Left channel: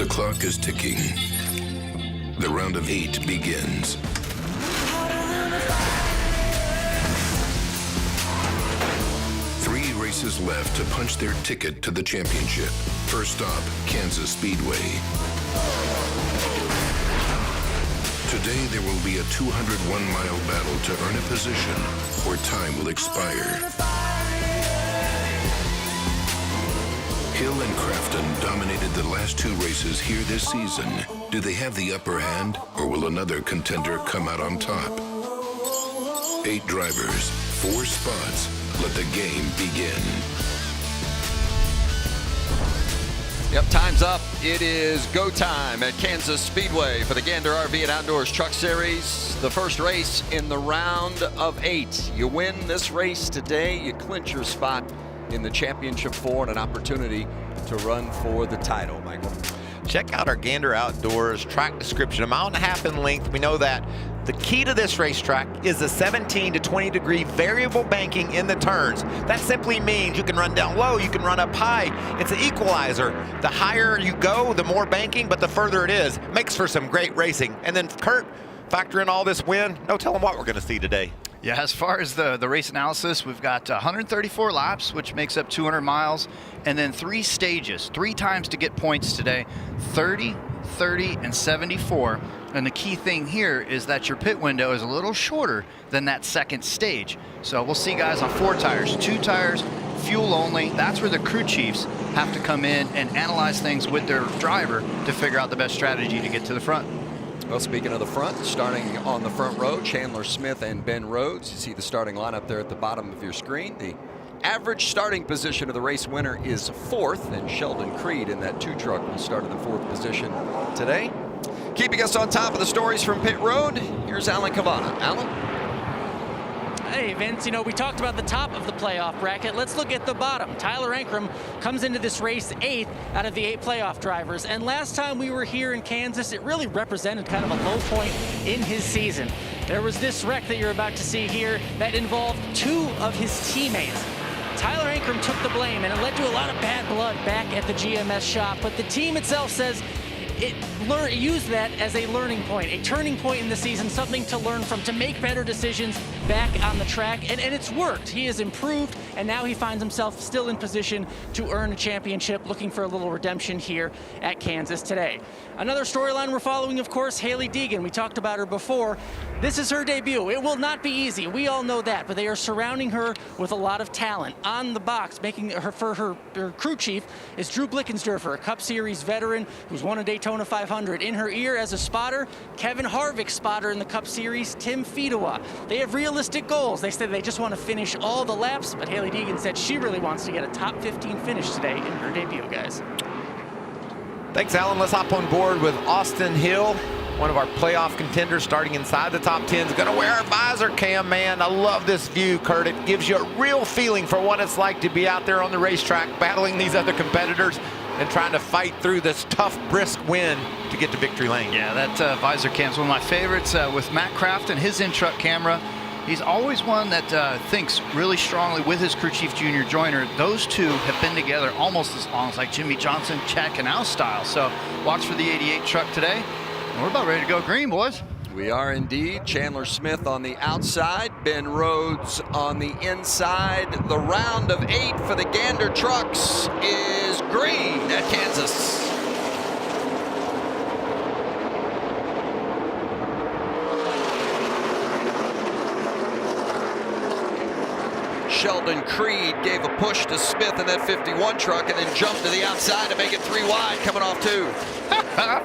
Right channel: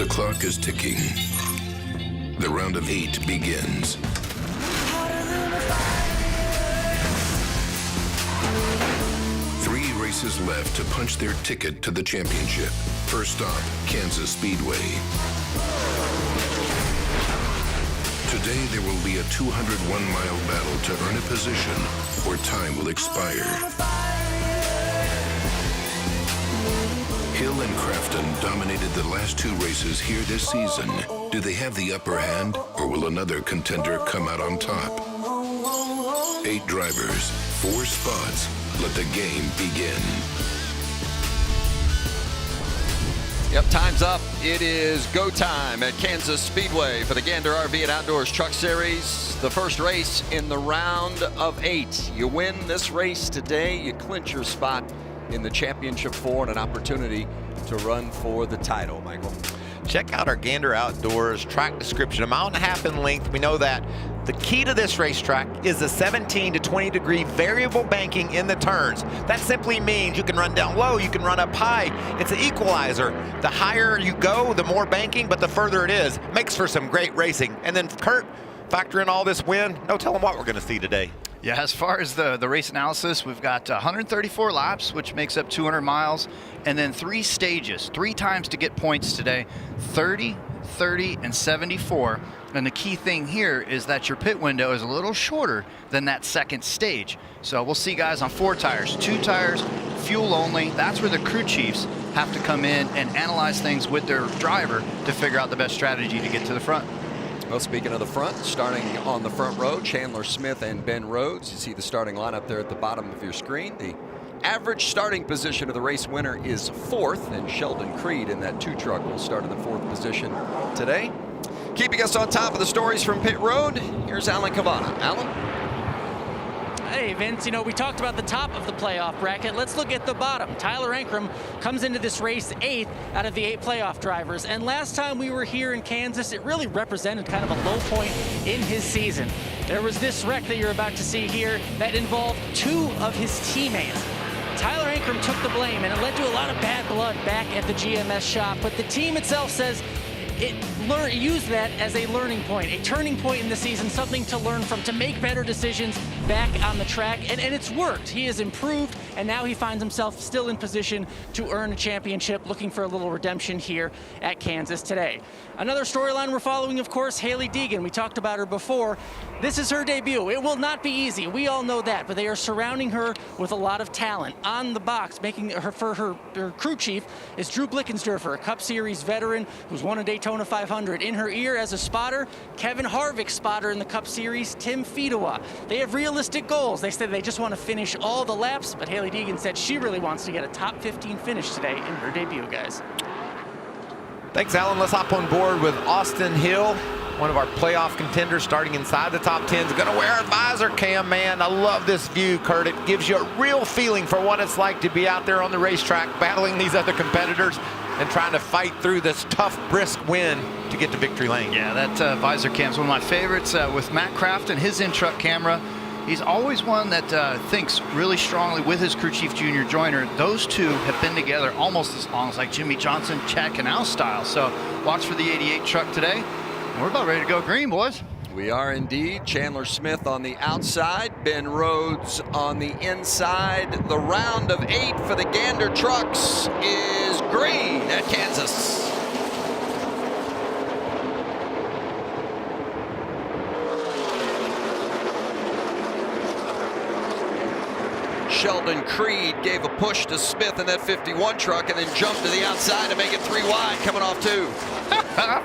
The clock is ticking. The round of 8 begins. Three races left to punch their ticket to the championship. First stop, Kansas Speedway. Today there will be a 201-mile battle to earn a position where time will expire. Hill and Crafton dominated the last 2 races here this season. Do they have the upper hand, or will another contender come out on top? 8 drivers, 4 spots. Let the game begin. Yep, time's up. It is go time at Kansas Speedway for the Gander RV and Outdoors Truck Series. The first race in the round of 8. You win this race today, you clinch your spot in the championship 4 and an opportunity to run for the title, Michael. Check out our Gander Outdoors track description. 1.5 miles in length. We know that. The key to this racetrack is the 17 to 20 degree variable banking in the turns. That simply means you can run down low, you can run up high. It's an equalizer. The higher you go, the more banking, but the further it is. Makes for some great racing. And then Kurt, factor in all this wind. No telling what we're going to see today. Yeah, as far as the race analysis, we've got 134 laps, which makes up 200 miles, and then 3 stages, 3 times to get points today, 30, 30, and 74. And the key thing here is that your pit window is a little shorter than that second stage. So we'll see guys on 4 tires, 2 tires, fuel only. That's where the crew chiefs have to come in and analyze things with their driver to figure out the best strategy to get to the front. Well, speaking of the front, starting on the front row, Chandler Smith and Ben Rhodes. You see the starting lineup there at the bottom of your screen. The average starting position of the race winner is 4th, and Sheldon Creed in that 2 truck will start in the 4th position today. Keeping us on top of the stories from pit road, here's Alan Cavana. Alan? Hey, Vince, you know, we talked about the top of the playoff bracket. Let's look at the bottom. Tyler Ankrum comes into this race 8th out of the 8 playoff drivers. And last time we were here in Kansas, it really represented kind of a low point in his season. There was this wreck that you're about to see here that involved 2 of his teammates. Tyler Ankrum took the blame, and it led to a lot of bad blood back at the GMS shop. But the team itself says it used that as a learning point, a turning point in the season, something to learn from, to make better decisions back on the track, and it's worked. He has improved, and now he finds himself still in position to earn a championship, looking for a little redemption here at Kansas today. Another storyline we're following, of course, Hailie Deegan. We talked about her before. This is her debut. It will not be easy. We all know that, but they are surrounding her with a lot of talent. On the box, making her for her crew chief is Drew Blickensderfer, a Cup Series veteran who's won a Daytona 500. In her ear as a spotter, Kevin Harvick spotter in the Cup Series, Tim Fedewa. They have realistic goals. They said they just want to finish all the laps, but Hailie Deegan said she really wants to get a top 15 finish today in her debut, guys. Thanks, Alan. Let's hop on board with Austin Hill, one of our playoff contenders starting inside the top 10. Is going to wear a visor cam, man. I love this view, Kurt. It gives you a real feeling for what it's like to be out there on the racetrack battling these other competitors and trying to fight through this tough, brisk wind to get to victory lane. Yeah, that visor cam is one of my favorites. With Matt Craft and his in-truck camera, he's always one that thinks really strongly with his crew chief, Junior Joyner. Those 2 have been together almost as long as like Jimmy Johnson, Chad Canal style. So watch for the 88 truck today. And we're about ready to go green, boys. We are indeed. Chandler Smith on the outside, Ben Rhodes on the inside. The round of 8 for the Gander Trucks is green at Kansas. Sheldon Creed gave a push to Smith in that 51 truck and then jumped to the outside to make it 3 wide, coming off 2.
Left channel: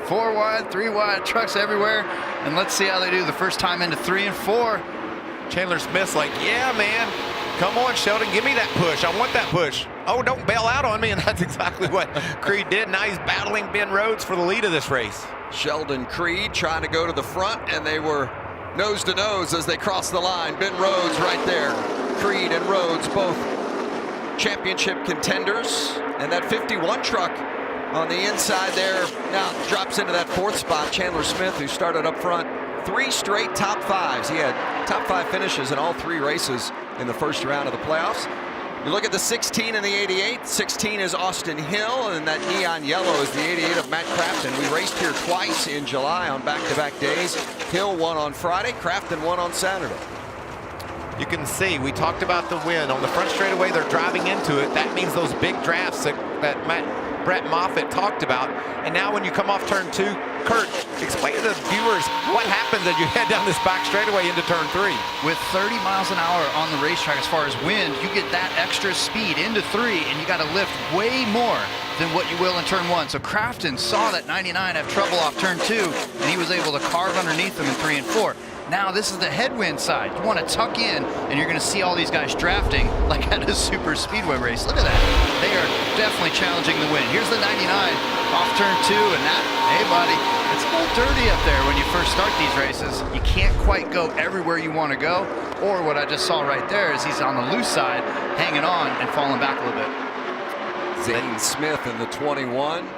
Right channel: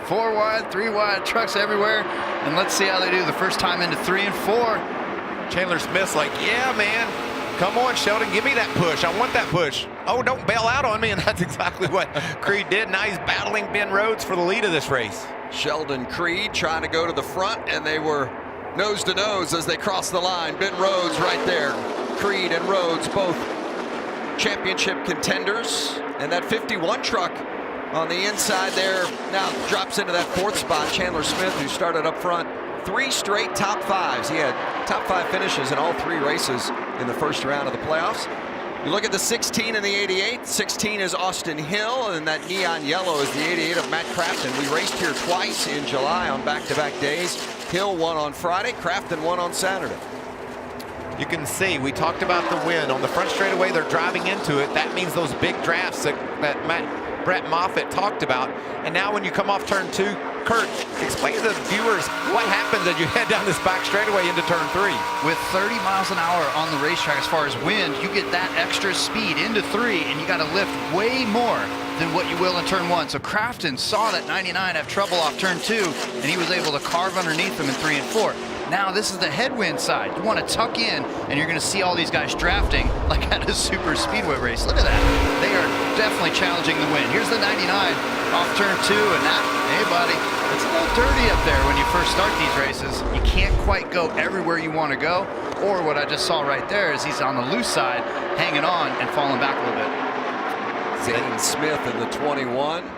4 wide, 3 wide, trucks everywhere. And let's see how they do the first time into 3 and 4. Chandler Smith's like, yeah, man. Come on, Sheldon, give me that push. I want that push. Oh, don't bail out on me. And that's exactly what Creed did. Now he's battling Ben Rhodes for the lead of this race. Sheldon Creed trying to go to the front, and they were nose to nose as they crossed the line. Ben Rhodes right there. Creed and Rhodes both championship contenders. And that 51 truck on the inside there now drops into that 4th spot. Chandler Smith, who started up front, 3 straight top 5s. He had top 5 finishes in all 3 races in the first round of the playoffs. You look at the 16 and the 88. 16 is Austin Hill, and that neon yellow is the 88 of Matt Crafton. We raced here twice in July on back-to-back days. Hill won on Friday, Crafton won on Saturday. You can see, we talked about the wind. On the front straightaway, they're driving into it. That means those big drafts that Brett Moffitt talked about. And now when you come off turn 2, Kurt, explain to the viewers what happens as you head down this back straightaway into turn 3. With 30 miles an hour on the racetrack as far as wind, you get that extra speed into 3, and you got to lift way more than what you will in turn 1. So Crafton saw that 99 have trouble off turn 2, and he was able to carve underneath them in 3 and 4. Now this is the headwind side. You want to tuck in, and you're going to see all these guys drafting like at a super speedway race. Look at that. They are definitely challenging the wind. Here's the 99 off turn 2, and that, hey buddy, it's a little dirty up there when you first start these races. You can't quite go everywhere you want to go, or what I just saw right there is he's on the loose side, hanging on and falling back a little bit. Zane Smith in the 21.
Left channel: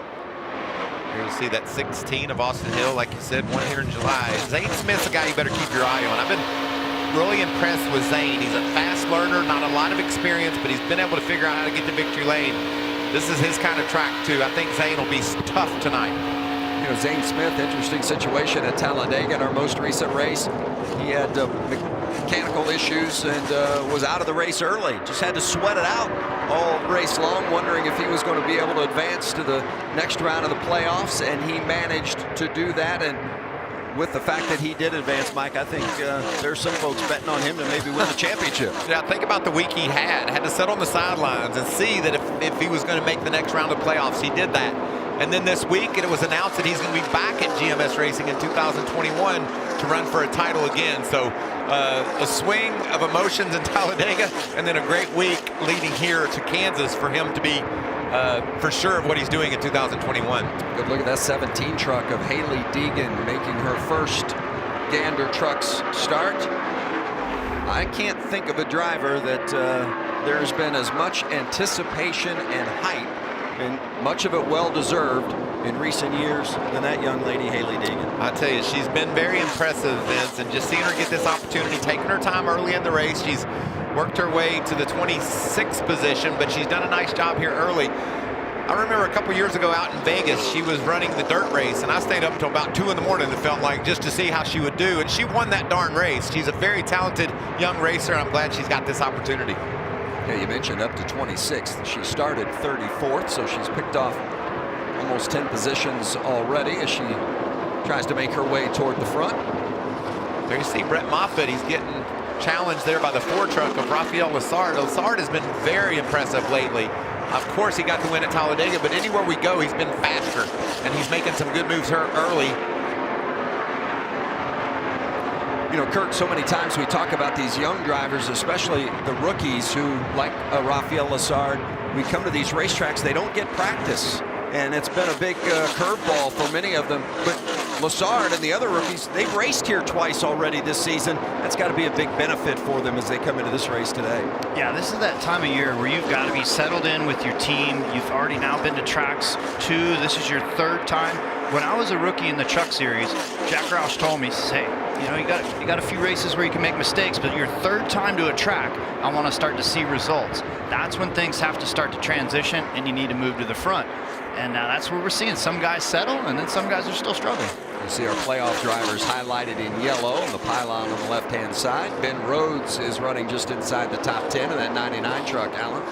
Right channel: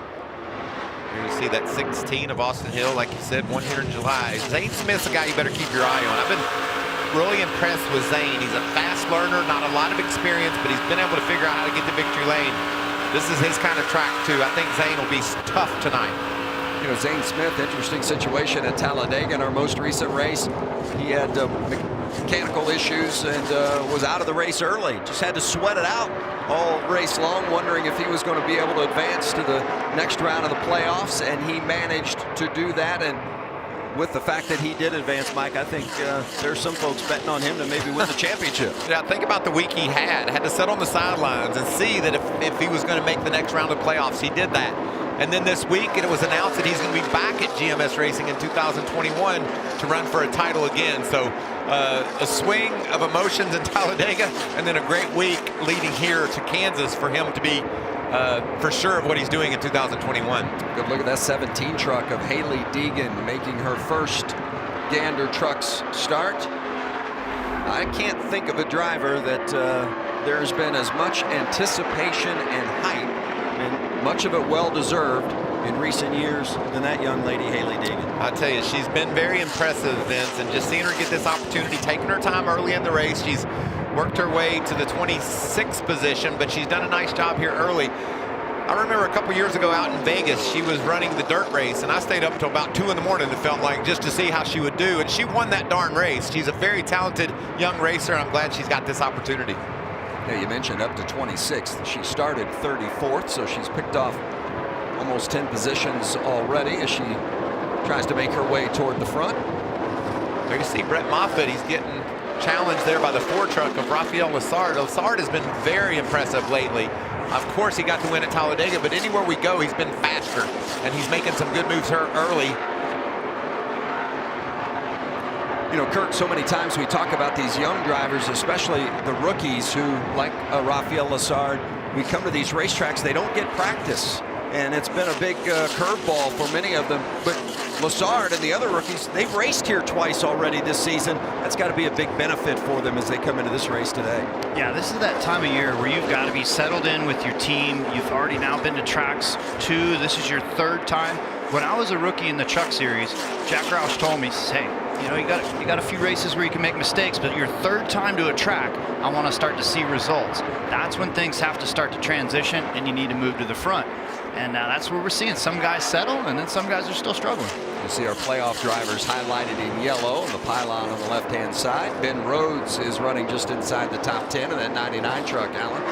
There you see that 16 of Austin Hill, like you said, won here in July. Zane Smith's a guy you better keep your eye on. I've been really impressed with Zane. He's a fast learner, not a lot of experience, but he's been able to figure out how to get to victory lane. This is his kind of track, too. I think Zane will be tough tonight. You know, Zane Smith, interesting situation at Talladega in our most recent race. He had mechanical issues and was out of the race early. Just had to sweat it out all race long, wondering if he was going to be able to advance to the next round of the playoffs, and he managed to do that. And with the fact that he did advance, Mike, I think there's some folks betting on him to maybe win the championship. Yeah, think about the week he had to sit on the sidelines and see that if he was going to make the next round of playoffs. He did that. And then this week it was announced that he's going to be back at GMS Racing in 2021 to run for a title again. So a swing of emotions in Talladega, and then a great week leading here to Kansas for him to be for sure of what he's doing in 2021. Good look at that 17 truck of Hailie Deegan making her first Gander Trucks start. I can't think of a driver that there's been as much anticipation and hype, and much of it well-deserved in recent years, than that young lady, Hailie Deegan. I tell you, she's been very impressive, Vince, and just seeing her get this opportunity, taking her time early in the race. She's worked her way to the 26th position, but she's done a nice job here early. I remember a couple years ago out in Vegas, she was running the dirt race, and I stayed up until about 2 in the morning, it felt like, just to see how she would do, and she won that darn race. She's a very talented young racer, and I'm glad she's got this opportunity. Yeah, you mentioned up to 26th. She started 34th, so she's picked off almost 10 positions already as she tries to make her way toward the front. There you see Brett Moffitt. He's getting challenged there by the 4 truck of Rafael Lessard. Lessard has been very impressive lately. Of course, he got the win at Talladega, but anywhere we go, he's been faster, and he's making some good moves here early. You know, Kurt, so many times we talk about these young drivers, especially the rookies who, like Rafael Lessard, we come to these racetracks, they don't get practice. And it's been a big curveball for many of them. But Lessard and the other rookies, they've raced here twice already this season. That's got to be a big benefit for them as they come into this race today. Yeah, this is that time of year where you've got to be settled in with your team. You've already now been to tracks 2. This is your 3rd time. When I was a rookie in the Truck Series, Jack Roush told me, he says, hey, you know, you got a few races where you can make mistakes, but your 3rd time to a track, I want to start to see results. That's when things have to start to transition, and you need to move to the front. And now that's where we're seeing some guys settle, and then some guys are still struggling. You see our playoff drivers highlighted in yellow on the pylon on the left-hand side. Ben Rhodes is running just inside the top 10 of that 99 truck, Alan.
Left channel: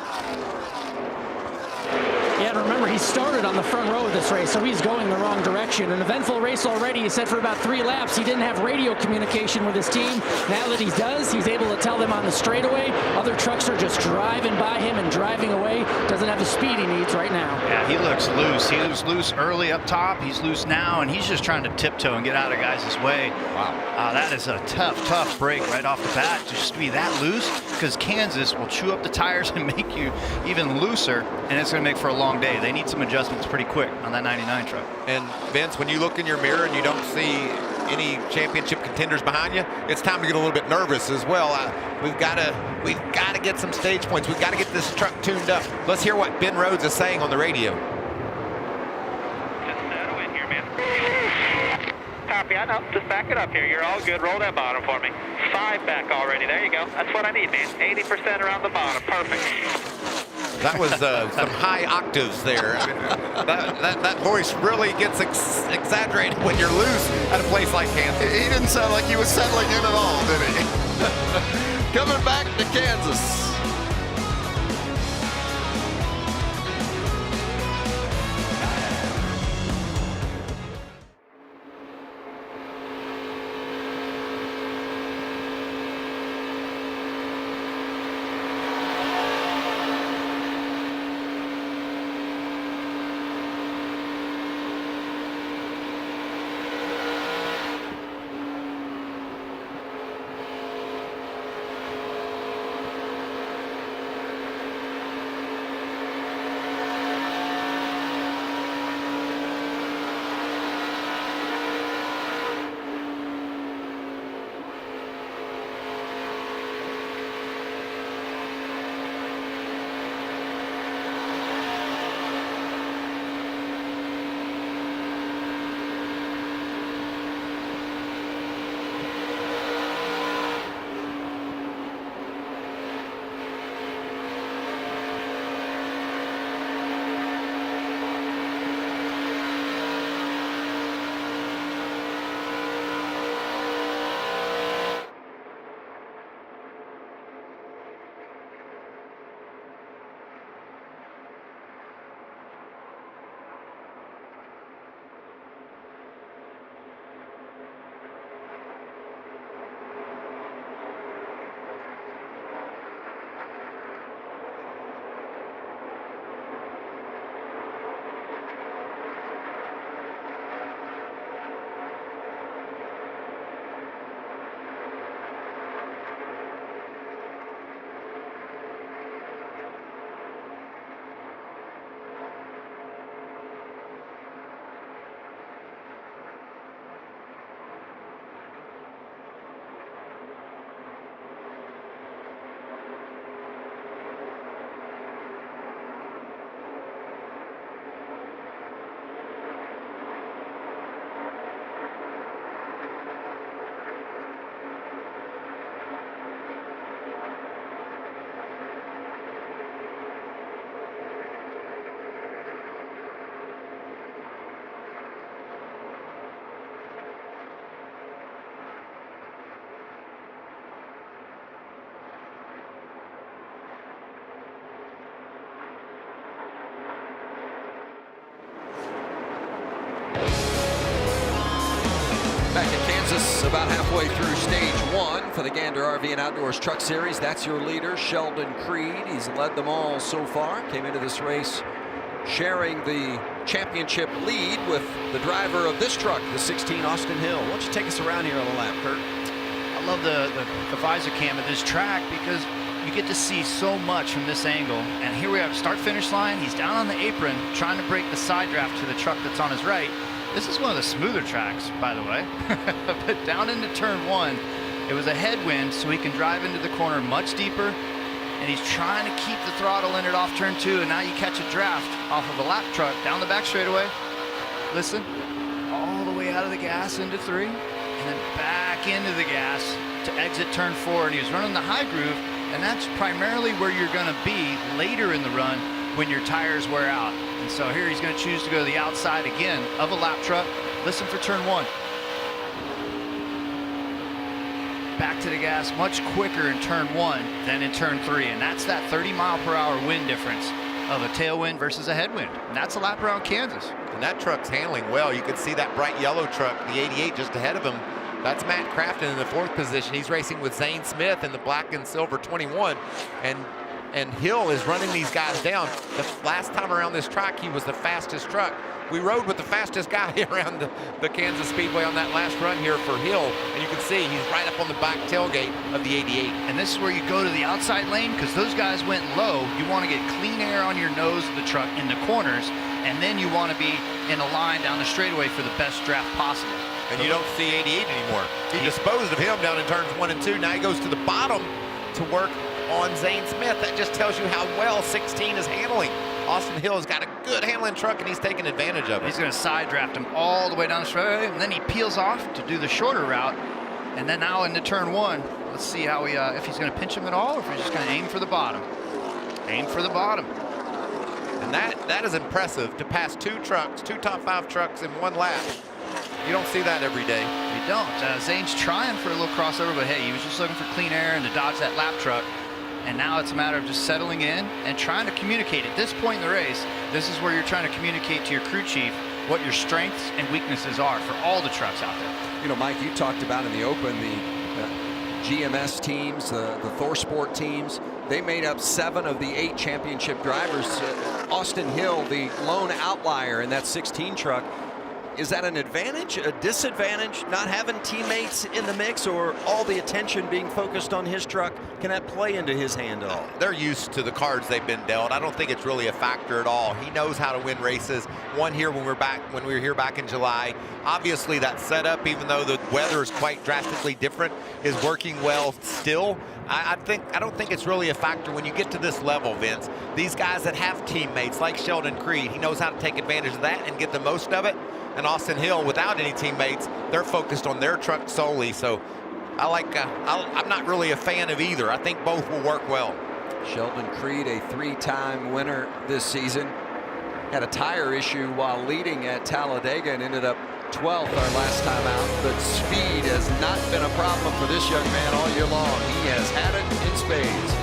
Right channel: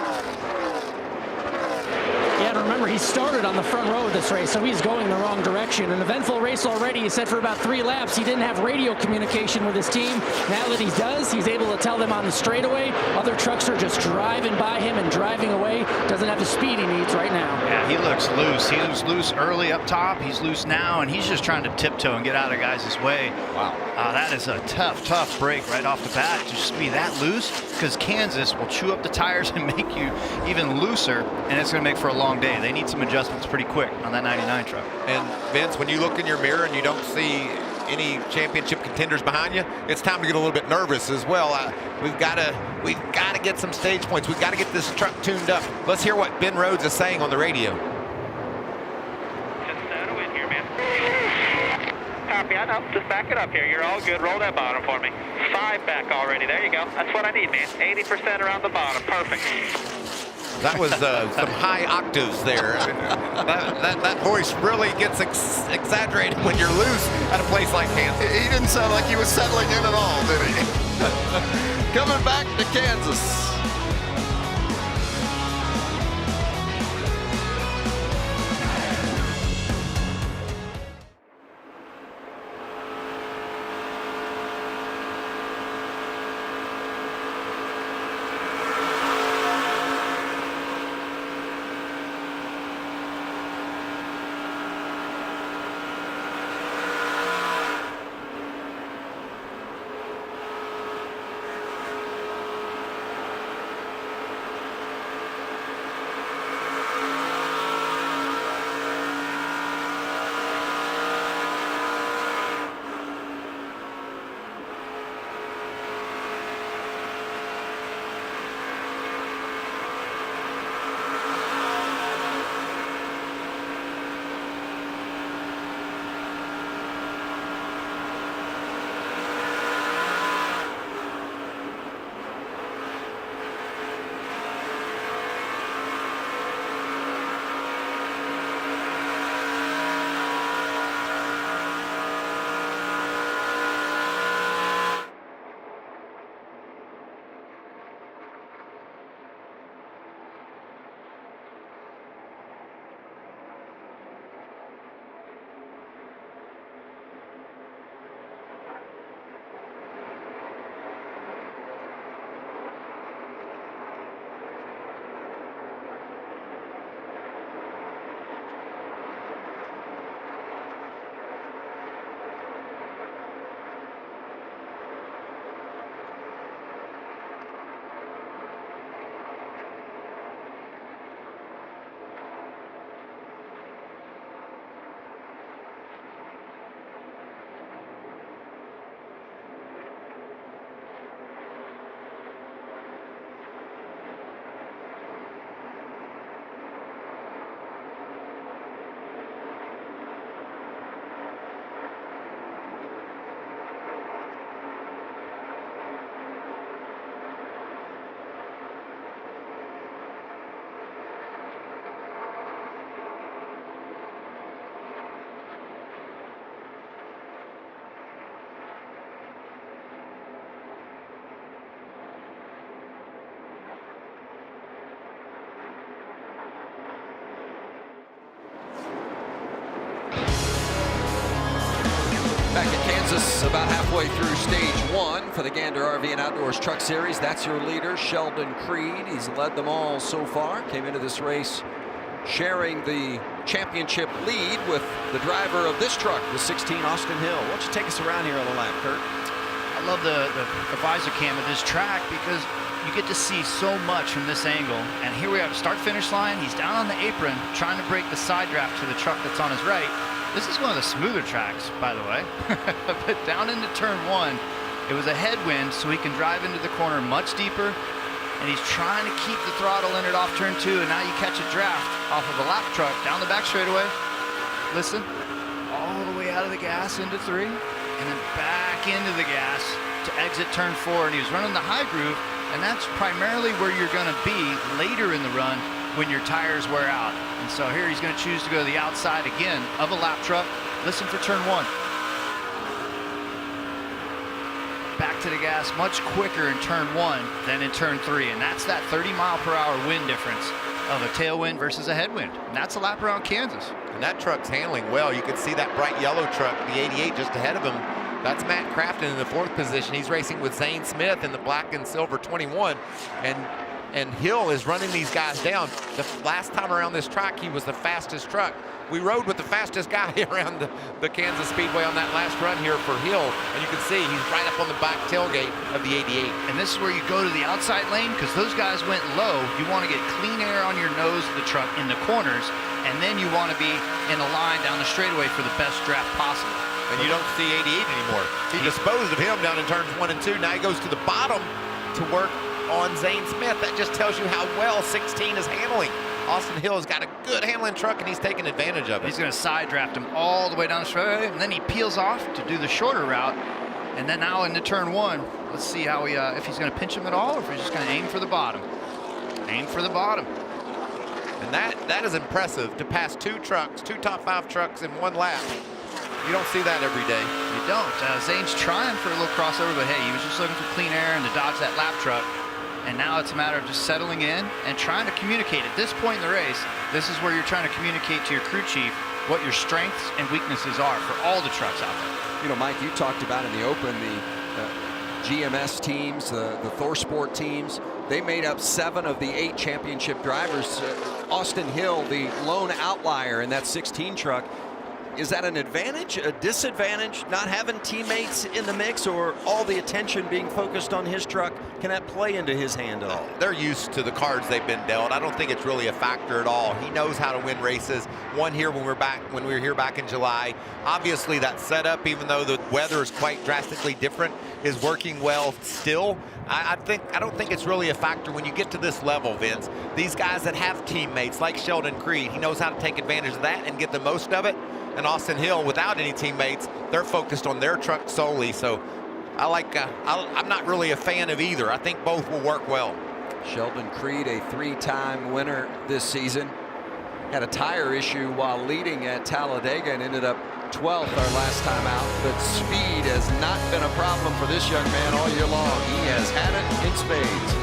Yeah, and remember, he started on the front row of this race, so he's going the wrong direction. An eventful race already. He said for about 3 laps he didn't have radio communication with his team. Now that he does, he's able to tell them on the straightaway. Other trucks are just driving by him and driving away. Doesn't have the speed he needs right now. Yeah, he looks loose. He was loose early up top. He's loose now, and he's just trying to tiptoe and get out of guys' way. Wow. That is a tough break right off the bat, just to be that loose, because Kansas will chew up the tires and make you even looser, and it's going to make for a long day. They need some adjustments pretty quick on that 99 truck. And Vince, when you look in your mirror and you don't see any championship contenders behind you, it's time to get a little bit nervous as well. We've got to get some stage points. We've got to get this truck tuned up. Let's hear what Ben Rhodes is saying on the radio. Just settle in here, man. Top copy. I know. Just back it up here. You're all good. Roll that bottom for me. 5 back already. There you go. That's what I need, man. 80% around the bottom. Perfect. That was some high octaves there. That voice really gets exaggerated when you're loose at a place like Kansas. He didn't sound like he was settling in at all, did he? Coming back to Kansas. Back at Kansas, about halfway through stage 1 for the Gander RV and Outdoors Truck Series. That's your leader, Sheldon Creed. He's led them all so far. Came into this race sharing the championship lead with the driver of this truck, the 16 Austin Hill. Why don't you take us around here on a lap, Kurt? I love the visor cam at this track because you get to see so much from this angle. And here we have a start-finish line. He's down on the apron trying to break the side draft to the truck that's on his right. This is one of the smoother tracks, by the way. But down into turn 1, it was a headwind, so he can drive into the corner much deeper. And he's trying to keep the throttle in it off turn 2, and now you catch a draft off of a lap truck down the back straightaway. Listen, all the way out of the gas into 3, and then back into the gas to exit turn 4. And he was running the high groove, and that's primarily where you're going to be later in the run when your tires wear out. And so here he's going to choose to go to the outside again of a lap truck. Listen for turn 1. Back to the gas much quicker in turn 1 than in turn 3. And that's that 30-mile-per-hour wind difference of a tailwind versus a headwind. And that's a lap around Kansas. And that truck's handling well. You can see that bright yellow truck, the 88 just ahead of him. That's Matt Crafton in the 4th position. He's racing with Zane Smith in the black and silver 21. And Hill is running these guys down. The last time around this track, he was the fastest truck. We rode with the fastest guy around the Kansas Speedway on that last run here for Hill. And you can see he's right up on the back tailgate of the 88. And this is where you go to the outside lane because those guys went low. You want to get clean air on your nose of the truck in the corners. And then you want to be in a line down the straightaway for the best draft possible. And you don't see 88 anymore. He disposed of him down in turns 1 and 2. Now he goes to the bottom to work on Zane Smith. That just tells you how well 16 is handling Austin Hill's got a good handling truck, and he's taking advantage of it. He's going to side draft him all the way down the straightaway, and then he peels off to do the shorter route. And then now into turn one, let's see how he, if he's going to pinch him at all, or if he's just going to aim for the bottom. Aim for the bottom. And that is impressive, to pass two trucks, two top 5 trucks in one lap. You don't see that every day. You don't. Zane's trying for a little crossover, but hey, he was just looking for clean air and to dodge that lap truck. And now it's a matter of just settling in and trying to communicate. At this point in the race, this is where you're trying to communicate to your crew chief what your strengths and weaknesses are for all the trucks out there. You know, Mike, you talked about in the open the GMS teams, the ThorSport teams. They made up 7 of the 8 championship drivers. Austin Hill, the lone outlier in that 16 truck. Is that an advantage, a disadvantage, not having teammates in the mix, or all the attention being focused on his truck? Can that play into his hand at all? They're used to the cards they've been dealt. I don't think it's really a factor at all. He knows how to win races. Won here when we were here back in July. Obviously that setup, even though the weather is quite drastically different, is working well still. I don't think it's really a factor when you get to this level, Vince. These guys that have teammates like Sheldon Creed, he knows how to take advantage of that and get the most of it. And Austin Hill, without any teammates, they're focused on their truck solely. So I'm not really a fan of either. I think both will work well. Sheldon Creed, a 3-time winner this season, had a tire issue while leading at Talladega and ended up 12th our last time out. But speed has not been a problem for this young man all year long. He has had it in spades.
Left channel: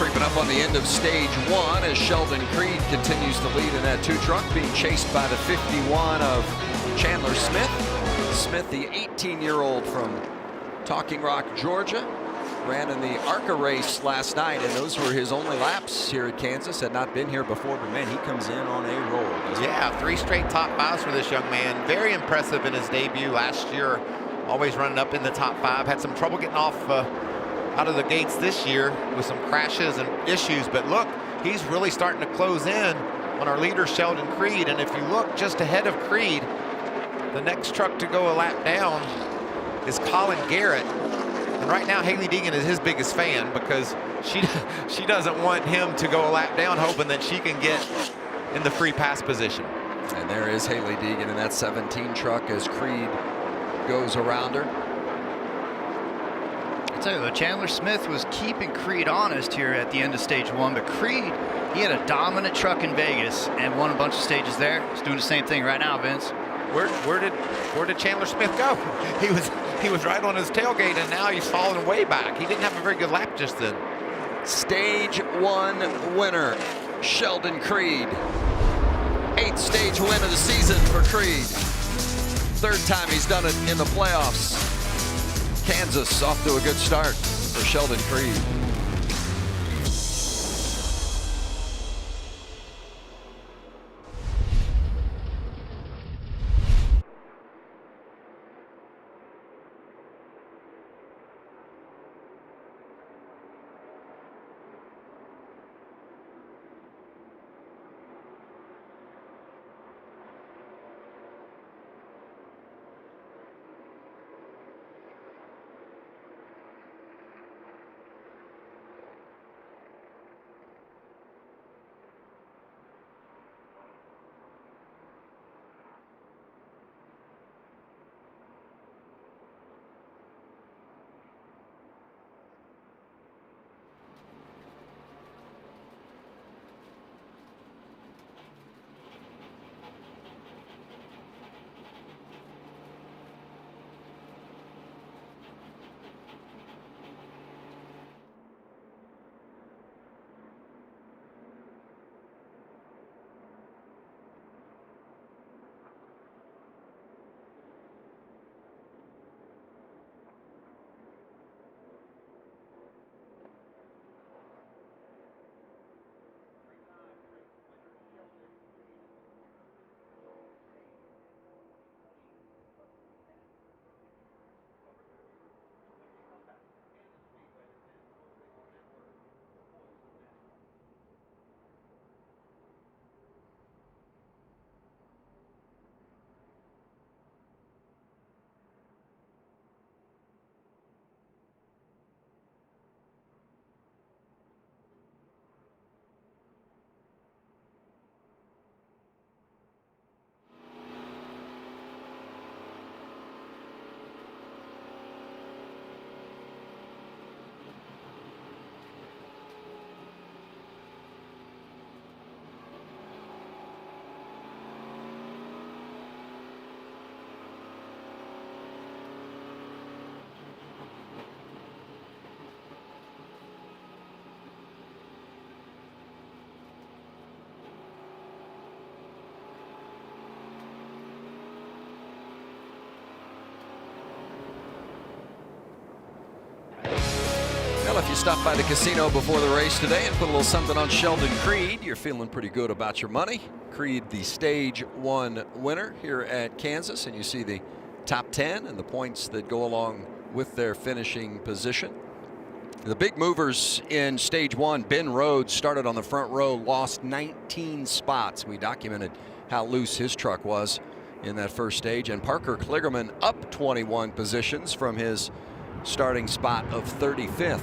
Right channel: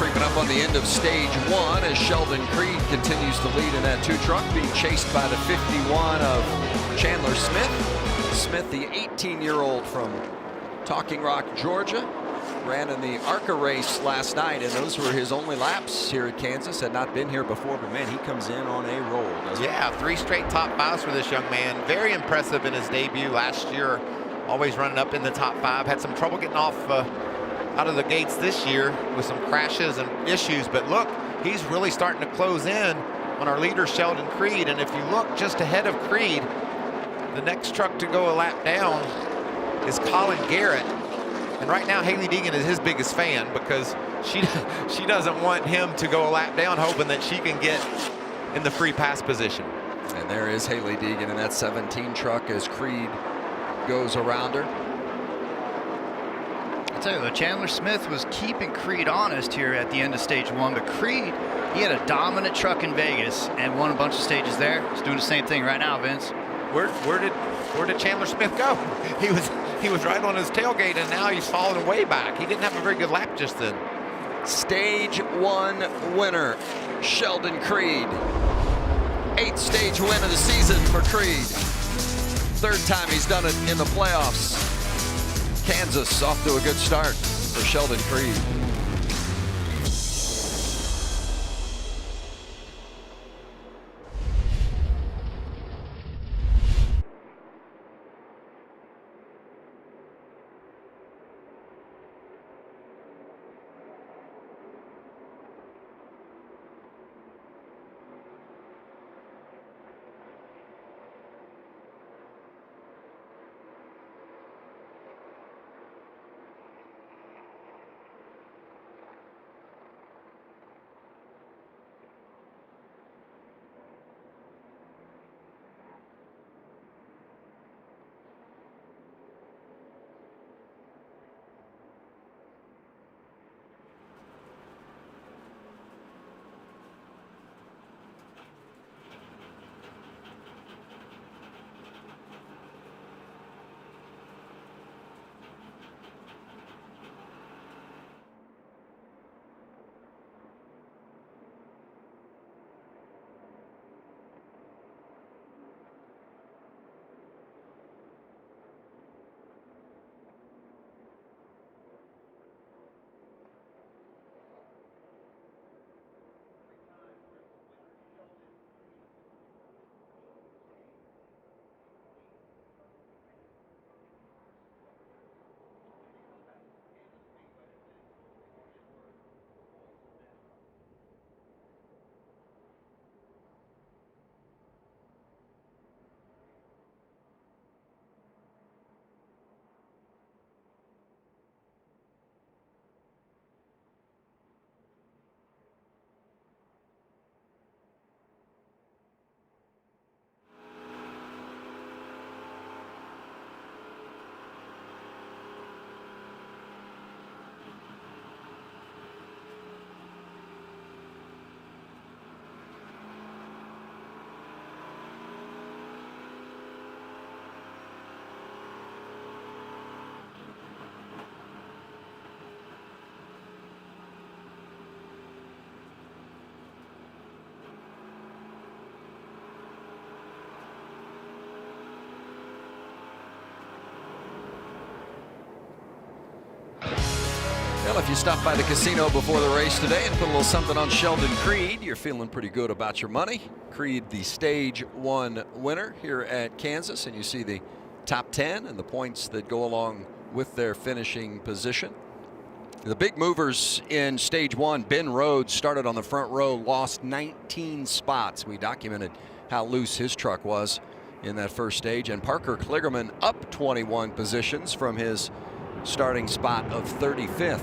Creeping up on the end of stage 1 as Sheldon Creed continues to lead in that 2 truck, being chased by the 51 of Chandler Smith. Smith, the 18-year-old from Talking Rock, Georgia, ran in the ARCA race last night, and those were his only laps here at Kansas. Had not been here before, but man, he comes in on a roll, doesn't he? Yeah, 3 straight top 5s for this young man. Very impressive in his debut last year. Always running up in the top 5. Had some trouble getting off out of the gates this year with some crashes and issues, but look, he's really starting to close in on our leader Sheldon Creed. And if you look just ahead of Creed, The next truck to go a lap down is Colin Garrett. And right now, Hailie Deegan is his biggest fan because she doesn't want him to go a lap down, hoping that she can get in the free pass position. And there is Hailie Deegan in that 17 truck as Creed goes around her. I tell you, Chandler Smith was keeping Creed honest here at the end of stage 1, but Creed, he had a dominant truck in Vegas and won a bunch of stages there. He's doing the same thing right now, Vince. Where did Chandler Smith go? He was right on his tailgate, and now he's falling way back. He didn't have a very good lap just then. Stage 1 winner, Sheldon Creed. 8th stage win of the season for Creed. 3rd time he's done it in the playoffs. Kansas off to a good start for Sheldon Creed. Well, if you stopped by the casino before the race today and put a little something on Sheldon Creed, you're feeling pretty good about your money. Creed, the stage 1 winner here at Kansas, and you see the top 10 and the points that go along with their finishing position. The big movers in stage 1, Ben Rhodes started on the front row, lost 19 spots. We documented how loose his truck was in that first stage, and Parker Kligerman up 21 positions from his starting spot of 35th.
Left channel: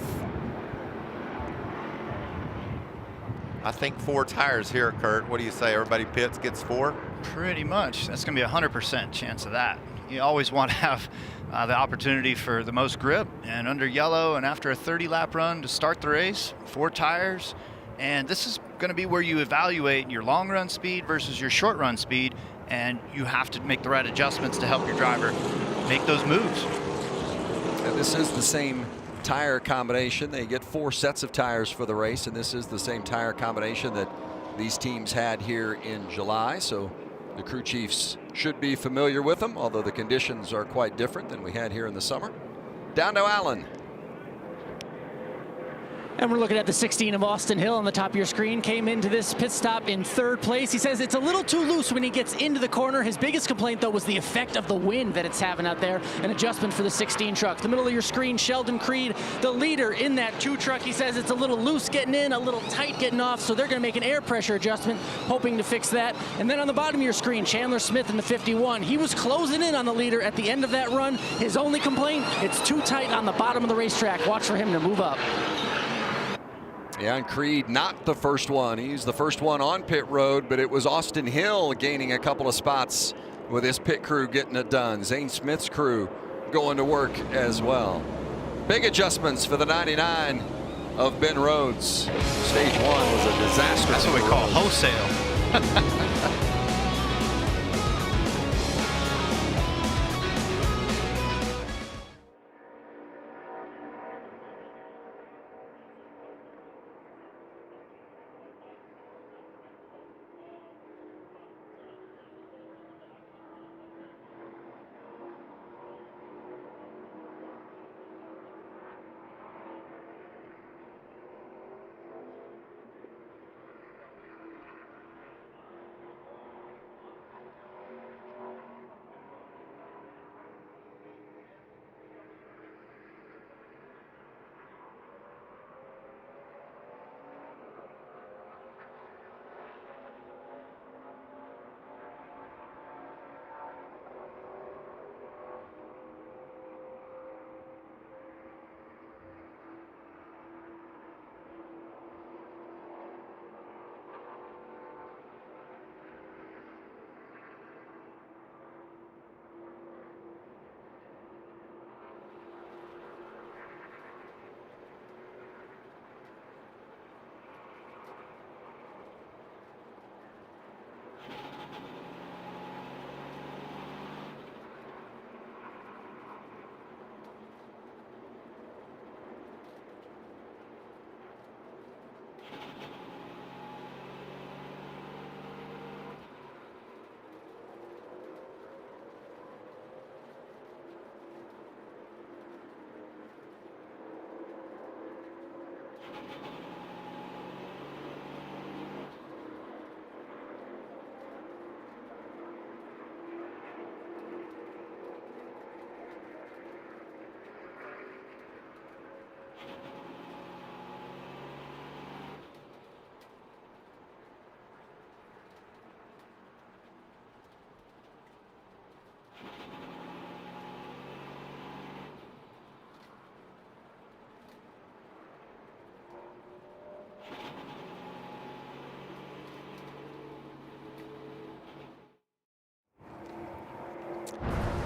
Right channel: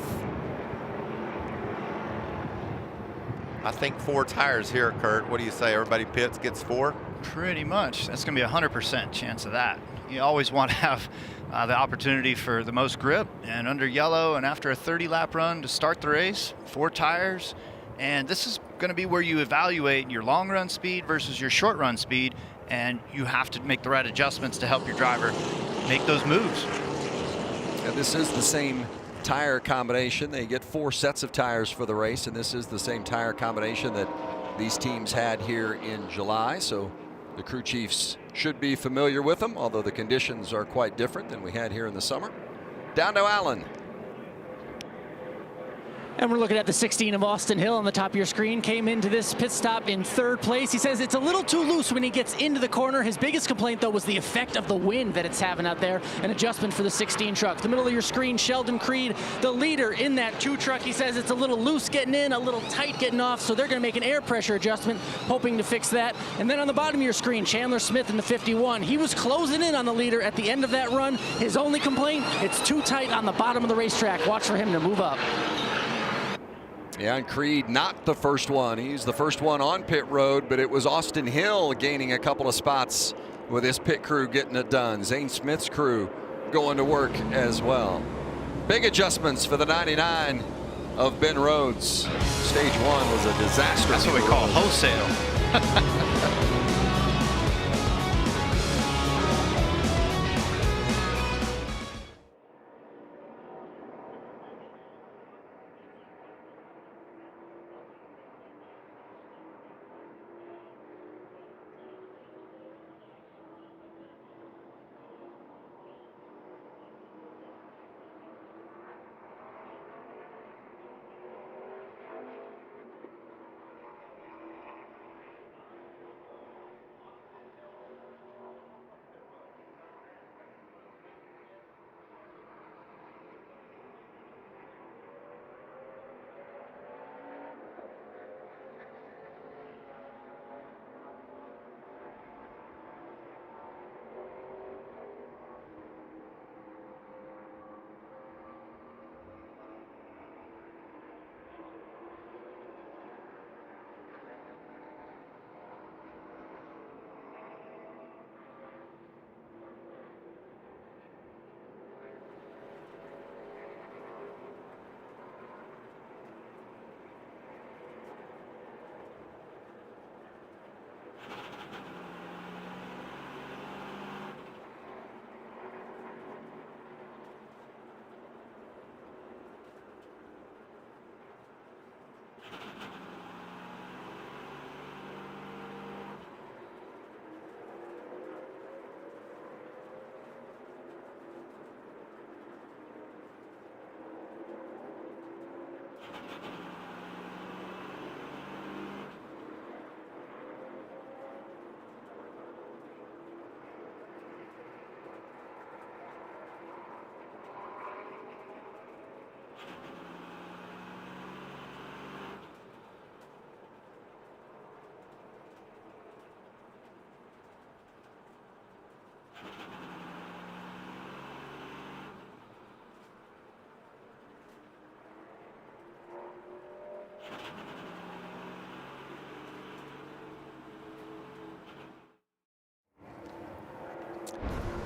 I think 4 tires here, Kurt. What do you say? Everybody pits, gets 4? Pretty much. That's going to be a 100% chance of that. You always want to have the opportunity for the most grip, and under yellow and after a 30-lap run to start the race, 4 tires. And this is going to be where you evaluate your long run speed versus your short run speed, and you have to make the right adjustments to help your driver make those moves. And this is the same tire combination. They get 4 sets of tires for the race, and this is the same tire combination that these teams had here in July. So the crew chiefs should be familiar with them, although the conditions are quite different than we had here in the summer. Down to Allen. And we're looking at the 16 of Austin Hill on the top of your screen. Came into this pit stop in 3rd place. He says it's a little too loose when he gets into the corner. His biggest complaint, though, was the effect of the wind that it's having out there. An adjustment for the 16 truck. The middle of your screen, Sheldon Creed, the leader in that 2 truck. He says it's a little loose getting in, a little tight getting off, so they're going to make an air pressure adjustment, hoping to fix that. And then on the bottom of your screen, Chandler Smith in the 51. He was closing in on the leader at the end of that run. His only complaint, it's too tight on the bottom of the racetrack. Watch for him to move up. Yeah, and Creed not the first one. He's the first one on pit road, but it was Austin Hill gaining a couple of spots with his pit crew getting it done. Zane Smith's crew going to work as well. Big adjustments for the 99 of Ben Rhodes. Stage 1 was a disaster. That's what we call wholesale.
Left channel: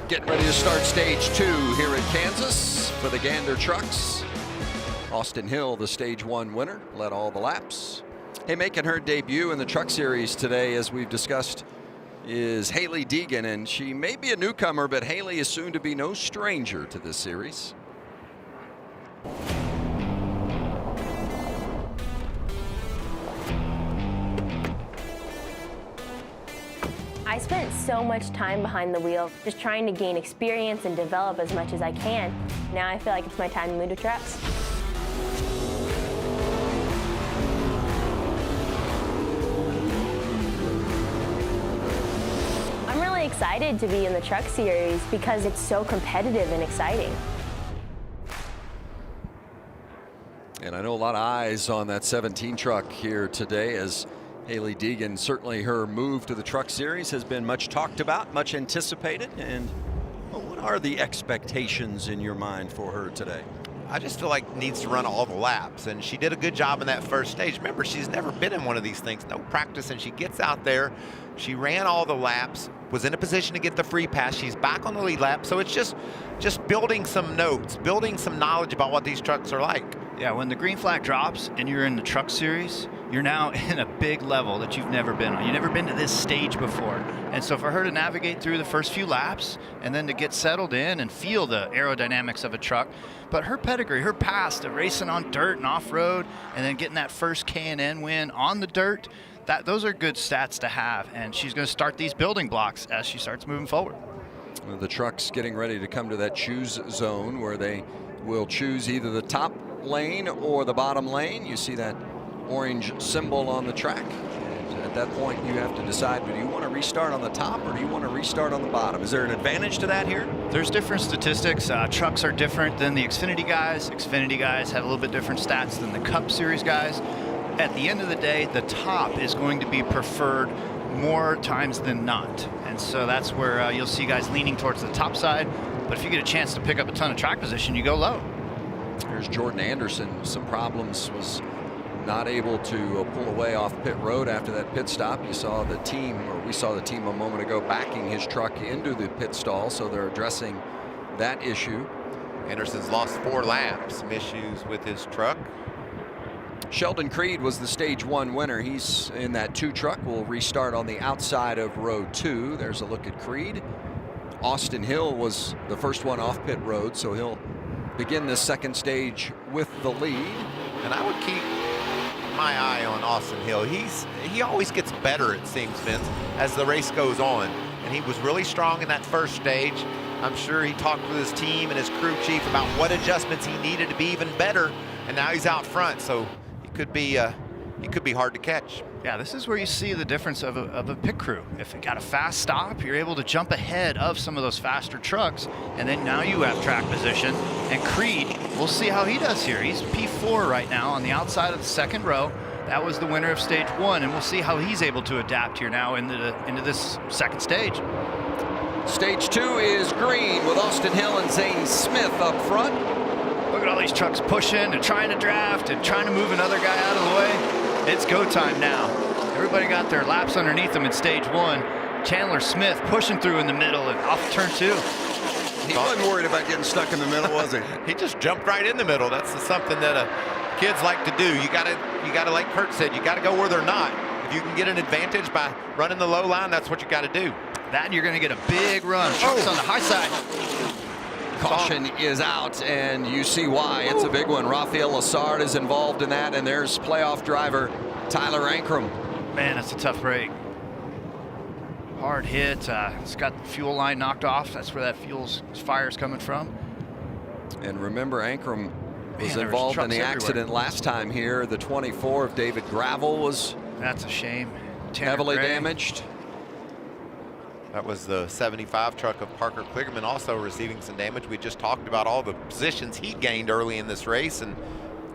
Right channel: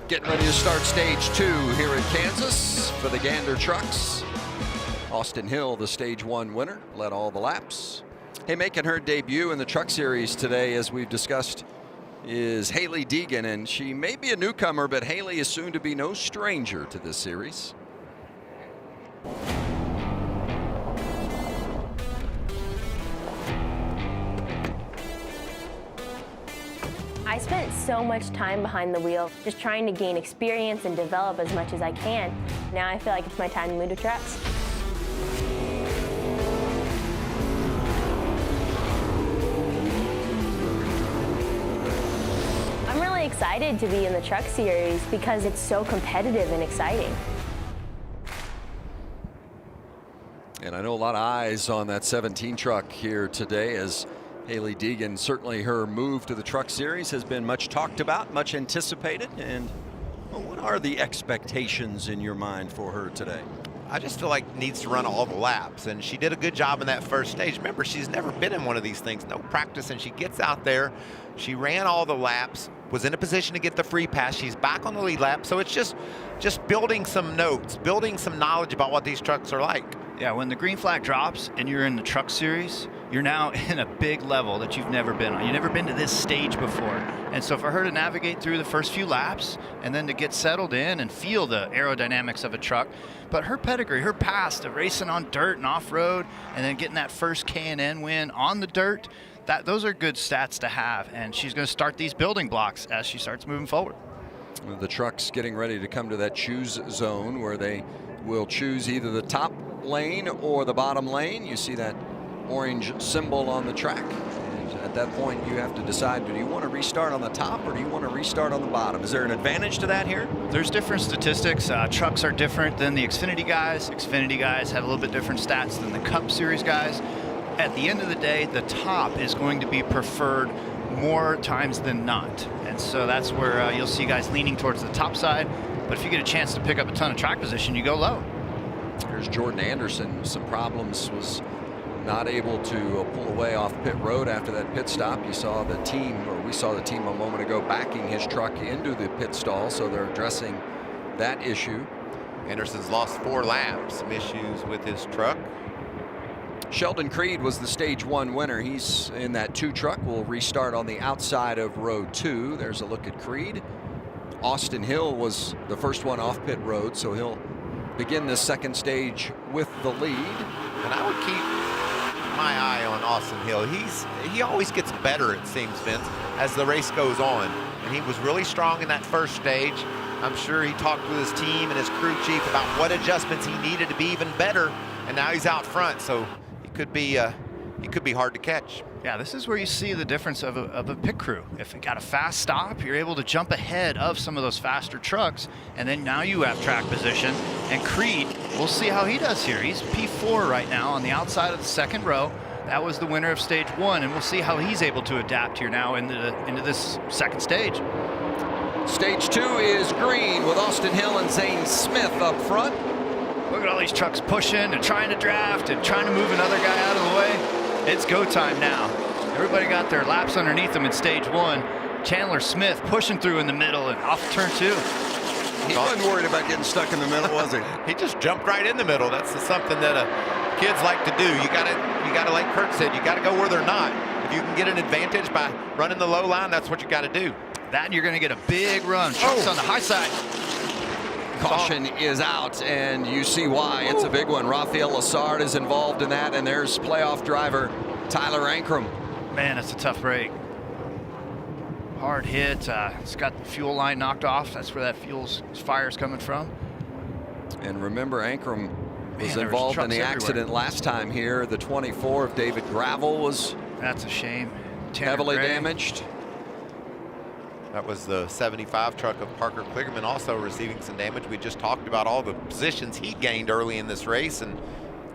Getting ready to start stage 2 here in Kansas for the Gander Trucks. Austin Hill, the stage 1 winner, led all the laps. Hey, making her debut in the Truck Series today, as we've discussed, is Hailie Deegan, and she may be a newcomer, but Hailie is soon to be no stranger to this series. I spent so much time behind the wheel, just trying to gain experience and develop as much as I can. Now I feel like it's my time to move to trucks. I'm really excited to be in the Truck Series because it's so competitive and exciting. And I know a lot of eyes on that 17 truck here today, as Hailie Deegan, certainly her move to the Truck Series has been much talked about, much anticipated. And well, what are the expectations in your mind for her today? I just feel like needs to run all the laps, and she did a good job in that first stage. Remember, she's never been in one of these things, no practice, and she gets out there, she ran all the laps, was in a position to get the free pass. She's back on the lead lap, so it's just building some notes, building some knowledge about what these trucks are like. Yeah, when the green flag drops and you're in the Truck Series, you're now in a big level that you've never been on. You've never been to this stage before. And so for her to navigate through the first few laps and then to get settled in and feel the aerodynamics of a truck, but her pedigree, her past of racing on dirt and off-road and then getting that first K&N win on the dirt, those are good stats to have. And she's going to start these building blocks as she starts moving forward. The truck's getting ready to come to that choose zone where they will choose either the top front lane or the bottom lane. You see that orange symbol on the track. And at that point, you have to decide, do you want to restart on the top or do you want to restart on the bottom? Is there an advantage to that here? There's different statistics. Trucks are different than the Xfinity guys. Xfinity guys have a little bit different stats than the Cup Series guys. At the end of the day, the top is going to be preferred more times than not. And so that's where you'll see guys leaning towards the top side. But if you get a chance to pick up a ton of track position, you go low. There's Jordan Anderson. Some problems, was not able to pull away off pit road after that pit stop. You saw the team, or we saw the team a moment ago, backing his truck into the pit stall. So they're addressing that issue. Anderson's lost 4 laps. Some issues with his truck. Sheldon Creed was the stage 1 winner. He's in that 2 truck. Will restart on the outside of row 2. There's a look at Creed. Austin Hill was the first one off pit road, so he'll begin this second stage with the lead. And I would keep my eye on Austin Hill. He always gets better, it seems, Vince, as the race goes on. And he was really strong in that first stage. I'm sure he talked with his team and his crew chief about what adjustments he needed to be even better. And now he's out front, so he could be hard to catch. Yeah, this is where you see the difference of a pit crew. If it got a fast stop, you're able to jump ahead of some of those faster trucks, and then now you have track position. And Creed, we'll see how he does here. He's P4 right now on the outside of the second row. That was the winner of stage 1, and we'll see how he's able to adapt here now into this second stage. Stage 2 is green with Austin Hill and Zane Smith up front. Look at all these trucks pushing and trying to draft and trying to move another guy out of the way. It's go time now. Everybody got their laps underneath them in stage 1. Chandler Smith pushing through in the middle and off turn 2. He wasn't worried about getting stuck in the middle, was he? He just jumped right in the middle. That's something that kids like to do. You gotta, like Kurt said, you gotta go where they're not. If you can get an advantage by running the low line, that's what you gotta do. That and you're gonna get a big run. Trucks on the high side. Caution is out, and you see why. It's a big one. Rafael Lassard is involved in that, and there's playoff driver Tyler Ankrum. Man, that's a tough break. Hard hit. It's got the fuel line knocked off. That's where that fire's coming from. And remember, Ankrum was there involved in trucks the accident everywhere. last time here. The 24 of David Gravel was That's a shame. Tanner heavily Gray. damaged. That was the 75 truck of Parker Kligerman also receiving some damage. We just talked about all the positions he gained early in this race, and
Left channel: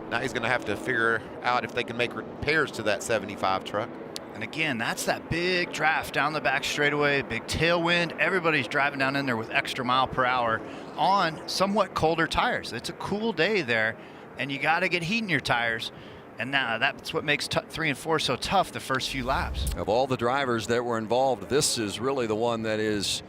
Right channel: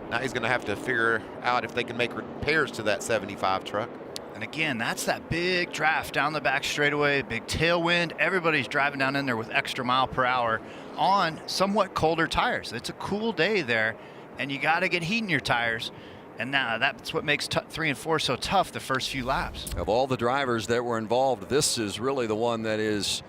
now he's going to have to figure out if they can make repairs to that 75 truck. And again, that's that big draft down the back straightaway, big tailwind. Everybody's driving down in there with extra mile per hour on somewhat colder tires. It's a cool day there, and you got to get heat in your tires. And now that's what makes 3 and 4 so tough the first few laps. Of all the drivers that were involved, this is really the one that is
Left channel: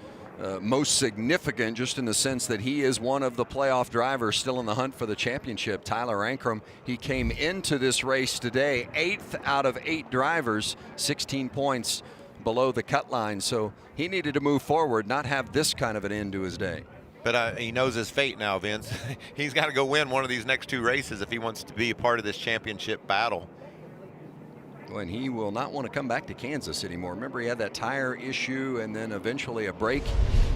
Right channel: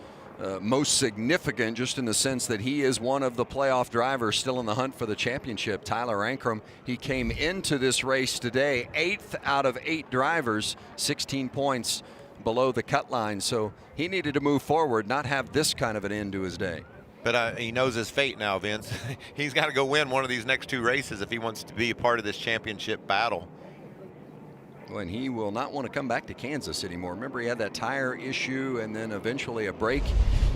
most significant, just in the sense that he is one of the playoff drivers still in the hunt for the championship. Tyler Ankrum, he came into this race today 8th out of 8 drivers, 16 points below the cut line. So he needed to move forward, not have this kind of an end to his day. But he knows his fate now, Vince. He's got to go win one of these next 2 races if he wants to be a part of this championship battle. And he will not want to come back to Kansas anymore. Remember, he had that tire issue and then eventually a brake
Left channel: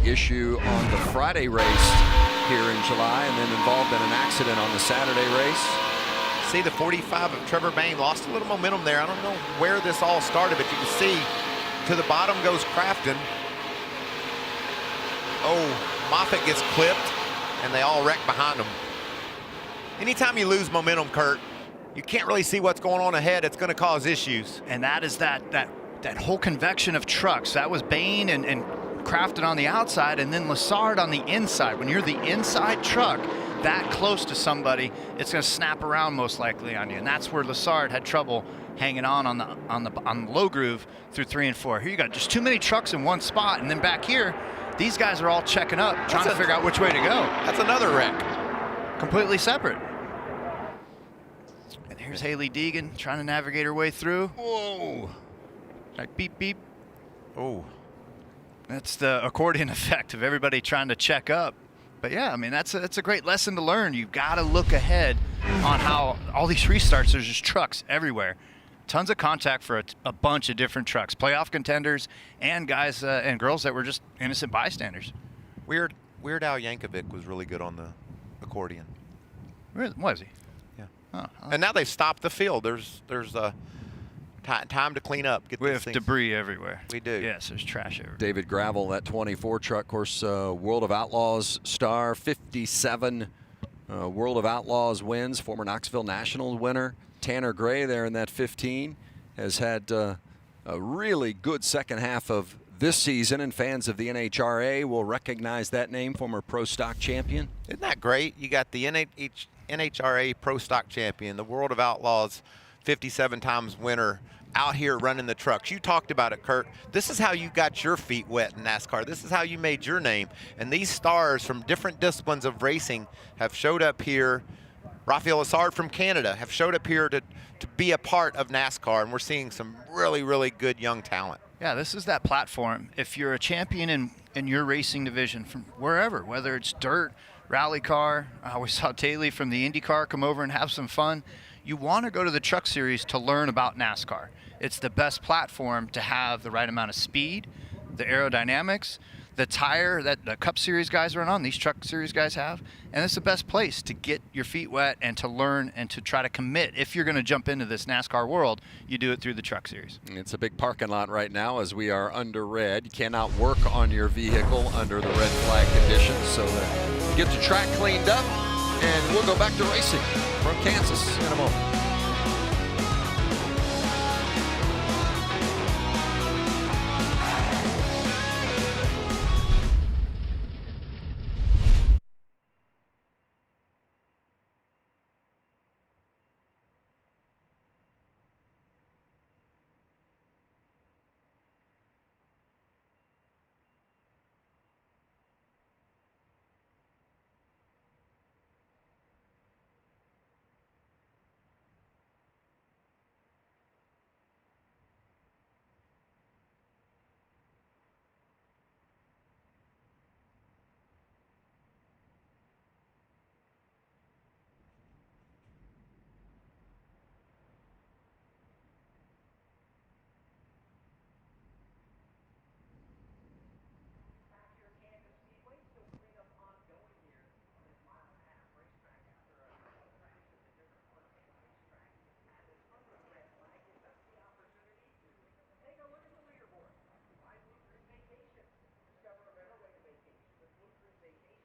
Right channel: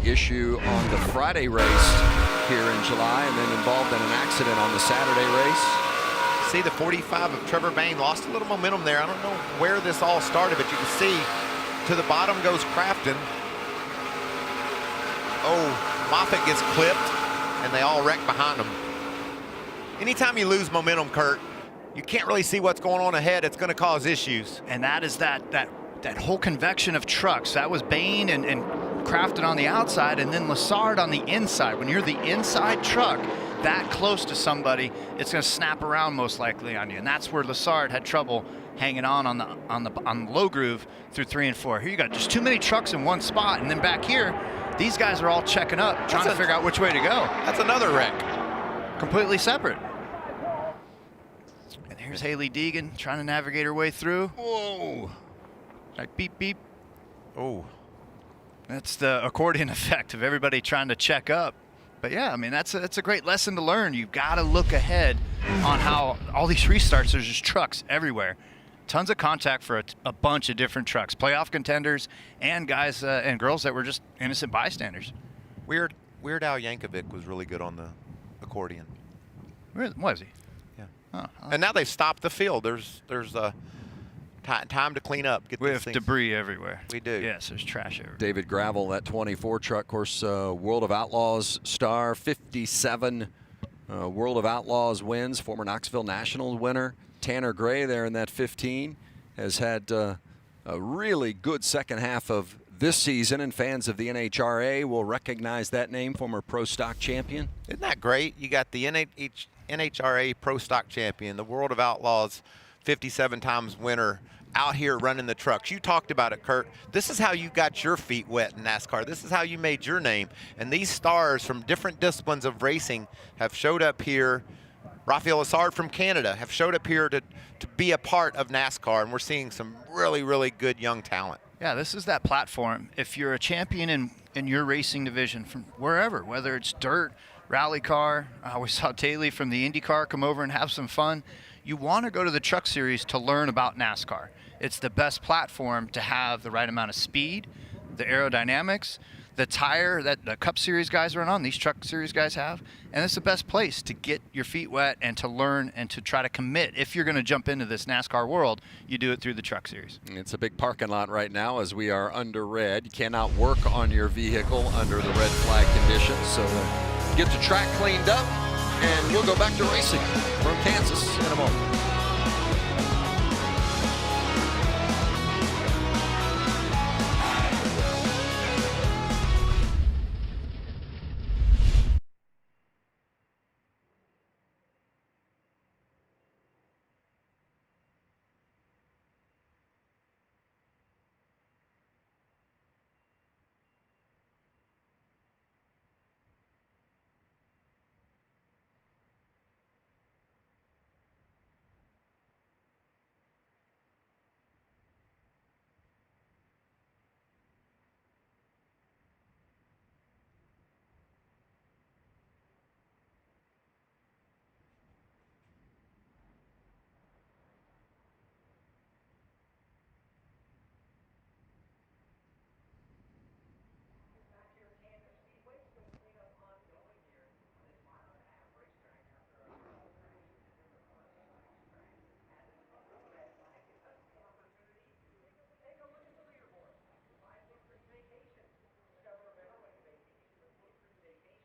issue on the Friday race here in July, and then involved in an accident on the Saturday race. See, the 45 of Trevor Bayne lost a little momentum there. I don't know where this all started, but you can see to the bottom goes Crafton. Oh, Moffitt gets clipped, and they all wreck behind him. Anytime you lose momentum, Kurt, you can't really see what's going on ahead. It's going to cause issues. And that is that whole convection of trucks. That was Bayne and Crafton on the outside, and then Lassard on the inside. When you're the inside truck that close to somebody, it's going to snap around most likely on you. And that's where Lassard had trouble hanging on the low groove through 3 and 4. Here you got just too many trucks in one spot, and then back here, these guys are all checking up, trying to figure out which way to go. That's another wreck. Completely separate. And here's Hailie Deegan trying to navigate her way through. Whoa. Like beep, beep. Oh. That's the accordion effect of everybody trying to check up. But yeah, I mean, that's a great lesson to learn. You've got to look ahead on how all these restarts, there's just trucks everywhere. Tons of contact for a bunch of different trucks, playoff contenders and guys and girls that were just innocent bystanders. Weird Al Yankovic was really good on the accordion. Where was he? And now they've stopped the field. There's time to clean up. We have debris everywhere. We do. Yes, there's trash everywhere. David Gravel, that 24 truck, of course, World of Outlaws star, 57 World of Outlaws wins, former Knoxville National winner. Tanner Gray there in that 15 has had a really good second half of this season, and fans of the NHRA will recognize that name, former Pro Stock champion. Isn't that great? You got the NHRA Pro Stock champion, the World of Outlaws 57 times winner out here running the trucks. You talked about it, Kurt. This is how you got your feet wet in NASCAR. This is how you made your name. And these stars from different disciplines of racing have showed up here. Raphael Assard from Canada have showed up here to be a part of NASCAR, and we're seeing some really, really good young talent. Yeah, this is that platform. If you're a champion in your racing division from wherever, whether it's dirt, rally car, we saw Hailie from the IndyCar come over and have some fun. You want to go to the Truck Series to learn about NASCAR. It's the best platform to have the right amount of speed, the aerodynamics, the tire that the Cup Series guys run on, these Truck Series guys have. And it's the best place to get your feet wet and to learn and to try to commit. If you're going to jump into this NASCAR world, you do it through the Truck Series. It's a big parking lot right now as we are under red. You cannot work on your vehicle under the red flag conditions. So get the track cleaned up, and we'll go back to racing from Kansas in a moment. Kansas Speedway, still cleanup ongoing here on this mile-and-a-half racetrack after a couple crashes in different parts of the racetrack. At this upper red flag, gives us the opportunity to take a look at the leaderboard. By Blue Creek Vacations, discover a better way to vacation with Blue Creek Vacations,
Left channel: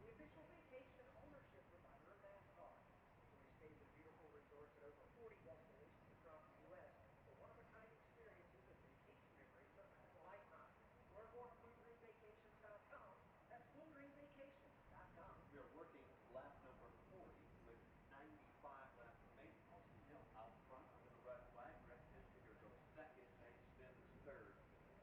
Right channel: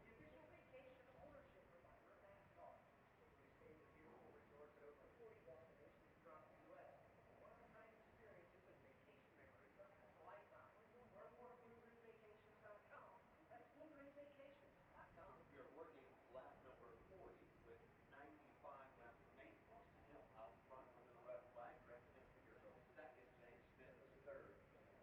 the official vacation ownership provider of NASCAR. Enjoy stays at beautiful resorts at over 40 destinations across the U.S. for one-of-a-kind experiences and vacation memories that last a lifetime. Learn more at BlueGreenVacations.com. That's BlueGreenVacations.com. We are working lap number 40 with 95 laps remaining. Austin Hill out front under the red flag. Greg Tinstinger goes second. Shane Smith is third.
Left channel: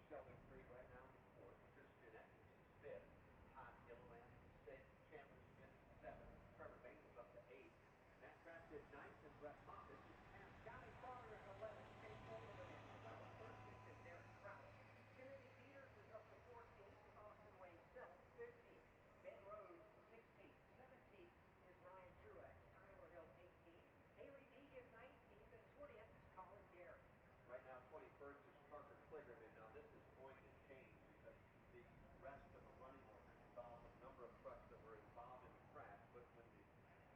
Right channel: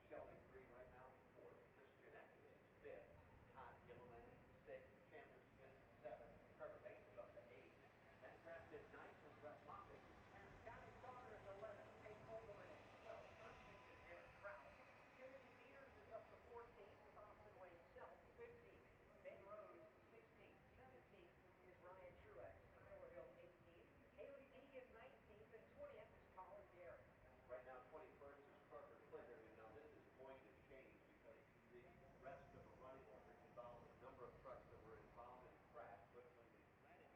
Sheldon Creed right now fourth. Christian Eckes is fifth. Todd Gilliland sixth. Chandler Smith seventh. Trevor Bates is up to eighth. Matt Kraft is ninth, and Brett Moffitt is 10th. Johnny Sauter is 11th. Chase Holderman is 12th. 13th is Derek Kraus. Timothy Peters is up to 14th with Austin Wade Self, 15th. Ben Rhodes, 16th. 17th is Ryan Truex. Tyler Hill, 18th. Hailie Deegan, 19th. And 20th is Colin Garrett. Right now, 21st is Parker Kligerman. Now, this is going to change because the rest of the running order involved a number of trucks that were involved in the crash. But when the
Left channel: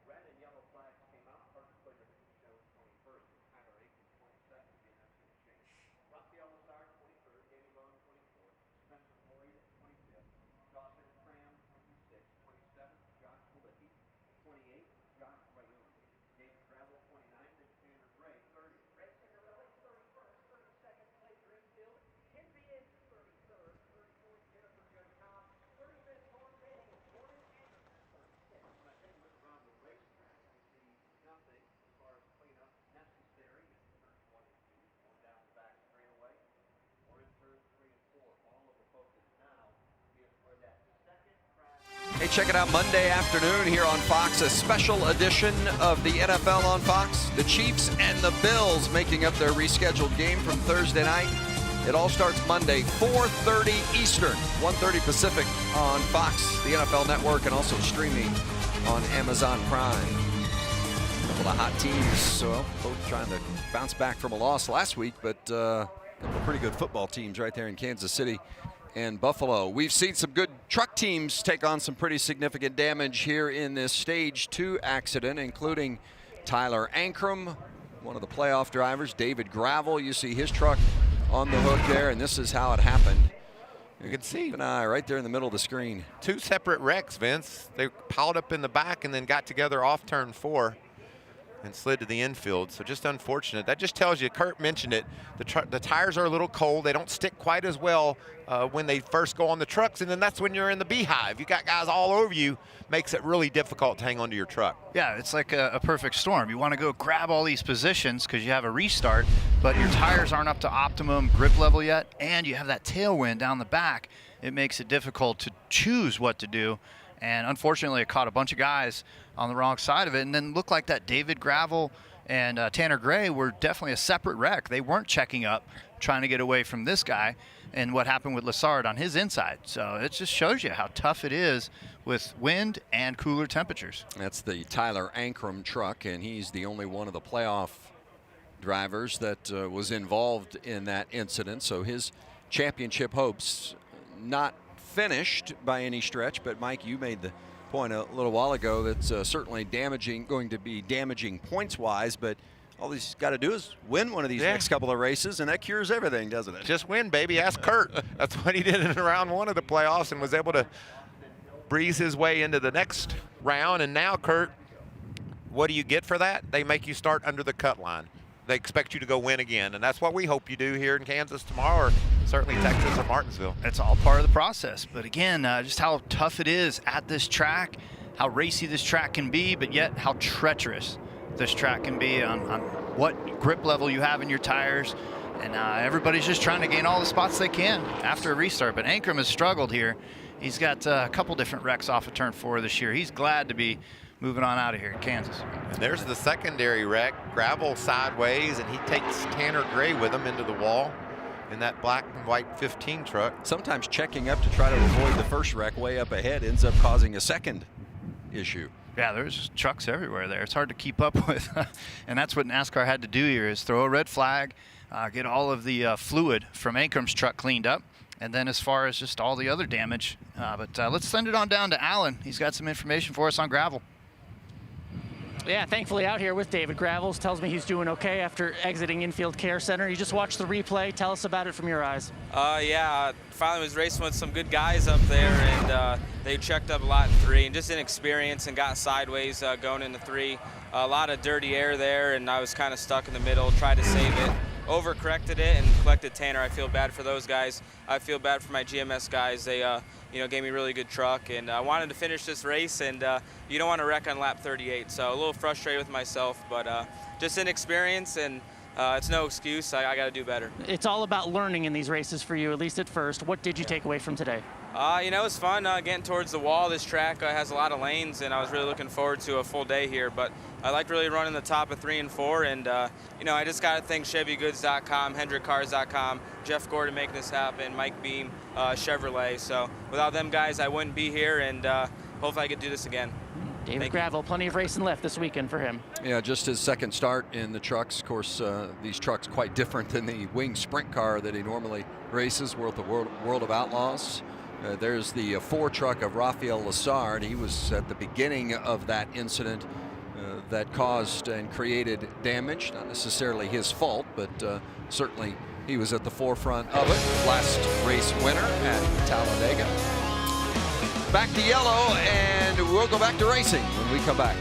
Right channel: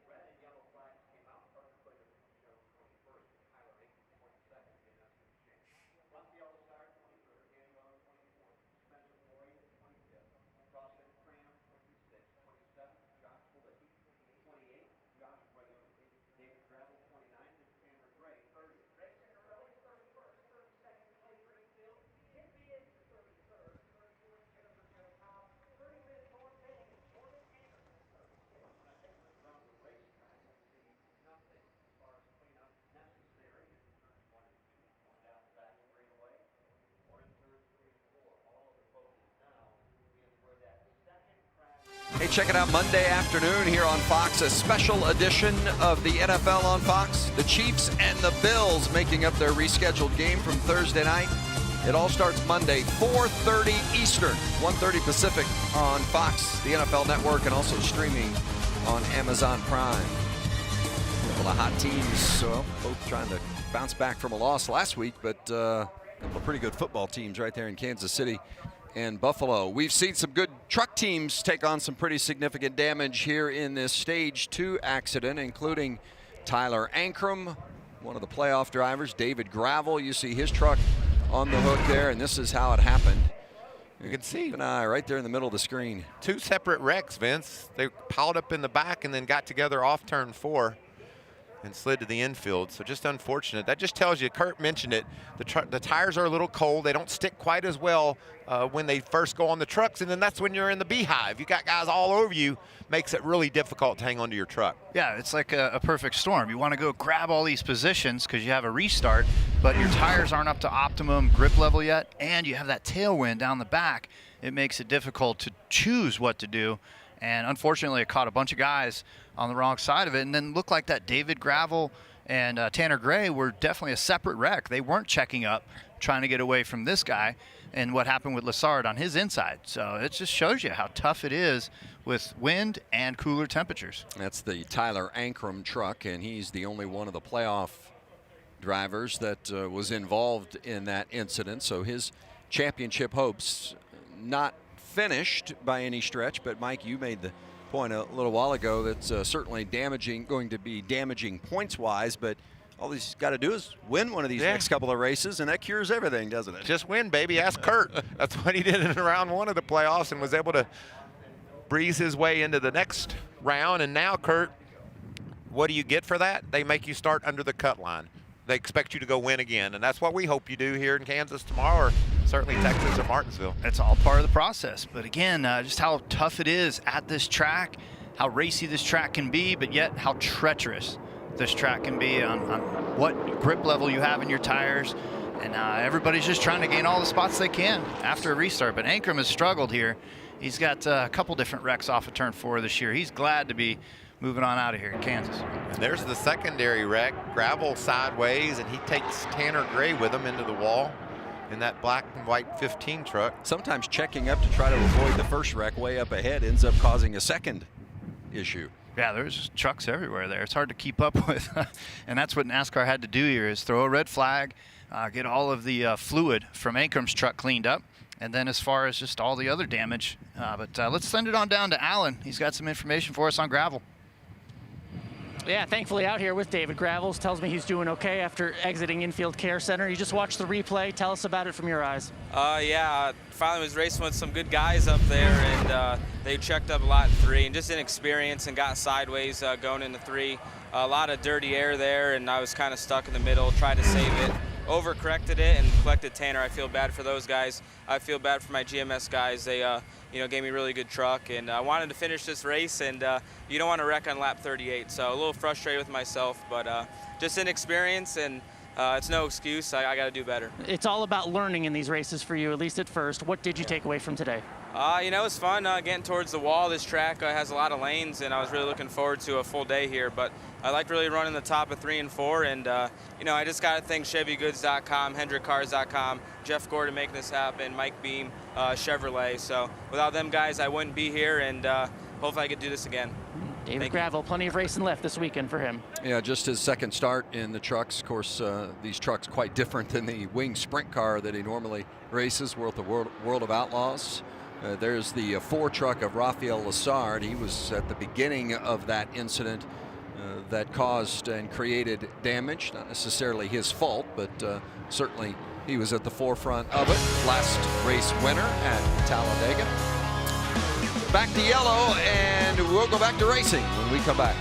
red and yellow flags came out, Parker Kligerman was shown 21st with Tyler Ankrum 22nd. Again, that's going to change. Raphael Assard, 23rd. Danny Bone, 24th. Spencer Floyd, 25th. Dawson Cram, 26th. 27th, Josh Malicki. 28th, Josh Rayoon. David Gravel, 29th, and Tanner Gray, 30th. Ray Cigarelli's 31st. 32nd, Clay Greenfield. Tim Beans is 33rd. 34th, Jennifer Jo Cobb. 35th, Thorne Benning. And Jordan Anderson, 36th. When I take a look around the racetrack, I see nothing as far as cleanup necessary in turns 1 and 2. Going down the back straightaway, or in turns 3 and 4. All of the focus now is where that second crash. Hey, check it out Monday afternoon here on Fox, a special edition of the NFL on Fox. The Chiefs and the Bills making up their rescheduled game from Thursday night. It all starts Monday, 4:30 Eastern, 1:30 Pacific on Fox, the NFL Network, and also streaming on Amazon Prime. A couple of hot teams, well, both trying to bounce back from a loss last week, but a couple of pretty good football teams right there in Kansas City and Buffalo. We've seen some good truck teams take on some pretty significant damage here in this Stage 2 accident, including Tyler Ankrum, one of the playoff drivers. David Gravel, you see his truck on the hook there, and this is how it happened. You can see Keep an eye right there in the middle of the screen. 2 separate wrecks, Vince. They piled up in the back and then got together off turn 4 and slid to the infield. So just unfortunate. That just tells you, Kurt mentioned it, the tires are a little cold. They don't stick quite as well when they first go on the trucks, and then that's when you're in the beehive. You got guys all over you, makes it really difficult to hang onto your truck. Yeah, it's like a perfect storm. You want to go grab all these positions because you have a restart, but your tires aren't up to optimum grip level yet, and you have that tailwind down the back. It makes it difficult to choose what to do. And unfortunately, it caught a bunch of guys on the wrong side of it. And then looked like that David Gravel and Tanner Gray were definitely a separate wreck. They weren't checking up, trying to get away from this guy. And what happened with Lassard on his inside. So it just shows you how tough it is with wind and cooler temperatures. That's the Tyler Ankrum truck, and he's the only one of the playoff drivers that was involved in that incident. So his championship hopes not finished by any stretch, but Mike, you made the point a little while ago that's certainly going to be damaging points-wise, but all he's got to do is win one of these next couple of races, and that cures everything, doesn't it? Just win, baby. Ask Kurt. That's what he did in round 1 of the playoffs and was able to breeze his way into the next round. And now, Kurt, what do you get for that? They make you start under the cut line. They expect you to go win again, and that's what we hope you do here in Kansas tomorrow, or certainly Texas or Martinsville. It's all part of the process. But again, just how tough it is at this track, how racy this track can be, but yet how treacherous this track can be on what grip level you have in your tires. And everybody's just trying to gain all the spots they can after a restart. But Ankrum has struggled here. He's got a couple different wrecks off of turn 4 this year. He's glad to be moving on out of here in Kansas. And there's the secondary wreck. Gravel sideways, and he takes Tanner Gray with him into the wall in that black and white 15 truck. Sometimes checking up to try to avoid the first wreck way up ahead ends up causing a second issue. Yeah, there's trucks everywhere there. It's hard to keep up with. And that's what NASCAR had to do here, is throw a red flag, get all of the fluid from Ankrum's truck cleaned up, and then as far as just all the other damage. But let's send it on down to Alan. He's got some information for us on gravel. Yeah, thankfully out here with David Gravels. Tells me he's doing okay after exiting Infield Care Center. You just watched the replay. Tell us about it from your eyes. Yeah, finally was racing with some good guys up there, and they checked up a lot in 3, and just inexperience and got sideways going into 3. A lot of dirty air there, and I was kind of stuck in the middle, tried to save it. Overcorrected it and collected Tanner. I feel bad for those guys. I feel bad for my GMS guys. They gave me a really good truck, and I wanted to finish this race, and you don't want to wreck on lap 38. So a little frustrated with myself, but just inexperience, and it's no excuse. I got to do better. It's all about learning in these races for you, at least at first. What did you take away from today? It was fun getting towards the wall. This track has a lot of lanes, and I was really looking forward to a full day here. But I liked really running the top of 3 and 4, and I just got to thank ChevyGoods.com, HendrickCars.com, Jeff Gordon making this happen, Mike Beam, Chevrolet. So without them guys, I wouldn't be here, and hopefully I could do this again. David Gravel, plenty of racing left this weekend for him. Yeah, just his second start in the trucks. Of course, these trucks quite different than the wing sprint car that he normally races with the World of Outlaws. There's the 4 truck of Rafael Lassard. He was at the beginning of that incident that caused and created damage. Not necessarily his fault, but certainly he was at the forefront of it. Last race winner at Talladega. Back to yellow, and we'll go back to racing when we come back.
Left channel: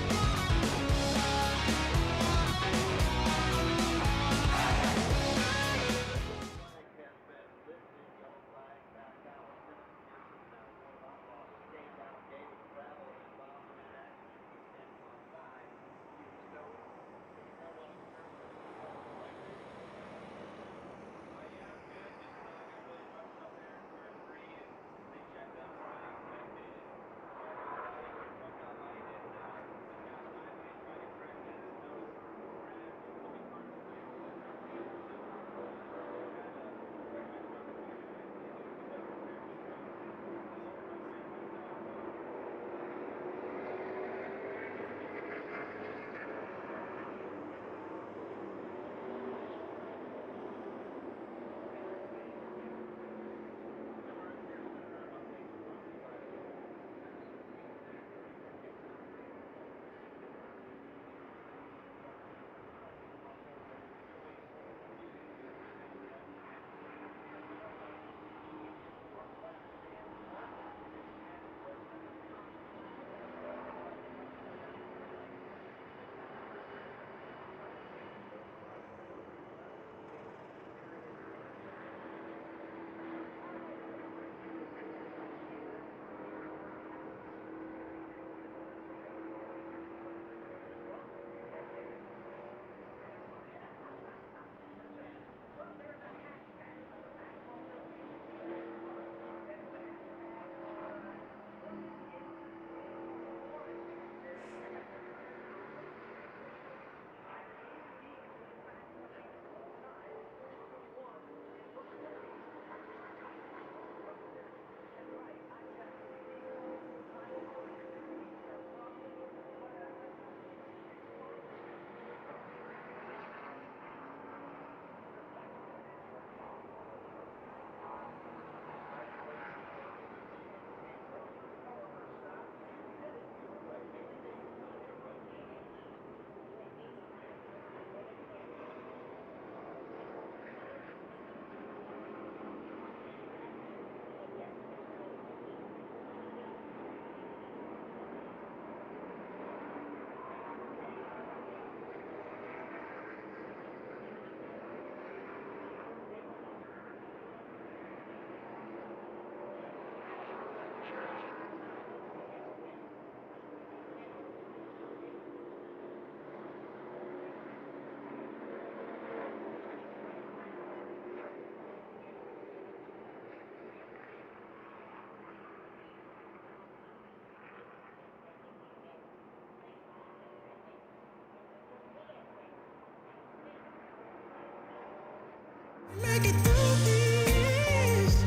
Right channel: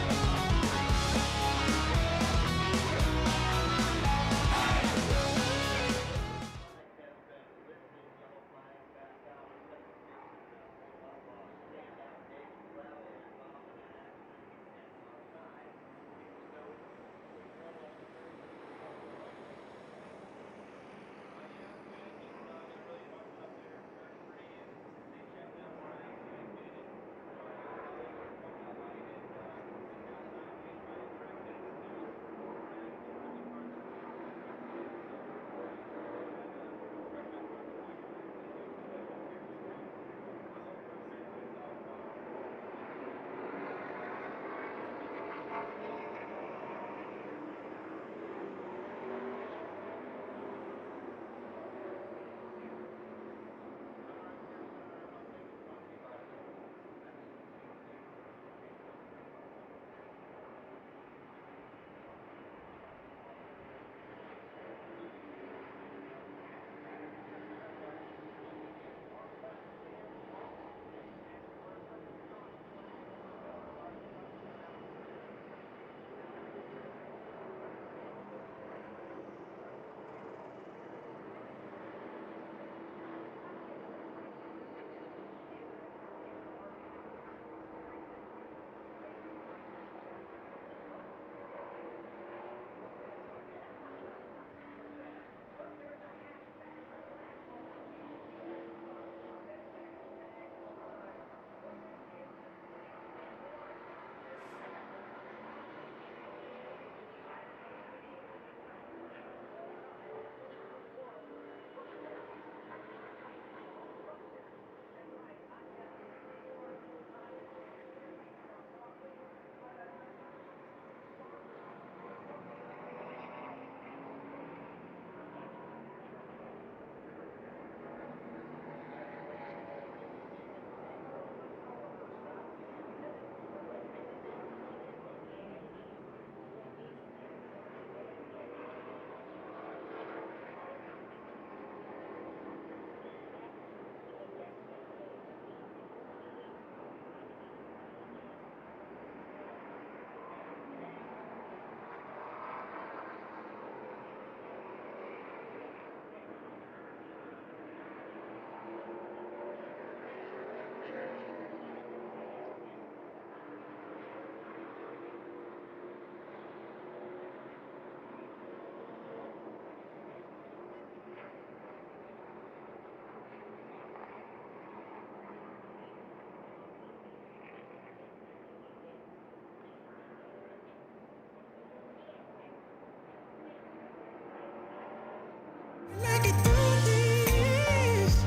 Make it through this.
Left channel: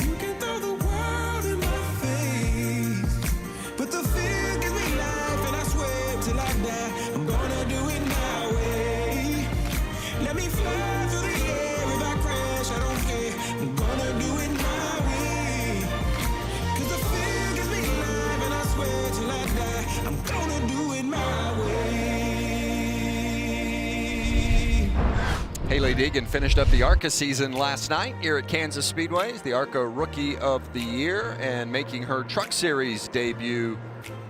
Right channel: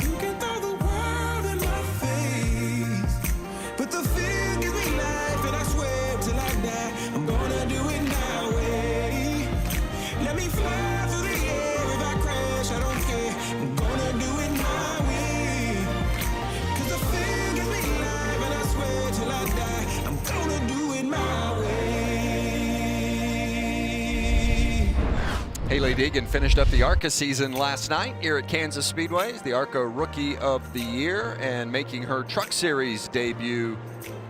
You can throw the world in my face, but the fear gives me life, and I swear till I die, I'm gonna do it my way. Let me fly through the air. If I crash, I don't care. I'm gonna do it my way. 'Cause the fear gives me life, and I swear till I die, I'm gonna do it my way. Hailie Deegan finished up the ARCA season last night here at Kansas Speedway. The ARCA Rookie of the Year and making her Truck Series debut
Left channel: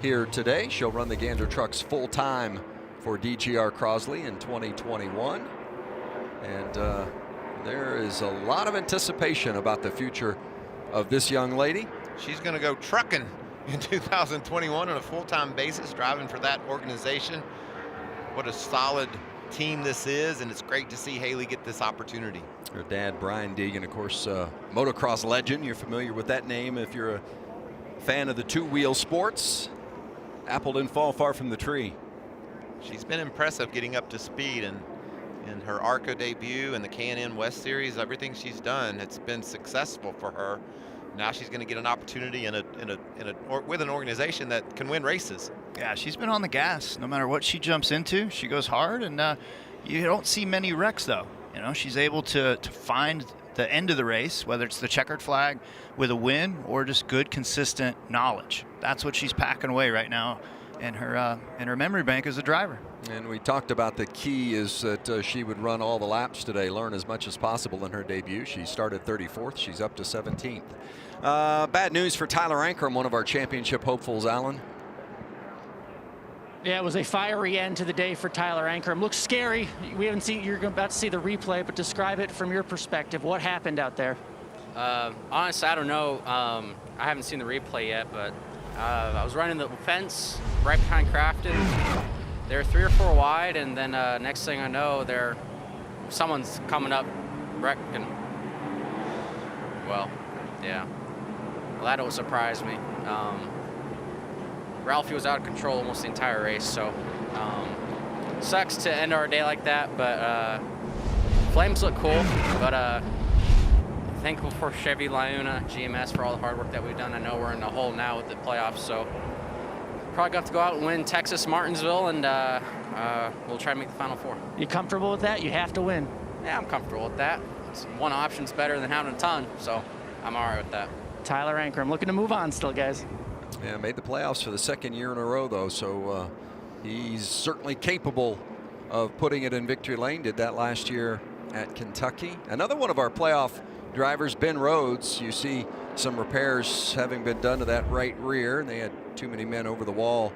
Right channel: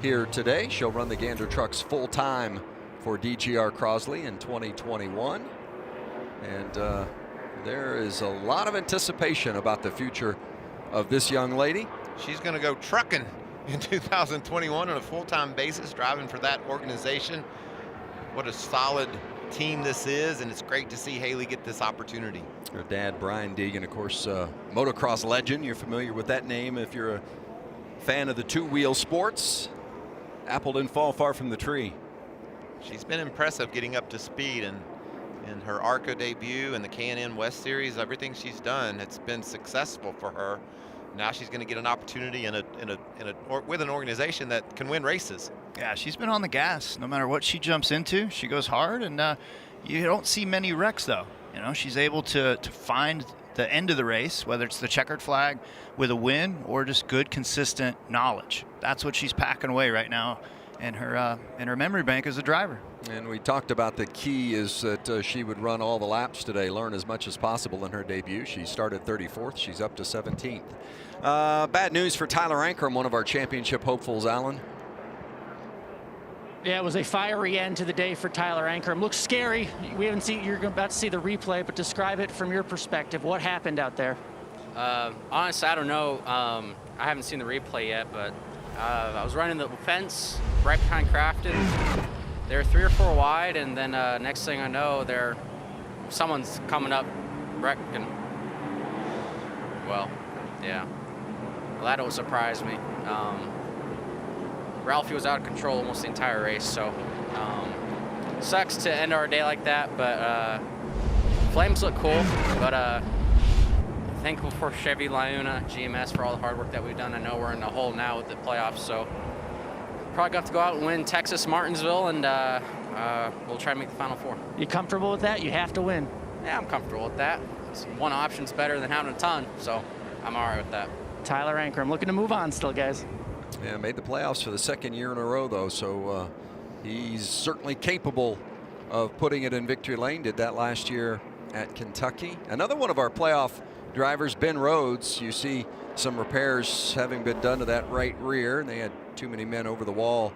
here today. She'll run the Gander trucks full-time for DGR Crosley in 2021. And there is a lot of anticipation about the future of this young lady. She's going to go trucking in 2021 on a full-time basis, driving for that organization. What a solid team this is, and it's great to see Hailie get this opportunity. Her dad, Brian Deegan, of course, motocross legend. You're familiar with that name if you're a fan of the two-wheel sports. Apple didn't fall far from the tree. She's been impressive getting up to speed, and in her ARCA debut and the K&N West Series, everything she's done, it's been successful for her. Now she's going to get an opportunity with an organization that can win races. Yeah, she's been on the gas. No matter what she jumps into, she goes hard, and you don't see many wrecks, though. You know, she's able to find the end of the race, whether it's the checkered flag with a win or just good, consistent knowledge. That's what she's packing away right now in her memory bank as a driver. And we talked about the key is that she would run all the laps today, learn as much as possible in her debut. She started 34th. She's up to 17th. Bad news for Tyler Ankrum, one of our championship hopefuls, Alan. Yeah, it was a fiery end to the day for Tyler Ankrum. Looks scary. We haven't seen, you're about to see the replay, but describe it from your perspective. What happened out there? Honestly, I don't know. I haven't seen the replay yet, but I was running the fence right behind Crafton. They're 3 or 4 wide, and then next thing I know, someone's coming up wrecking. Well, yeah. Well, that don't surprise me. Ralphie was out of control almost the entire race, so sucks to end our day like that, but flames look cool, but thankful for Chevy Laguna GMS for all the hard work that we've done. I know we're in the hole now with the playoffs, so probably got to go out and win Texas Martinsville, and we'll try to make the Final Four. You comfortable with that? You have to win. Yeah, I'm comfortable with that. One option's better than having a ton, so I'm all right with that. Tyler Ankrum looking to move on still, guys. Yeah, made the playoffs for the second year in a row, though, so he's certainly capable of putting it in victory lane. Did that last year at Kentucky. Another one of our playoff drivers, Ben Rhodes. You see some repairs having been done to that right rear. They had too many men over the wall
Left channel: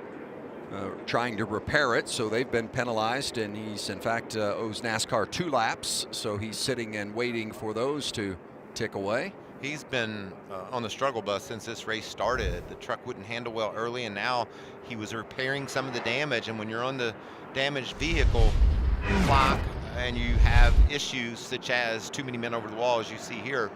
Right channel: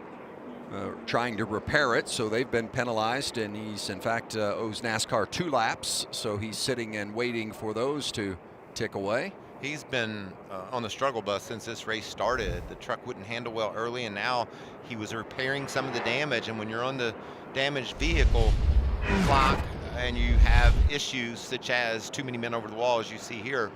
trying to repair it, so they've been penalized, and he's in fact owes NASCAR 2 laps, so he's sitting and waiting for those to tick away. He's been on the struggle bus since this race started. The truck wouldn't handle well early, and now he was repairing some of the damage. And when you're on the damaged vehicle clock and you have issues such as too many men over the wall, as you see here,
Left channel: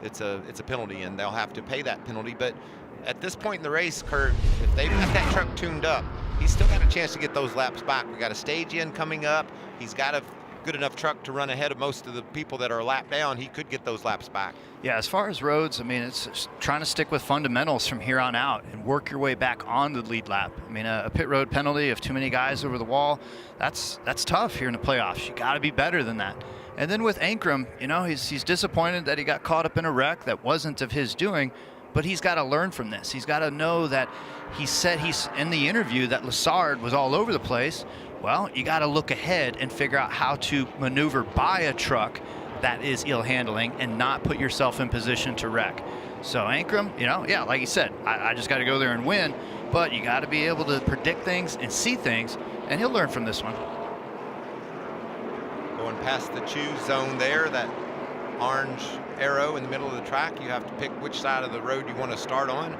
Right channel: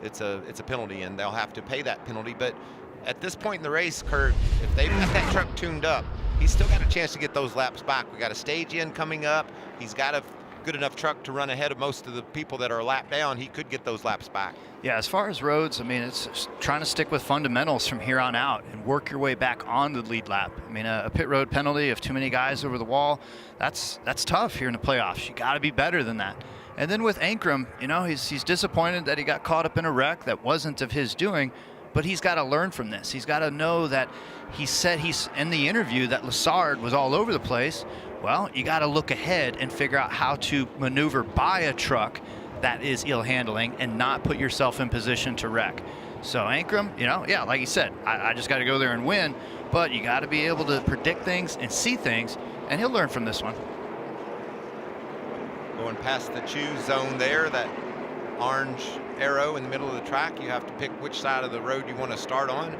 it's a penalty, and they'll have to pay that penalty. But at this point in the race, Kurt, if they've got that truck tuned up, he's still got a chance to get those laps back. We got a stage in coming up. He's got a good enough truck to run ahead of most of the people that are a lap down. He could get those laps back. Yeah, as far as Rhodes, I mean, it's trying to stick with fundamentals from here on out and work your way back on the lead lap. I mean, a pit road penalty of too many guys over the wall, that's tough here in the playoffs. You got to be better than that. And then with Ankrum, you know, he's disappointed that he got caught up in a wreck that wasn't of his doing, but he's got to learn from this. He's got to know that he said he's in the interview that Lassard was all over the place. Well, you got to look ahead and figure out how to maneuver by a truck that is ill handling and not put yourself in position to wreck. So Ankrum, you know, yeah, like you said, I just got to go there and win, but you got to be able to predict things and see things, and he'll learn from this one. Going past the choose zone there, that orange arrow in the middle of the track, you have to pick which side of the road you want to start on.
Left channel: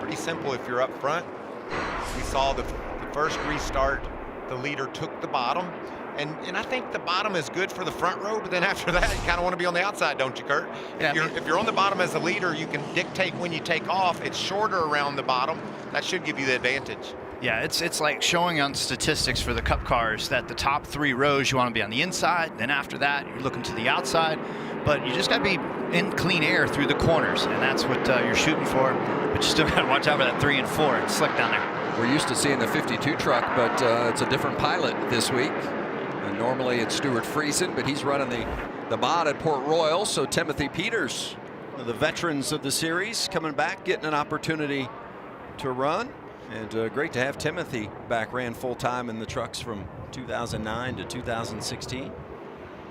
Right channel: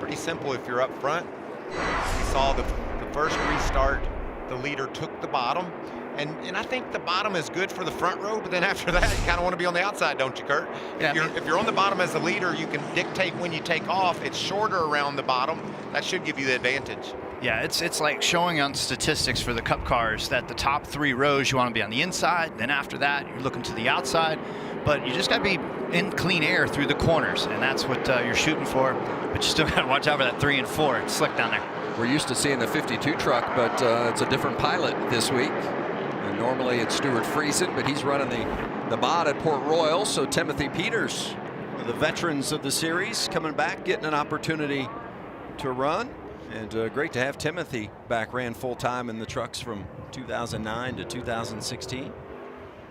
Pretty simple if you're up front. We saw the first restart, the leader took the bottom, and I think the bottom is good for the front row, but then after that, you kind of want to be on the outside, don't you, Kurt? Yeah, if you're on the bottom as the leader, you can dictate when you take off. It's shorter around the bottom. That should give you the advantage. Yeah, it's like showing on statistics for the Cup cars that the top 3 rows you want to be on the inside, then after that you're looking to the outside. but you just got to be in clean air through the corners, and that's what you're shooting for. But you still got to watch out for that 3 and 4. It's slick down there. We're used to seeing the 52 truck, but it's a different pilot this week. And normally it's Stuart Friesen, but he's running the mod at Port Royal. So Timothy Peters, one of the veterans of the series, coming back, getting an opportunity to run. And great to have Timothy back. Ran full time in the trucks from 2009 to 2016.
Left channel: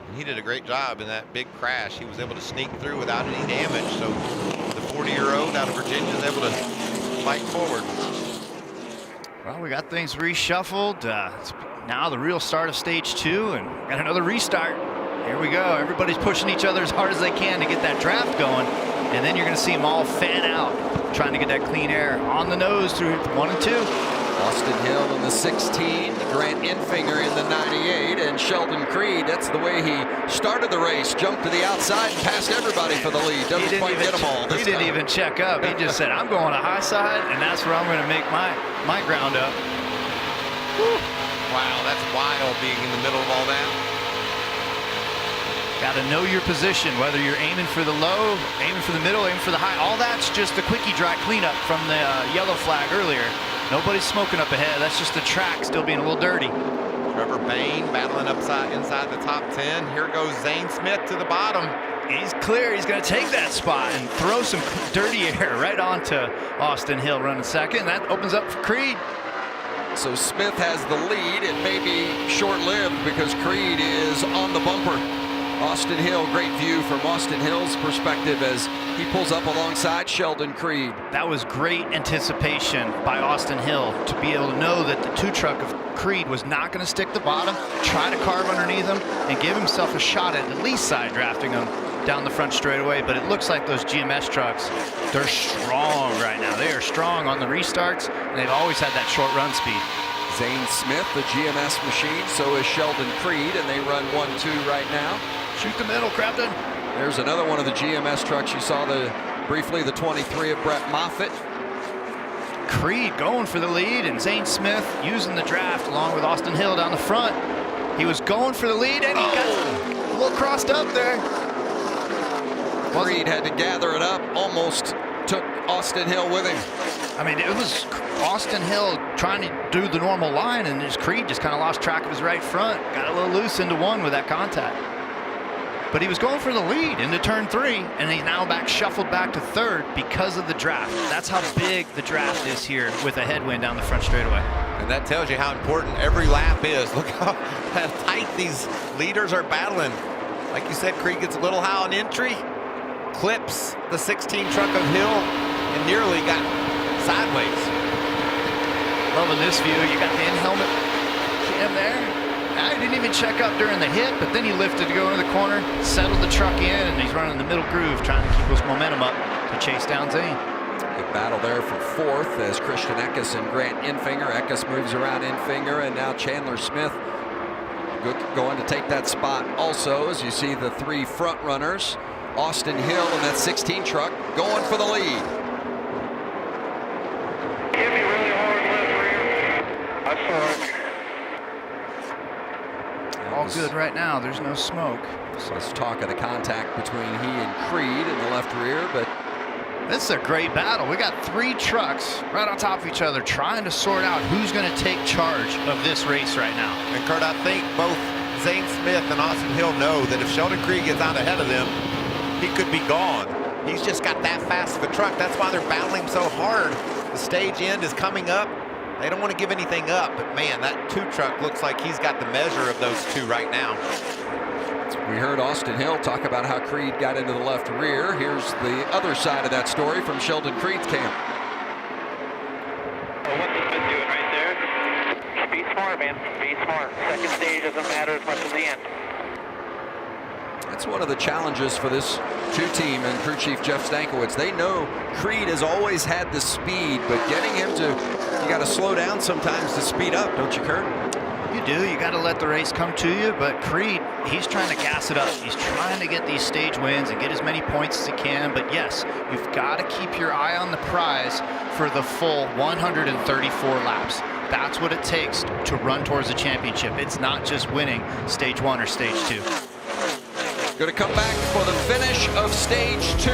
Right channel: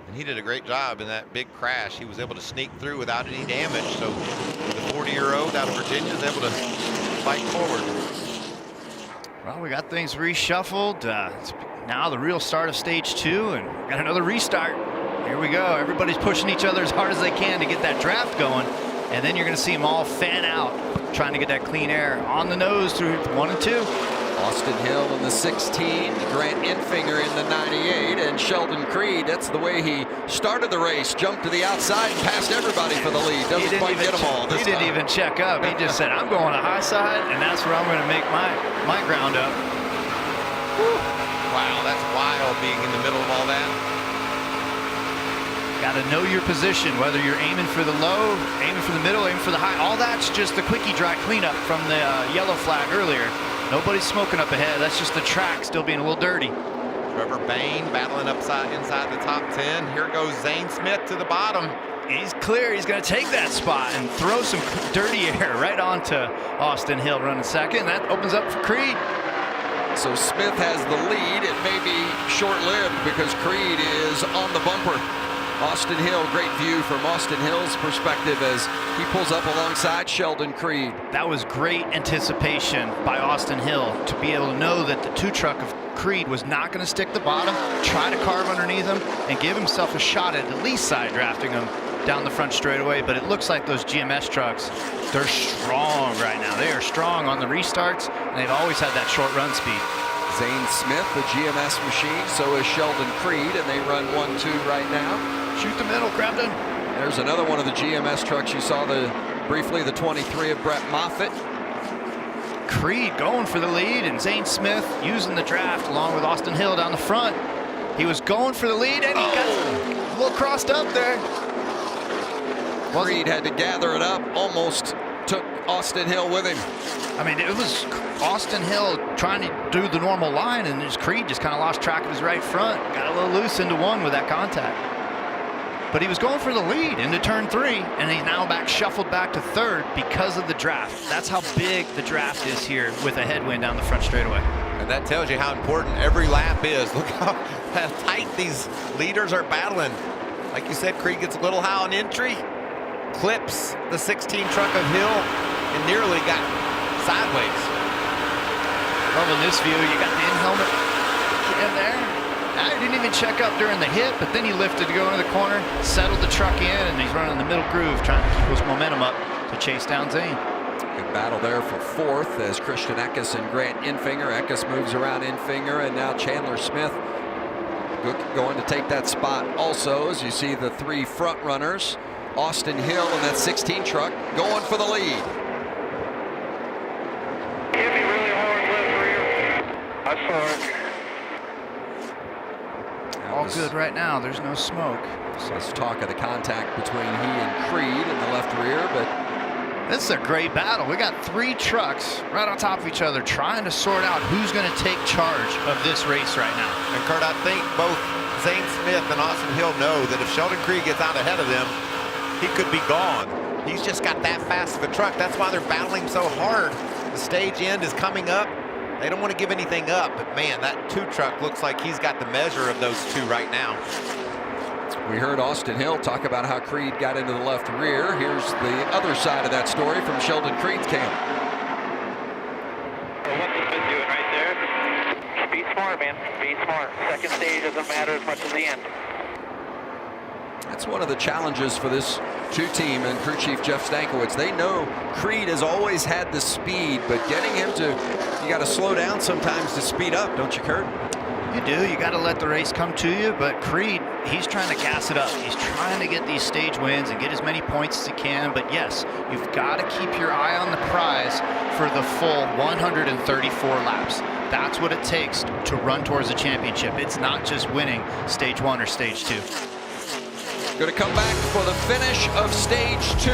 And he did a great job in that big crash. He was able to sneak through without any damage. So the 40-year-old out of Virginia is able to fight forward. Well, we got things reshuffled. It's now the real start of stage 2, and we got another restart. Here we go. Everybody's pushing each other as hard as they can to get that draft going. And then you're going to see them all fan out, trying to get that clean air on the nose through 1 and 2. Austin Hill in the 16, Grant Infinger in the 98, and Sheldon Creed. That's the way he started the race. Jumped to the outside and passed everybody for the lead. Doesn't quite get them all. He didn't even check up. He just said, I'm going to high side, and that's where I'm going to make my ground up. Whew. Wow, that's wild being in the middle of all that. Got to know your position, whether you're aiming for the low, aiming for the middle, aiming for the high. All that's just the quickie dry cleanup from the yellow flag earlier. Nobody's smoking up ahead. That's just the track still being a little dirty. Trevor Bain battling inside the top 10. Here goes Zane Smith to the bottom. He's clear. He's going to take that spot and throw some dirty air right onto Austin Hill running second. That opens up for Creed. So Smith has the lead. It may be short-lived because Creed is on the bumper. Austin Hill, great view from Austin Hill's perspective as he pulls up alongside Sheldon Creed. That was great anticipation by Austin Hill to be able to know that the 2 truck of Creed was not going to stick the bottom, try to carve underneath him, and give himself a shot at least side drafting him down the front straightaway. But it looks like those GMS trucks, they're strong right now. They are strong on the restarts, and they've always had that short run speed. Zane Smith, the GMS machine, so is Sheldon Creed, and they run 1-2 right now. Shoot the middle, Crafton. There's another one of the GMS trucks. You saw briefly the 23 of Brett Moffitt. Creed going for the lead, and Zane Smith using the draft along with Austin Hill down the front. He was going for the lead, and he got a little crossed up there. Creed had to gather it up, almost took Austin Hill with him. I mean, it was Austin Hill trying to do the normal line, and Creed just kind of lost track of his right front. Got a little loose into 1 with that contact. But he was going for the lead into turn 3, and he's now shuffled back to 3rd because of the draft. That's how big the draft is here with a headwind down the front straightaway. And that tells you how important every lap is. Look how tight these leaders are battling. Like you said, Creed gets a little high on entry, clips the 16 truck of Hill, and nearly got sideways. Loving this view. You got the in-helmet cam there. I didn't even check up during the hit, but then he lifted to go into the corner, settled the truck in, and he's running the middle groove, trying to keep his momentum up to chase down Zane. Good battle there for 4th as Christian Eckes and Grant Infinger. Eckes moves around Infinger, and now Chandler Smith going to take that spot also, as you see the 3 front runners. Austin Hill and that 16 truck going for the lead. Give me really hard left rear. I saw it. All good right now. There's no smoke. So let's talk of the contact between he and Creed in the left rear, but this is a great battle. We got 3 trucks right on top of each other trying to sort out who's going to take charge of this race right now. And Kurt, I think both Zane Smith and Austin Hill know that if Sheldon Creed gets out ahead of them, he could be gone. He's just got that fast of a truck. That's why they're battling so hard. The stage end is coming up. They don't want to give anything up, but man, that 2 truck looks like he's got the measure of those 2 right now. We heard Austin Hill talk about how Creed got into the left rear. Here's the other side of that story from Sheldon Creed's camp. Well, what's Smith doing right there? Be smart, man. Be smart. Second stage doesn't matter as much as the end. That's one of the challenges for this 2 team and crew chief Jeff Stankiewicz. They know Creed has always had the speed, but getting him to, you got to slow down sometimes to speed up, don't you, Kurt? You do. You got to let the race come to you, but Creed, he's trying to gas it up. He's trying to get these stage wins and get as many points as he can, but yes, you've got to keep your eye on the prize for the full 134 laps. That's what it takes to run towards the championship. It's not just winning stage 1 or stage 2. Going to come back for the finish of stage 2.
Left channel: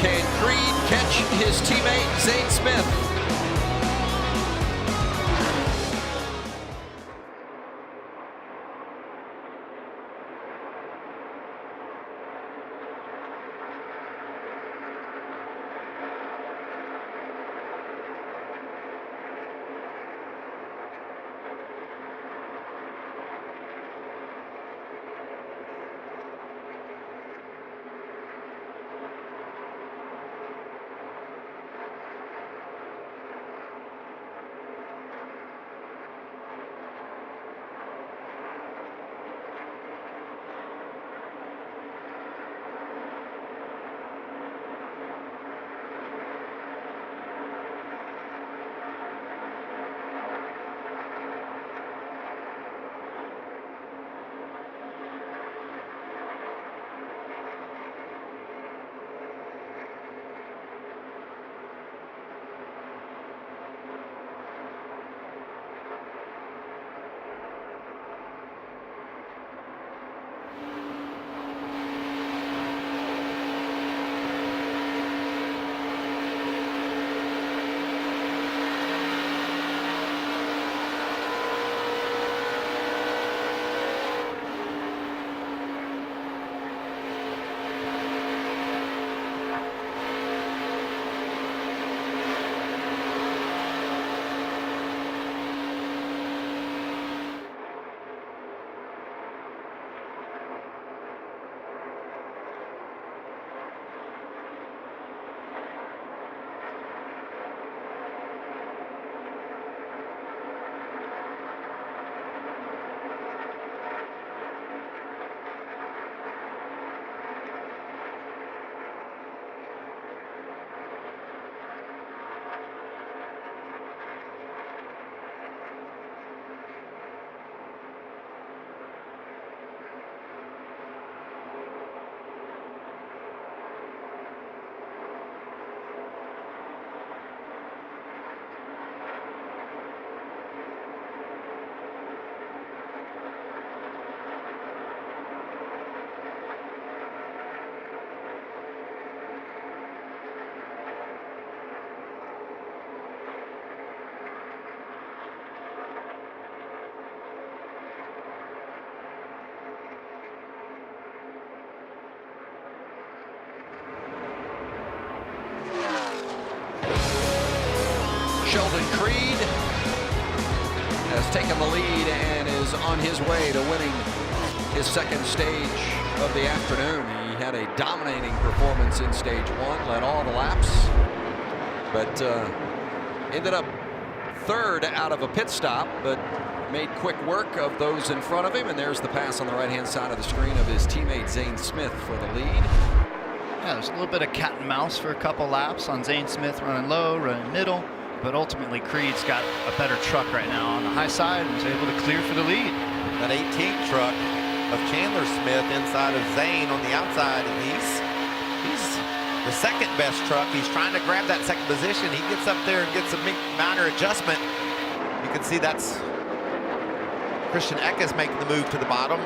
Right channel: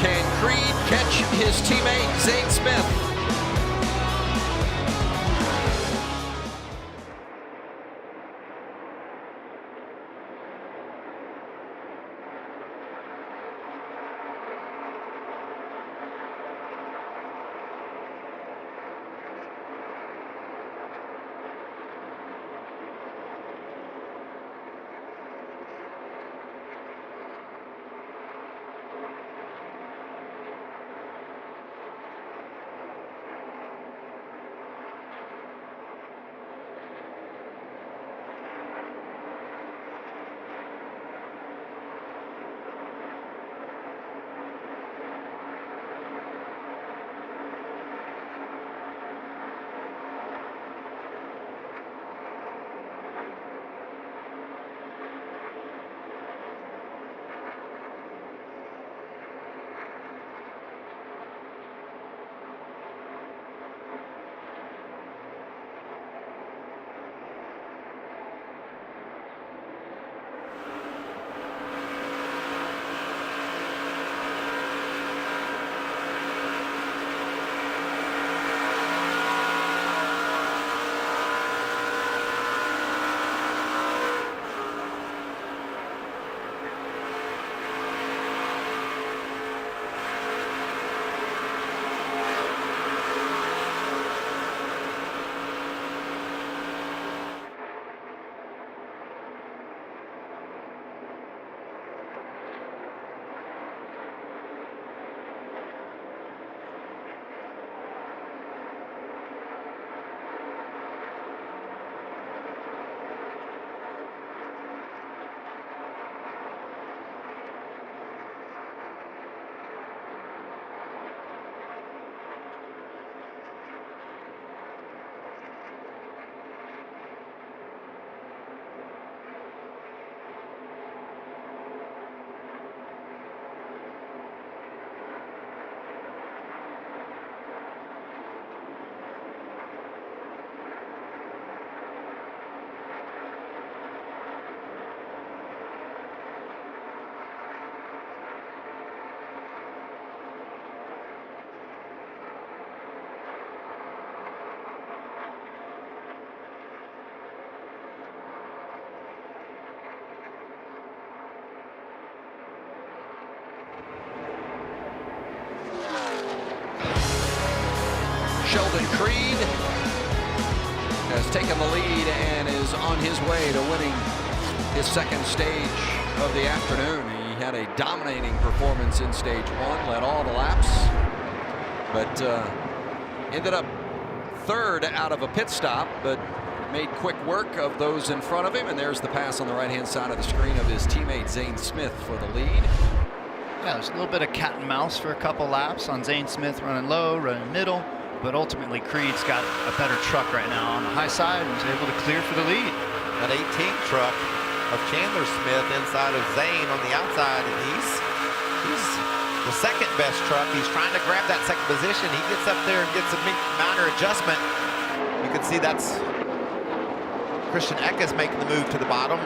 Can Creed catch his teammate Zane Smith? Sheldon Creed has taken the lead and is on his way to winning his second stage of the afternoon. He had a dominating performance in stage 1, led all the laps, but ended up third out of a pit stop, but made quick work of those in front of him. And there's the pass on the right-hand side of the screen of his teammate Zane Smith for the lead. Yeah, there's a little bit of cat and mouse for a couple laps on Zane Smith, running low, running middle, but ultimately Creed's got a better truck right now on the high side and was able to clear for the lead. That 18th truck of Chandler Smith inside of Zane on the outside, and he's the second best truck. He's trying to grab that second position. He gets up there and gets a minor adjustment. You can see that's Christian Eckes making the move to the bottom.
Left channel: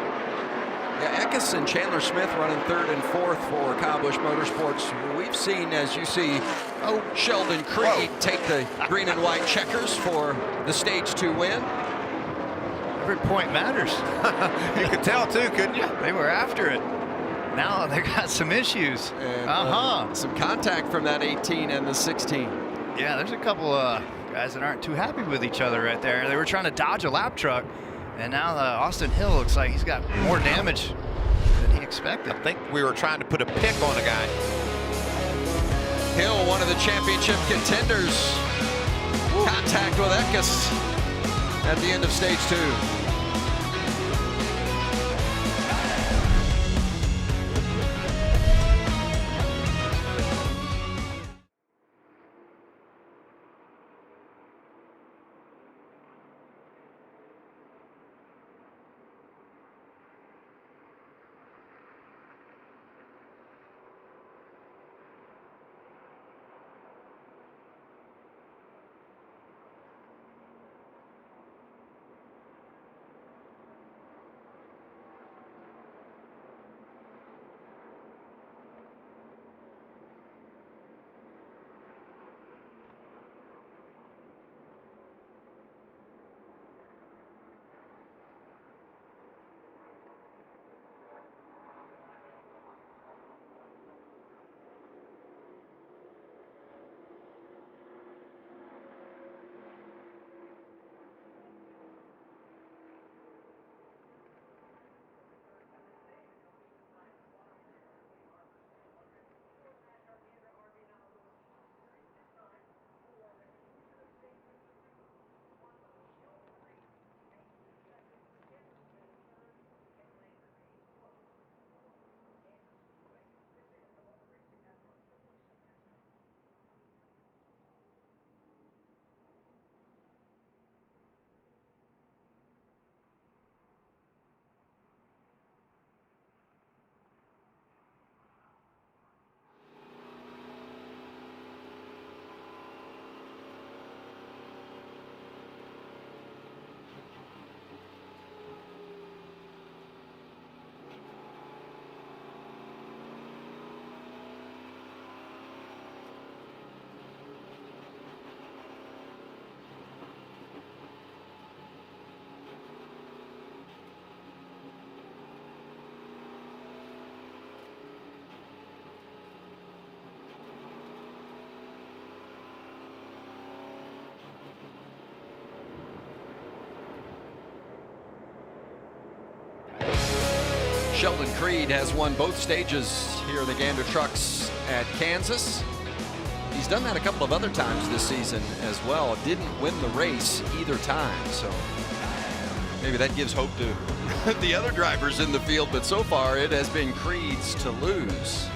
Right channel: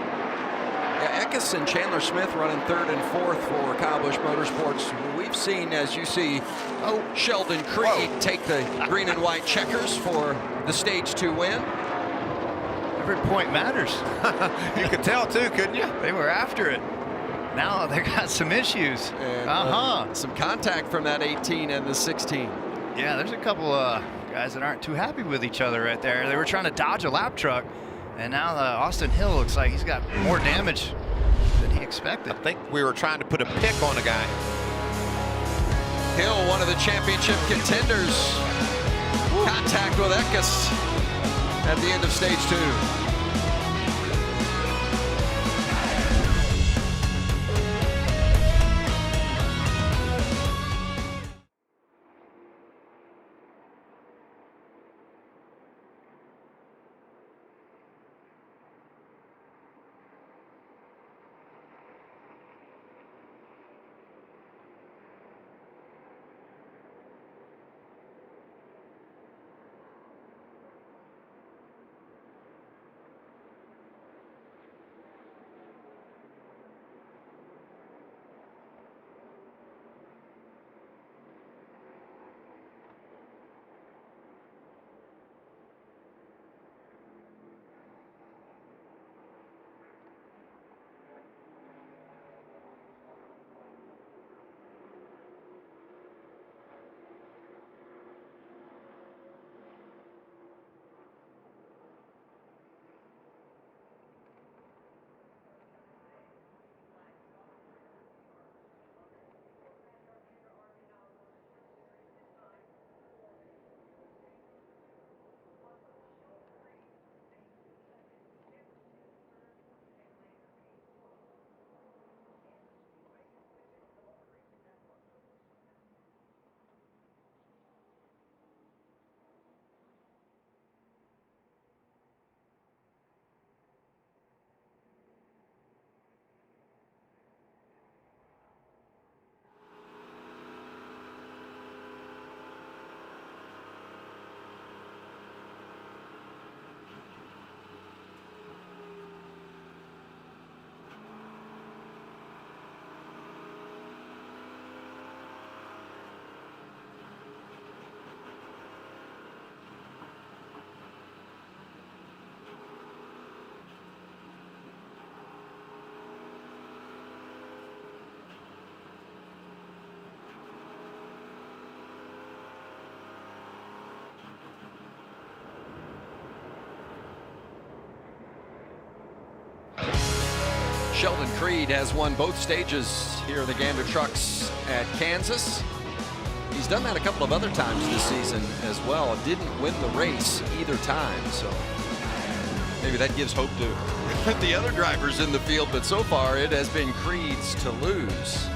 Yeah, Eckes and Chandler Smith running third and fourth for Kyle Busch Motorsports. We've seen, as you see, Sheldon Creed take the green and white checkers for the stage 2 win. Every point matters. You could tell too, couldn't you? They were after it. Now they got some issues. And, some contact from that 18 and the 16. Yeah, there's a couple guys that aren't too happy with each other right there. They were trying to dodge a lap truck, and now Austin Hill looks like he's got more damage than he expected. I think we were trying to put a pick on a guy. Hill, one of the championship contenders. Contact with Eckes at the end of stage 2. Sheldon Creed has won both stages here in the Gander Trucks at Kansas. He's done that a couple of other times this season as well. Didn't win the race either time, so maybe that gives hope to the other drivers in the field, but so far it has been Creed's to lose.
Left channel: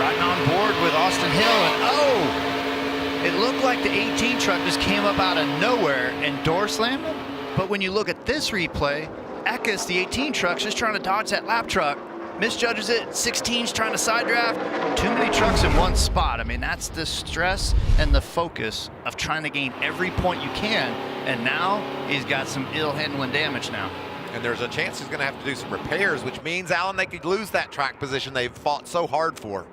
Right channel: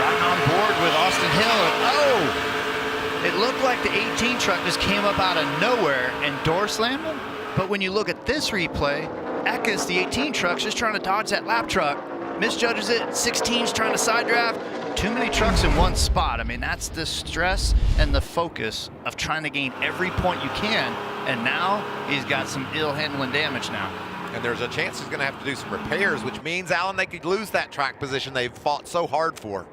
Riding on board with Austin Hill, and oh! It looked like the 18 truck just came up out of nowhere and door slammed him. But when you look at this replay, Eckes, the 18 truck's just trying to dodge that lap truck. Misjudges it. 16's trying to side draft. Too many trucks in one spot. I mean, that's the stress and the focus of trying to gain every point you can. And now he's got some ill handling damage now. And there's a chance he's going to have to do some repairs, which means, Alan, they could lose that track position they've fought so hard for.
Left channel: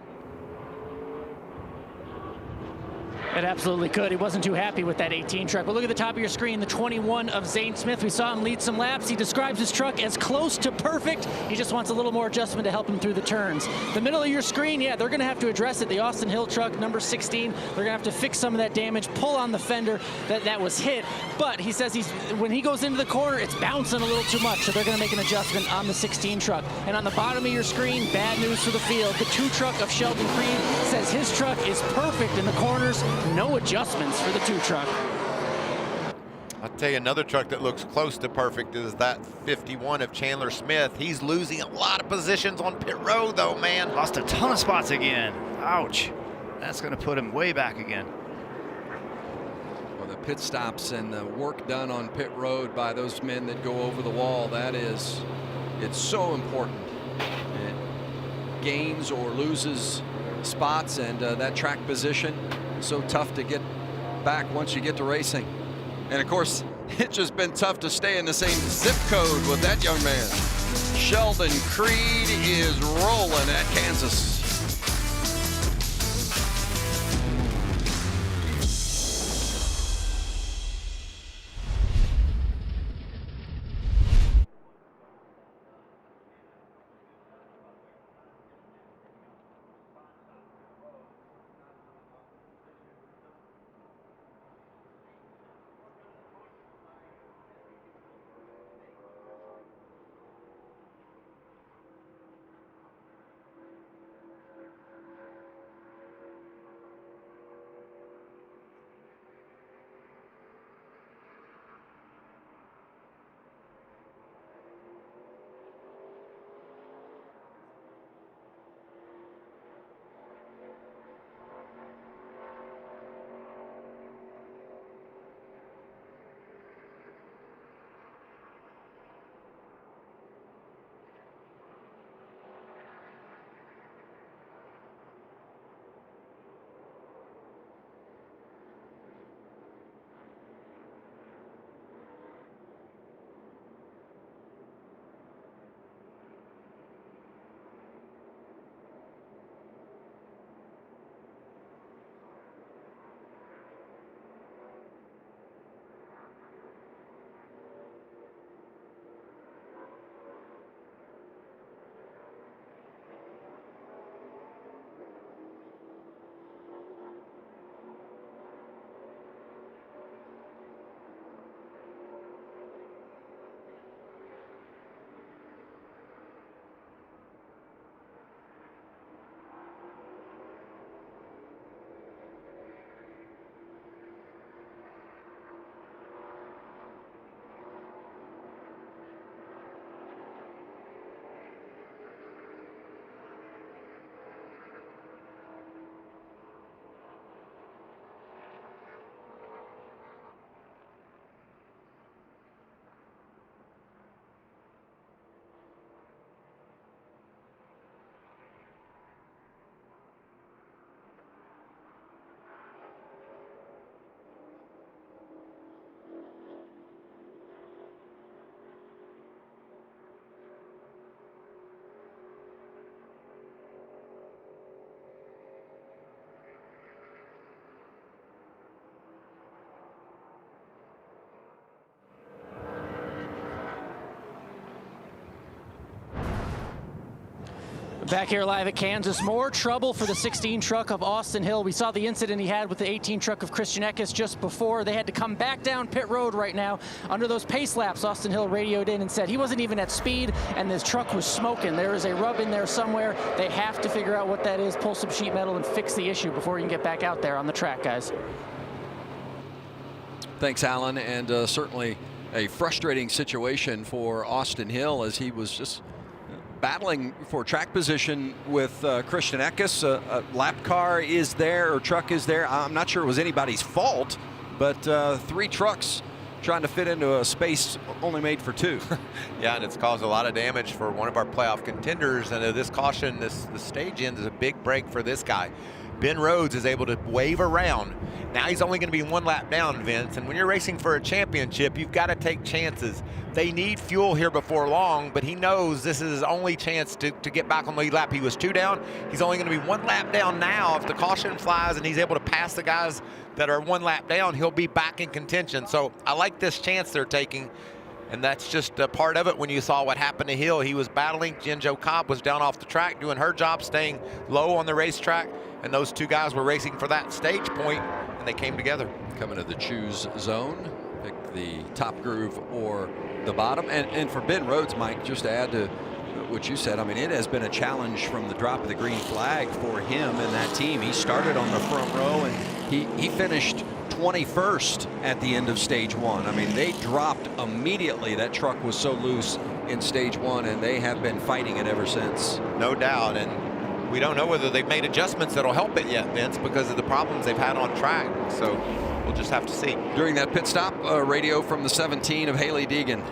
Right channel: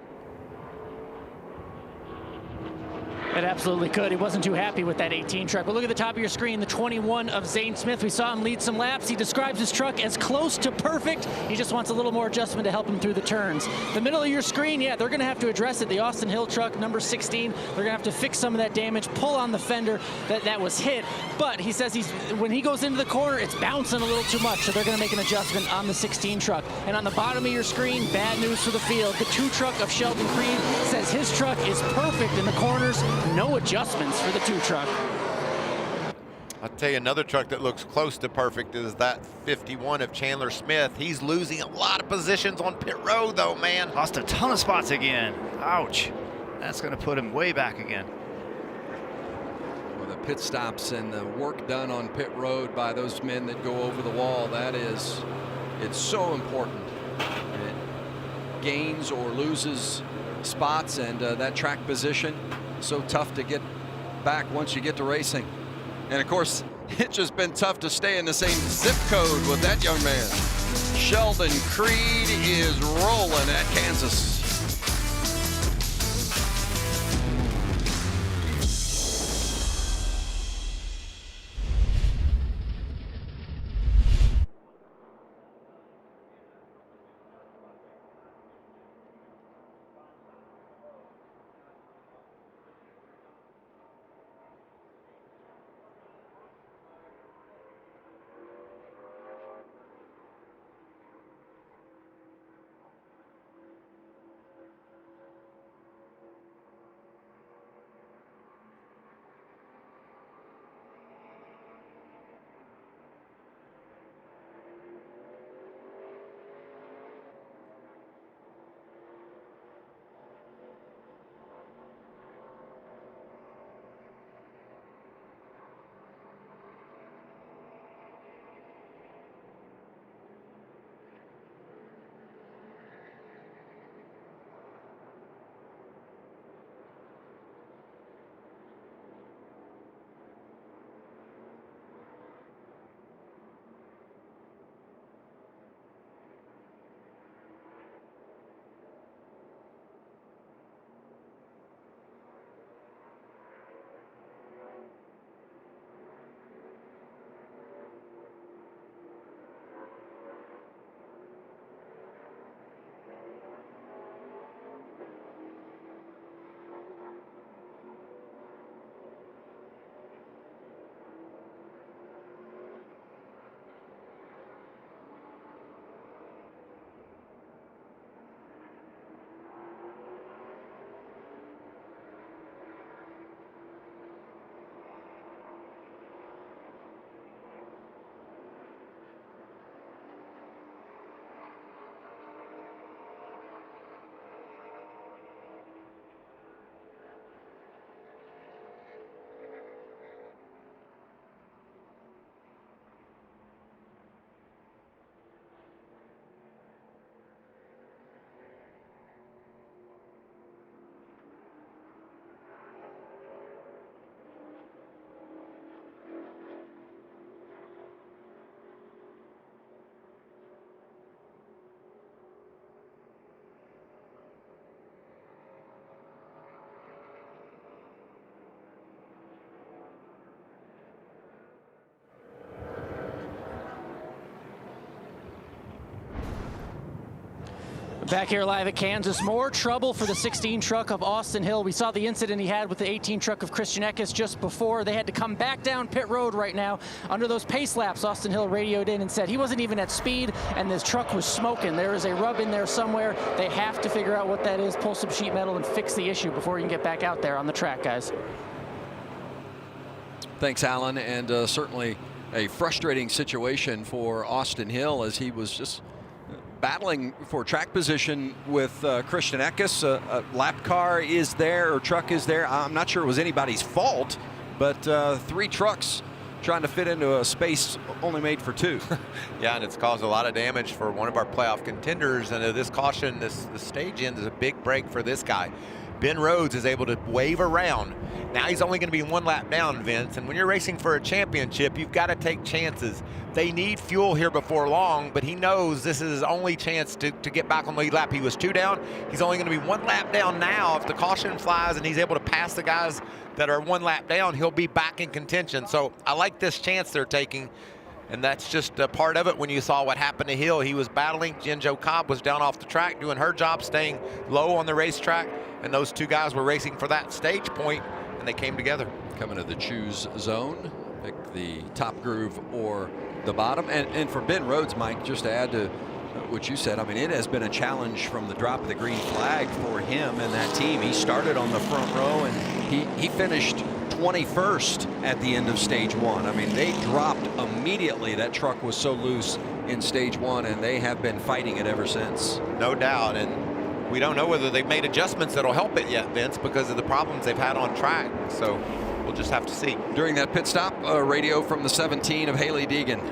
It absolutely could. He wasn't too happy with that 18 truck. But look at the top of your screen, the 21 of Zane Smith. We saw him lead some laps. He describes his truck as close to perfect. He just wants a little more adjustment to help him through the turns. The middle of your screen, yeah, they're going to have to address it. The Austin Hill truck, number 16, they're going to have to fix some of that damage, pull on the fender that was hit. But he says when he goes into the corner, it's bouncing a little too much, so they're going to make an adjustment on the 16 truck. And on the bottom of your screen, bad news for the field. The 2 truck of Sheldon Creed says his truck is perfect in the corners. No adjustments for the 2 truck. I'll tell you another truck that looks close to perfect is that 51 of Chandler Smith. He's losing a lot of positions on pit road though, man. Lost a ton of spots again. Ouch. That's going to put him way back again. Well, the pit stops and the work done on pit road by those men that go over the wall, it's so important. It gains or loses spots, and that track position, so tough to get back once you get to racing. And of course, it's just been tough to stay in the same zip code with that young man. Sheldon Creed is rolling at Kansas. Back here live at Kansas, more trouble for the 16 truck of Austin Hill. We saw the incident he had with the 18 truck of Christian Eckes just before. They had to come back down pit road right now. Under those pace laps, Austin Hill radioed in and said he wasn't even at speed and this truck was smoking. There is a rub in there somewhere. They have to figure out what that is, pull some sheet metal and fix the issue before you can get back out there on the track, guys. Thanks, Alan, and certainly a frustrating situation for Austin Hill as he was just battling for track position with Christian Eckes. A lap car is there, or truck is there. I'm not sure it was anybody's fault, but 3 trucks trying to fit into a space only made for 2. Yeah, and it's caused a lot of damage for one of our playoff contenders. And this caution, the stage end is a big break for this guy. Ben Rhodes is able to wave around. Now he's only going to be 1 lap down, Vince. And when you're racing for a championship, you've got to take chances. They need fuel here before long, but he knows this is his only chance to get back on the lead lap. He was 2 down. He's only going to be 1 lap down now. If the caution flies and he's able to pass the guys that are 1 lap down, he'll be back in contention. So I like this chance they're taking. And that's just a part of it. When you saw what happened to Hill, he was battling. Jen-Jo Cobb was down off the track doing her job, staying low on the racetrack. And those 2 guys were racing for that stage point, and they came together. Coming to the choose zone, pick the top groove or the bottom. And for Ben Rhodes, Mike, just to add to what you said, I mean, it has been a challenge from the drop of the green flag for him and that team. He started on the front row, and he finished 21st at the end of stage 1. I mean, they dropped immediately. That truck was so loose in stage 1, and they have been fighting it ever since. No doubt. And we don't know whether they've made adjustments that'll help it yet, Vince, because of the problems they've had on track. So we'll just have to see. During that pit stop, radio from the 17 of Hailie Deegan.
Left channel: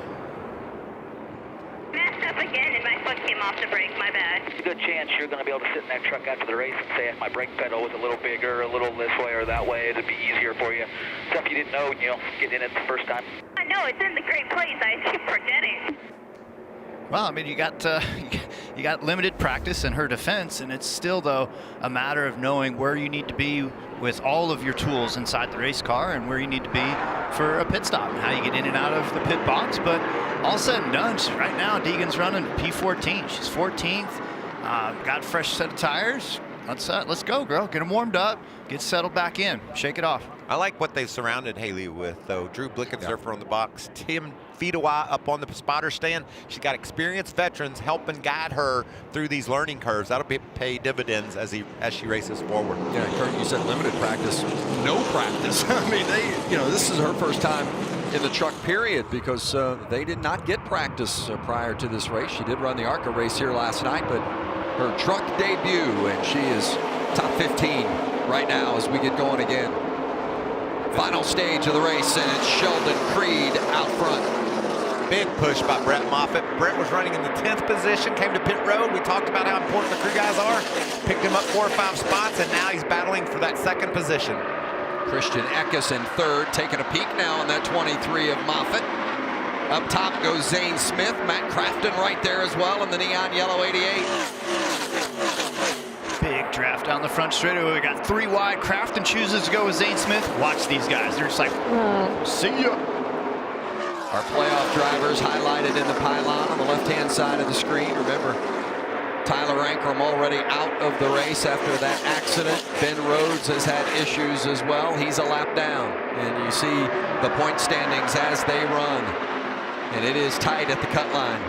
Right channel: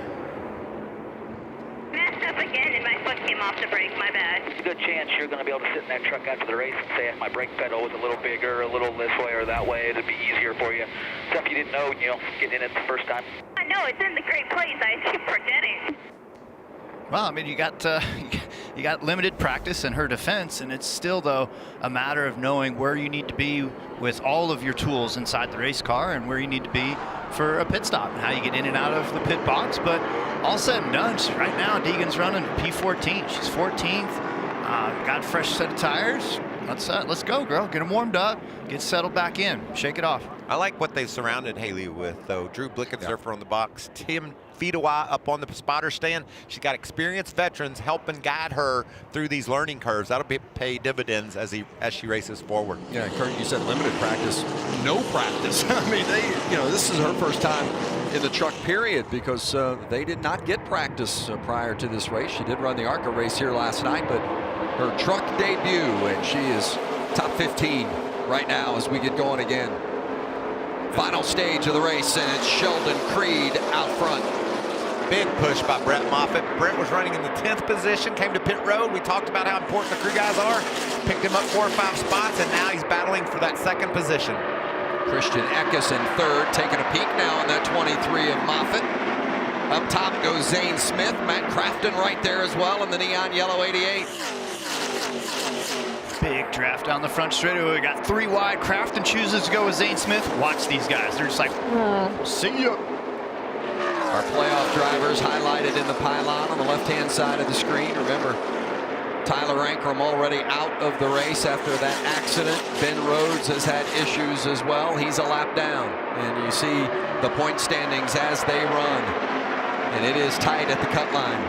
Messed up again and my foot came off the brake, my bad. There's a good chance you're going to be able to sit in that truck after the race and say, if my brake pedal was a little bigger, a little this way or that way, it'd be easier for you. Stuff you didn't know, getting in it the first time. I know, it's in the great place. I keep forgetting. Well, I mean, you got limited practice in her defense, and it's still, though, a matter of knowing where you need to be with all of your tools inside the race car and where you need to be for a pit stop and how you get in and out of the pit box. But all said and done, right now, Deegan's running P14. She's 14th, got a fresh set of tires. Let's go, girl. Get them warmed up, get settled back in, shake it off. I like what they've surrounded Hailie with, though. Drew Blickensderfer on the box, Tim Fedewa up on the spotter stand. She's got experienced veterans helping guide her through these learning curves. That'll pay dividends as she races forward. Yeah, Kurt, you said limited practice, no practice. I mean, this is her first time in the truck period because they did not get practice prior to this race. She did run the ARCA race here last night, but her truck debut, and she is top 15 right now as we get going again. Final stage of the race, and it's Sheldon Creed out front. Big push by Brett Moffitt. Brett was running in the 10th position, came to pit road. We talked about how important the crew guys are. Picked him up 4 or 5 spots, and now he's battling for that 2nd position. Christian Eckes in 3rd, taking a peek now on that 23 of Moffitt. Up top goes Zane Smith, Matt Crafton right there as well in the neon yellow 88. Big draft down the front straightaway. We got 3 wide. Crafton chooses to go with Zane Smith. Watch these guys. They're just like, see ya. Our playoff drivers highlighted in the pylon on the left-hand side of the screen. Remember, Tyler Ankrum already out of the race after that accident. Ben Rhodes has had issues as well. He's a lap down. And you see the point standings as they run. And it is tight at the cut line.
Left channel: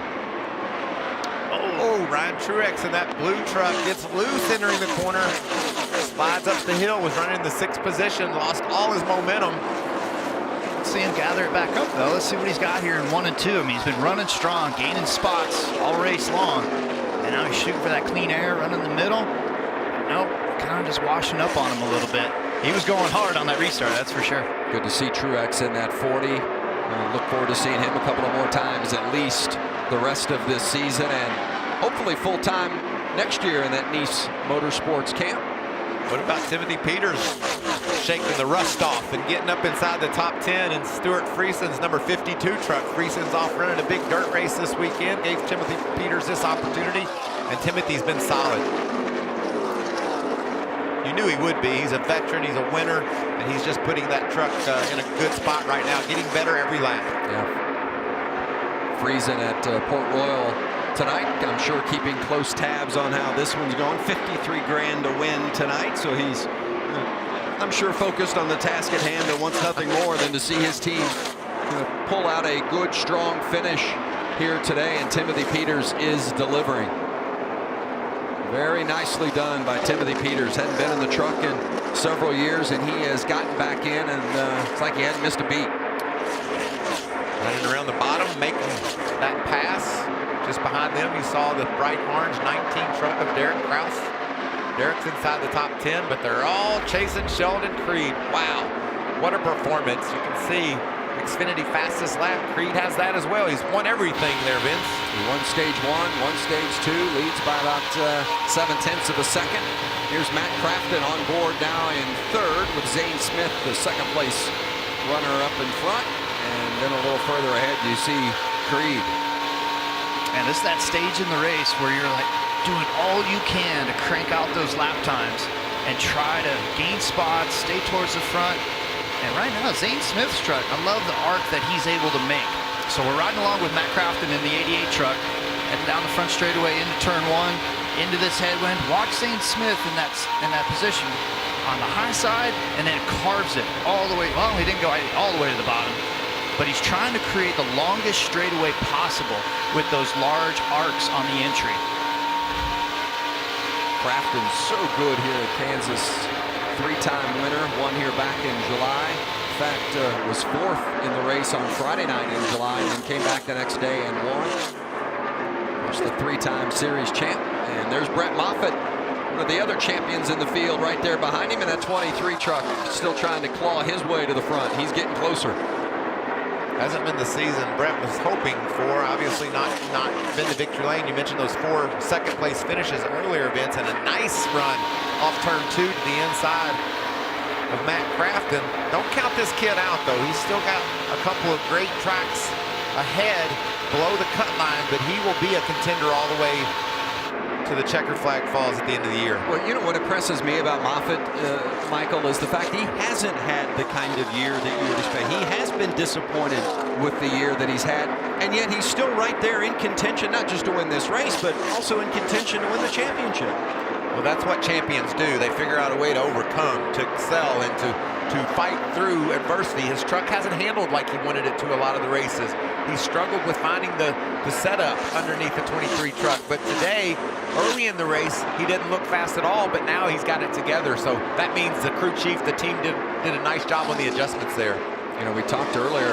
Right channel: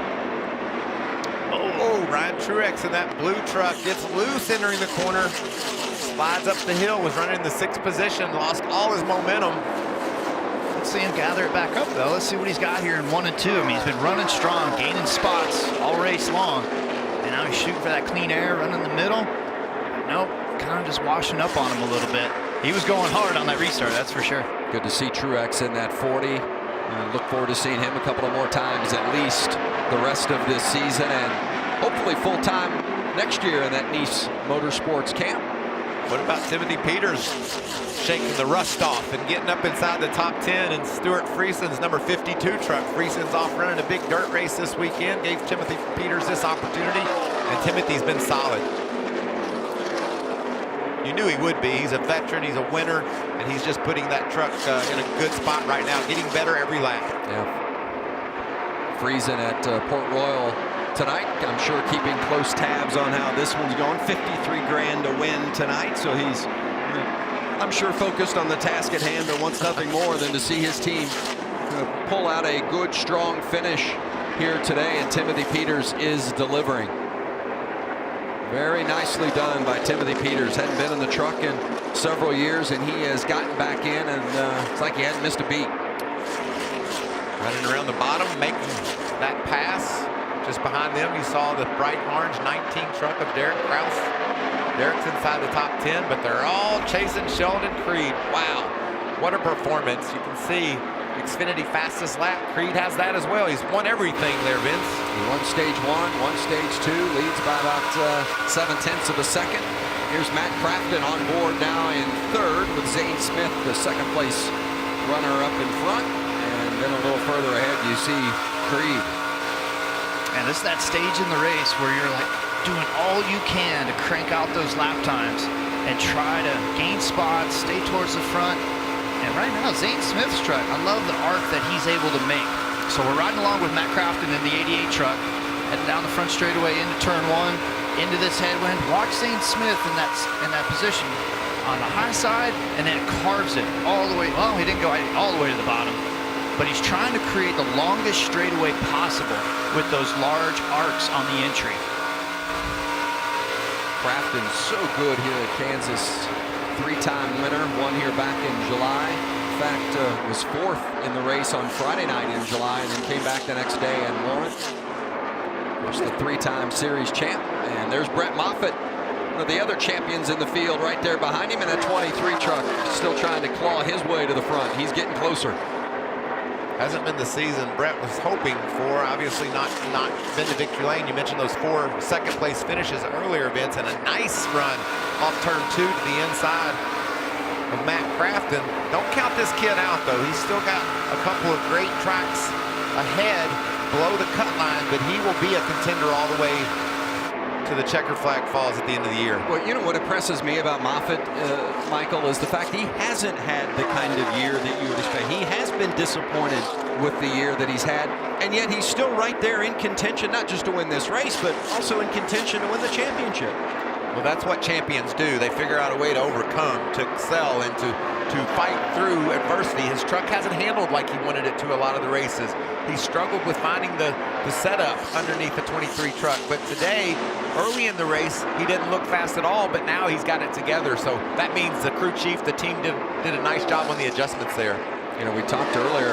Oh, Ryan Truex in that blue truck gets loose entering the corner. Slides up the hill, was running in the 6th position, lost all his momentum. Let's see him gather it back up, though. Let's see what he's got here in 1 and 2. I mean, he's been running strong, gaining spots all race long. And now he's shooting for that clean air, running the middle. Nope, kind of just washing up on him a little bit. He was going hard on that restart, that's for sure. Good to see Truex in that 40. Look forward to seeing him a couple of more times, at least the rest of this season, and hopefully full-time next year in that Nice Motorsports camp. What about Timothy Peters shaking the rust off and getting up inside the top 10 in Stuart Friesen's number 52 truck? Friesen's off running a big dirt race this weekend, gave Timothy Peters this opportunity, and Timothy's been solid. You knew he would be. He's a veteran, he's a winner, and he's just putting that truck in a good spot right now, getting better every lap. Yeah. Friesen at Port Royal tonight. I'm sure keeping close tabs on how this one's going. 53 grand to win tonight, so he's, I'm sure, focused on the task at hand, but wants nothing more than to see his team pull out a good, strong finish here today, and Timothy Peters is delivering. Very nicely done by Timothy Peters. Hadn't been in the truck in several years, and he has gotten back in, and it's like he hadn't missed a beat. Running around the bottom, making that pass. Just behind them, you saw the bright orange 19 truck of Derek Kraus. Derek's inside the top 10, but they're all chasing Sheldon Creed. Wow, what a performance. You can see Xfinity fastest lap. Creed has that as well. He's won everything there, Vince. He won stage 1, won stage 2, leads by about 0.7 of a second. Here's Matt Crafton on board now in third with Zane Smith, the second place runner up in front. And then a little further ahead, you see Creed. And it's that stage in the race where you're like doing all you can to crank out those lap times and try to gain spots, stay towards the front. And right now, Zane Smith's truck, I love the arc that he's able to make. So we're riding along with Matt Crafton in the 88 truck, heading down the front straightaway into turn 1, into this headwind. Watch Zane Smith in that position on the high side, and then carves it all the way. Well, he didn't go all the way to the bottom, but he's trying to create the longest straightaway possible with those large arcs on the entry. Crafton's so good here at Kansas. 3-time winner, won here back in July. In fact, was 4th in the race on Friday night in July, and then came back the next day and won. Of course, the 3-time series champ. And there's Brett Moffitt, one of the other champions in the field, right there behind him in that 23 truck, still trying to claw his way to the front. He's getting closer. Hasn't been the season Brett was hoping for. Obviously not been to victory lane. You mentioned those 4 second place finishes earlier, Vince, and a nice run off turn 2 to the inside of Matt Crafton. Don't count this kid out, though. He's still got a couple of great tracks ahead below the cut line, but he will be a contender all the way to the checkered flag falls at the end of the year. Well, you know what impresses me about Moffitt, Michael, is the fact he hasn't had the kind of year that you would expect. He has been disappointed with the year that he's had, and yet he's still right there in contention, not just to win this race, but also in contention to win the championship. Well, that's what champions do. They figure out a way to overcome, to excel, and to fight through adversity. His truck hasn't handled like he wanted it to a lot of the races. He struggled with finding the setup underneath the 23 truck, but today, early in the race, he didn't look fast at all, but now he's got it together. So that means the crew chief, the team did a nice job on the adjustments there. You know, we talked earlier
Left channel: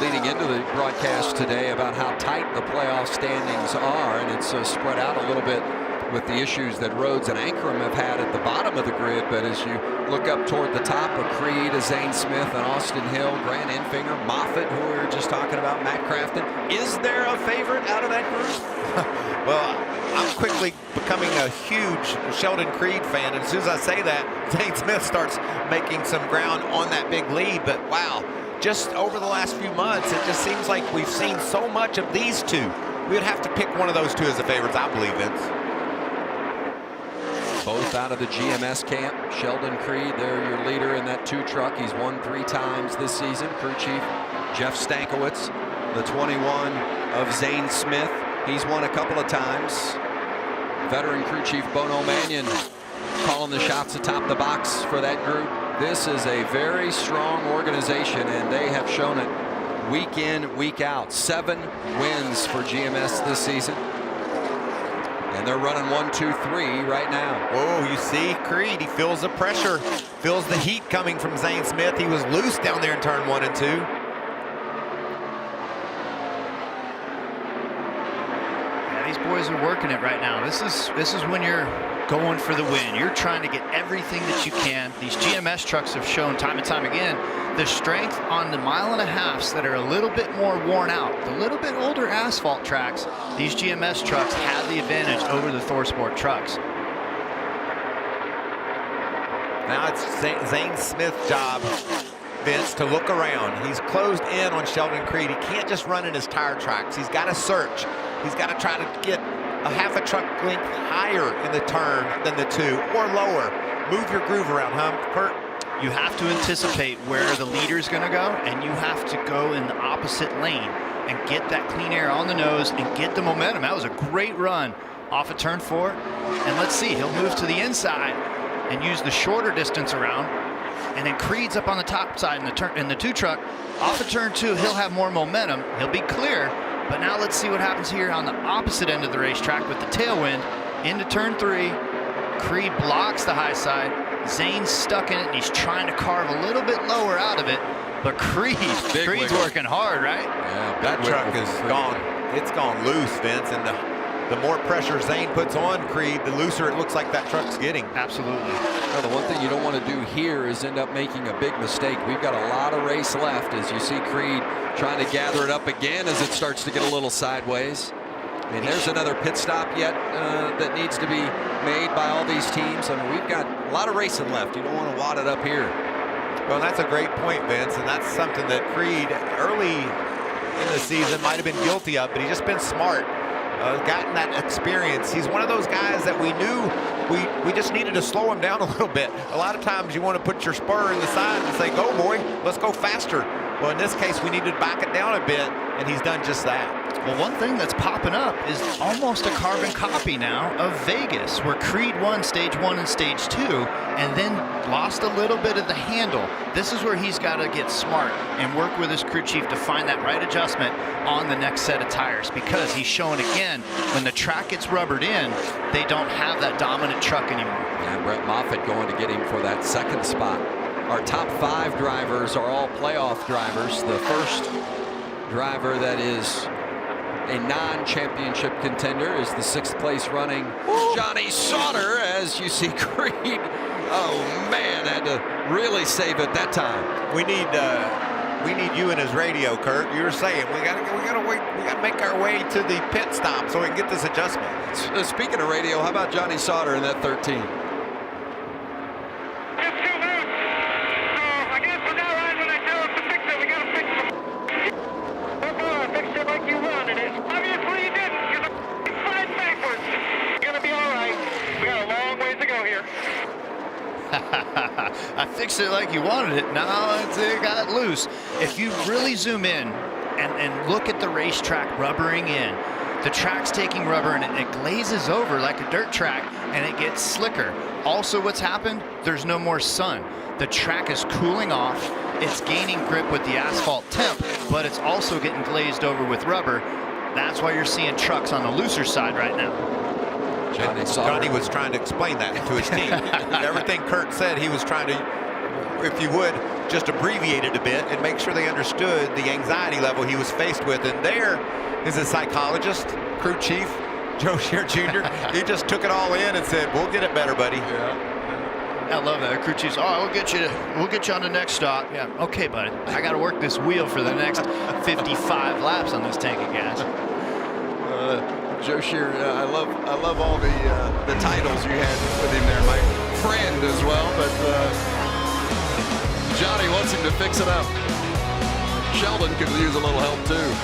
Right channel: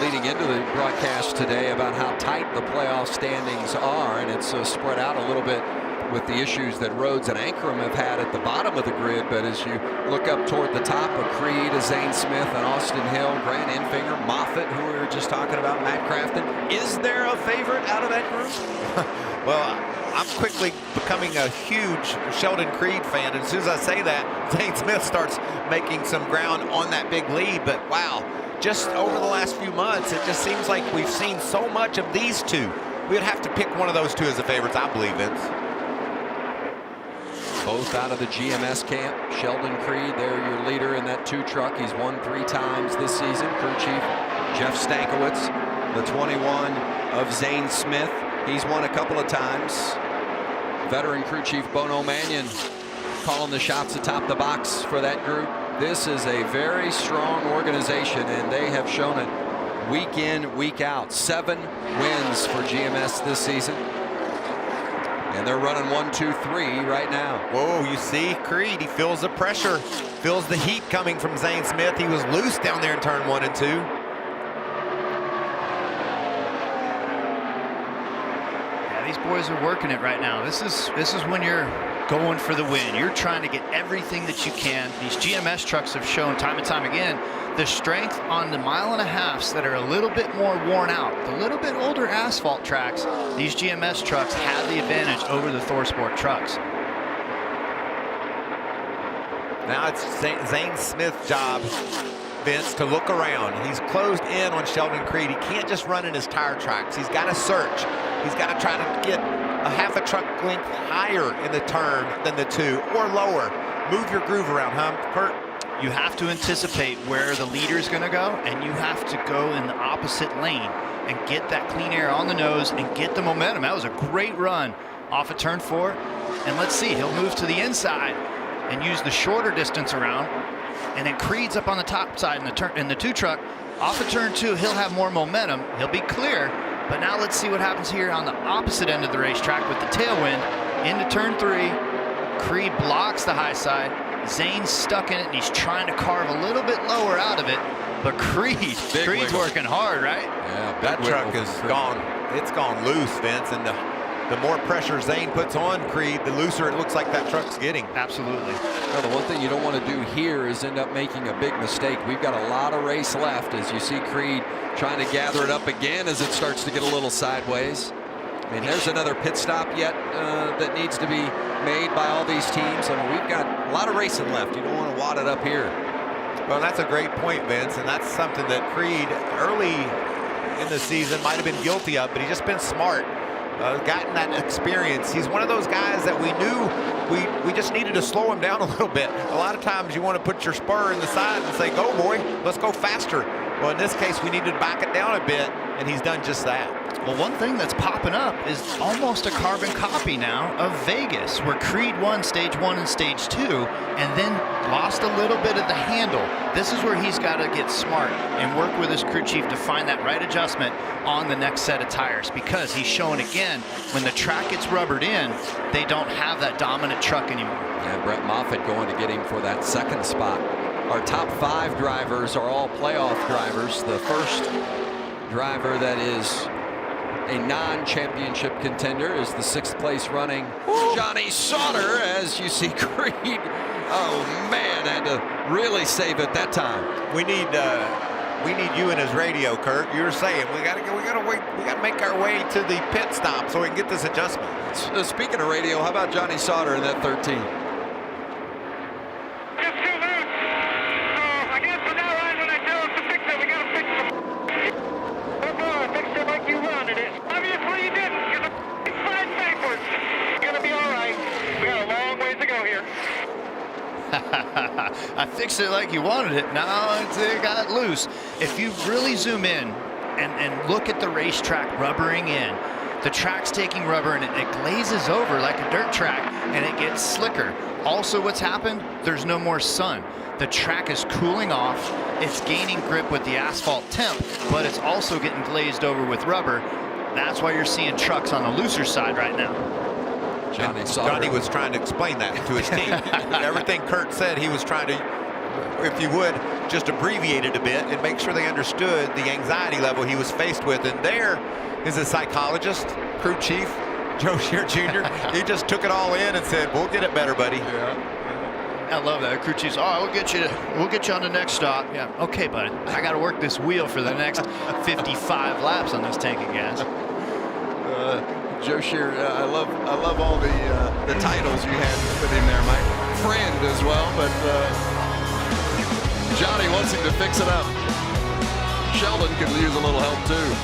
leading into the broadcast today about how tight the playoff standings are, and it's spread out a little bit with the issues that Rhodes and Ankrum have had at the bottom of the grid. But as you look up toward the top, of Creed, Zane Smith, and Austin Hill, Grant Enfinger, Moffitt, who we were just talking about, Matt Crafton. Is there a favorite out of that group? Well, I'm quickly becoming a huge Sheldon Creed fan, and as soon as I say that, Zane Smith starts making some ground on that big lead. But wow, just over the last few months, it just seems like we've seen so much of these two. We would have to pick one of those two as the favorites, I believe, Vince. Both out of the GMS camp. Sheldon Creed, they're your leader in that 2 truck. He's won 3 times this season. Crew chief Jeff Stankiewicz, the 21 of Zane Smith. He's won a couple of times. Veteran crew chief Bono Mannion calling the shots atop the box for that group. This is a very strong organization, and they have shown it week in, week out. 7 wins for GMS this season. And they're running 1, 2, 3 right now. Whoa, you see Creed, he feels the pressure, feels the heat coming from Zane Smith. He was loose down there in turn 1 and 2. Yeah, these boys are working it right now. This is when you're going for the win. You're trying to get everything that you can. These GMS trucks have shown time and time again the strength on the 1.5 miles that are a little bit more worn out. The little bit older asphalt tracks, these GMS trucks have the advantage over the ThorSport trucks. Now it's Zane Smith's job, Vince, to look around. He's closed in on Sheldon Creed. He can't just run in his tire tracks. He's got to search. He's got to try to get a half a truck length higher in the turn than the 2, or lower. Move your groove around, huh, Kurt? You have to anticipate where the leader's going to go, and you have to go in the opposite lane and get that clean air on the nose and get the momentum. That was a great run off of turn 4. And let's see, he'll move to the inside and use the shorter distance around. And then Creed's up on the top side in the 2 truck. Off of turn 2, he'll have more momentum. He'll be clear. But now let's see what happens here on the opposite end of the racetrack with the tailwind. Into turn 3, Creed blocks the high side. Zane's stuck in it, and he's trying to carve a little bit lower out of it. But Creed's working hard, right? Yeah, that truck is gone. It's gone loose, Vince, and the more pressure Zane puts on Creed, the looser it looks like that truck's getting. Absolutely. Well, the one thing you don't want to do here is end up making a big mistake. We've got a lot of race left as you see Creed trying to gather it up again as it starts to get a little sideways. I mean, there's another pit stop yet that needs to be made by all these teams. I mean, we've got a lot of racing left. You don't want to wad it up here. Well, that's a great point, Vince, and that's something that Creed early in the season might have been guilty of, but he's just been smart, gotten that experience. He's one of those guys that we knew we just needed to slow him down a little bit. A lot of times you want to put your spur in the side and say, go boy, let's go faster. Well, in this case, we needed to back it down a bit, and he's done just that. Well, one thing that's popping up is almost a carbon copy now of Vegas, where Creed won stage 1 and stage 2 and then lost a little bit of the handle. This is where he's got to get smart and work with his crew chief to find that right adjustment on the next set of tires, because he's showing again, when the track gets rubbered in, they don't have that dominant truck anymore. Yeah, Brett Moffitt going to get him for that 2nd spot. Our top 5 drivers are all playoff drivers. The first driver that is a non-championship contender is the 6th place running Johnny Sauter, as you see Creed. Oh man, had to really save it that time. We need you in his radio, Kurt. You were saying we gotta make our way to the pit stop so we can get this adjustment. Speaking of radio, how about Johnny Sauter in that 13? You wanted it. Obviously you didn't. You're sliding backwards. You're gonna be all right. We got a long ways to go here. I fixed it like you wanted it. Now it got loose. If you really zoom in and look at the racetrack rubbering in, the track's taking rubber and it glazes over like a dirt track and it gets slicker. Also, what's happened? There's no more sun. The track is cooling off. It's gaining grip with the asphalt temp, but it's also getting glazed over with rubber. That's why you're seeing trucks on the looser side right now. Johnny was trying to explain that to his team. Everything Kurt said, he was trying to, if you would, just abbreviate it a bit and make sure they understood the anxiety level he was faced with. And there is a psychologist, crew chief, Joe Shear Jr. He just took it all in and said, we'll get it better, buddy. Yeah. I love that. Crew chief's, we'll get you on the next stop. Yeah, okay, bud. I got to work this wheel for the next 55 laps on this tank of gas. Joe Shear, I love all the titles you had with him there, my friend as well. But Johnny wants him to fix it up. Sheldon could use a little help too.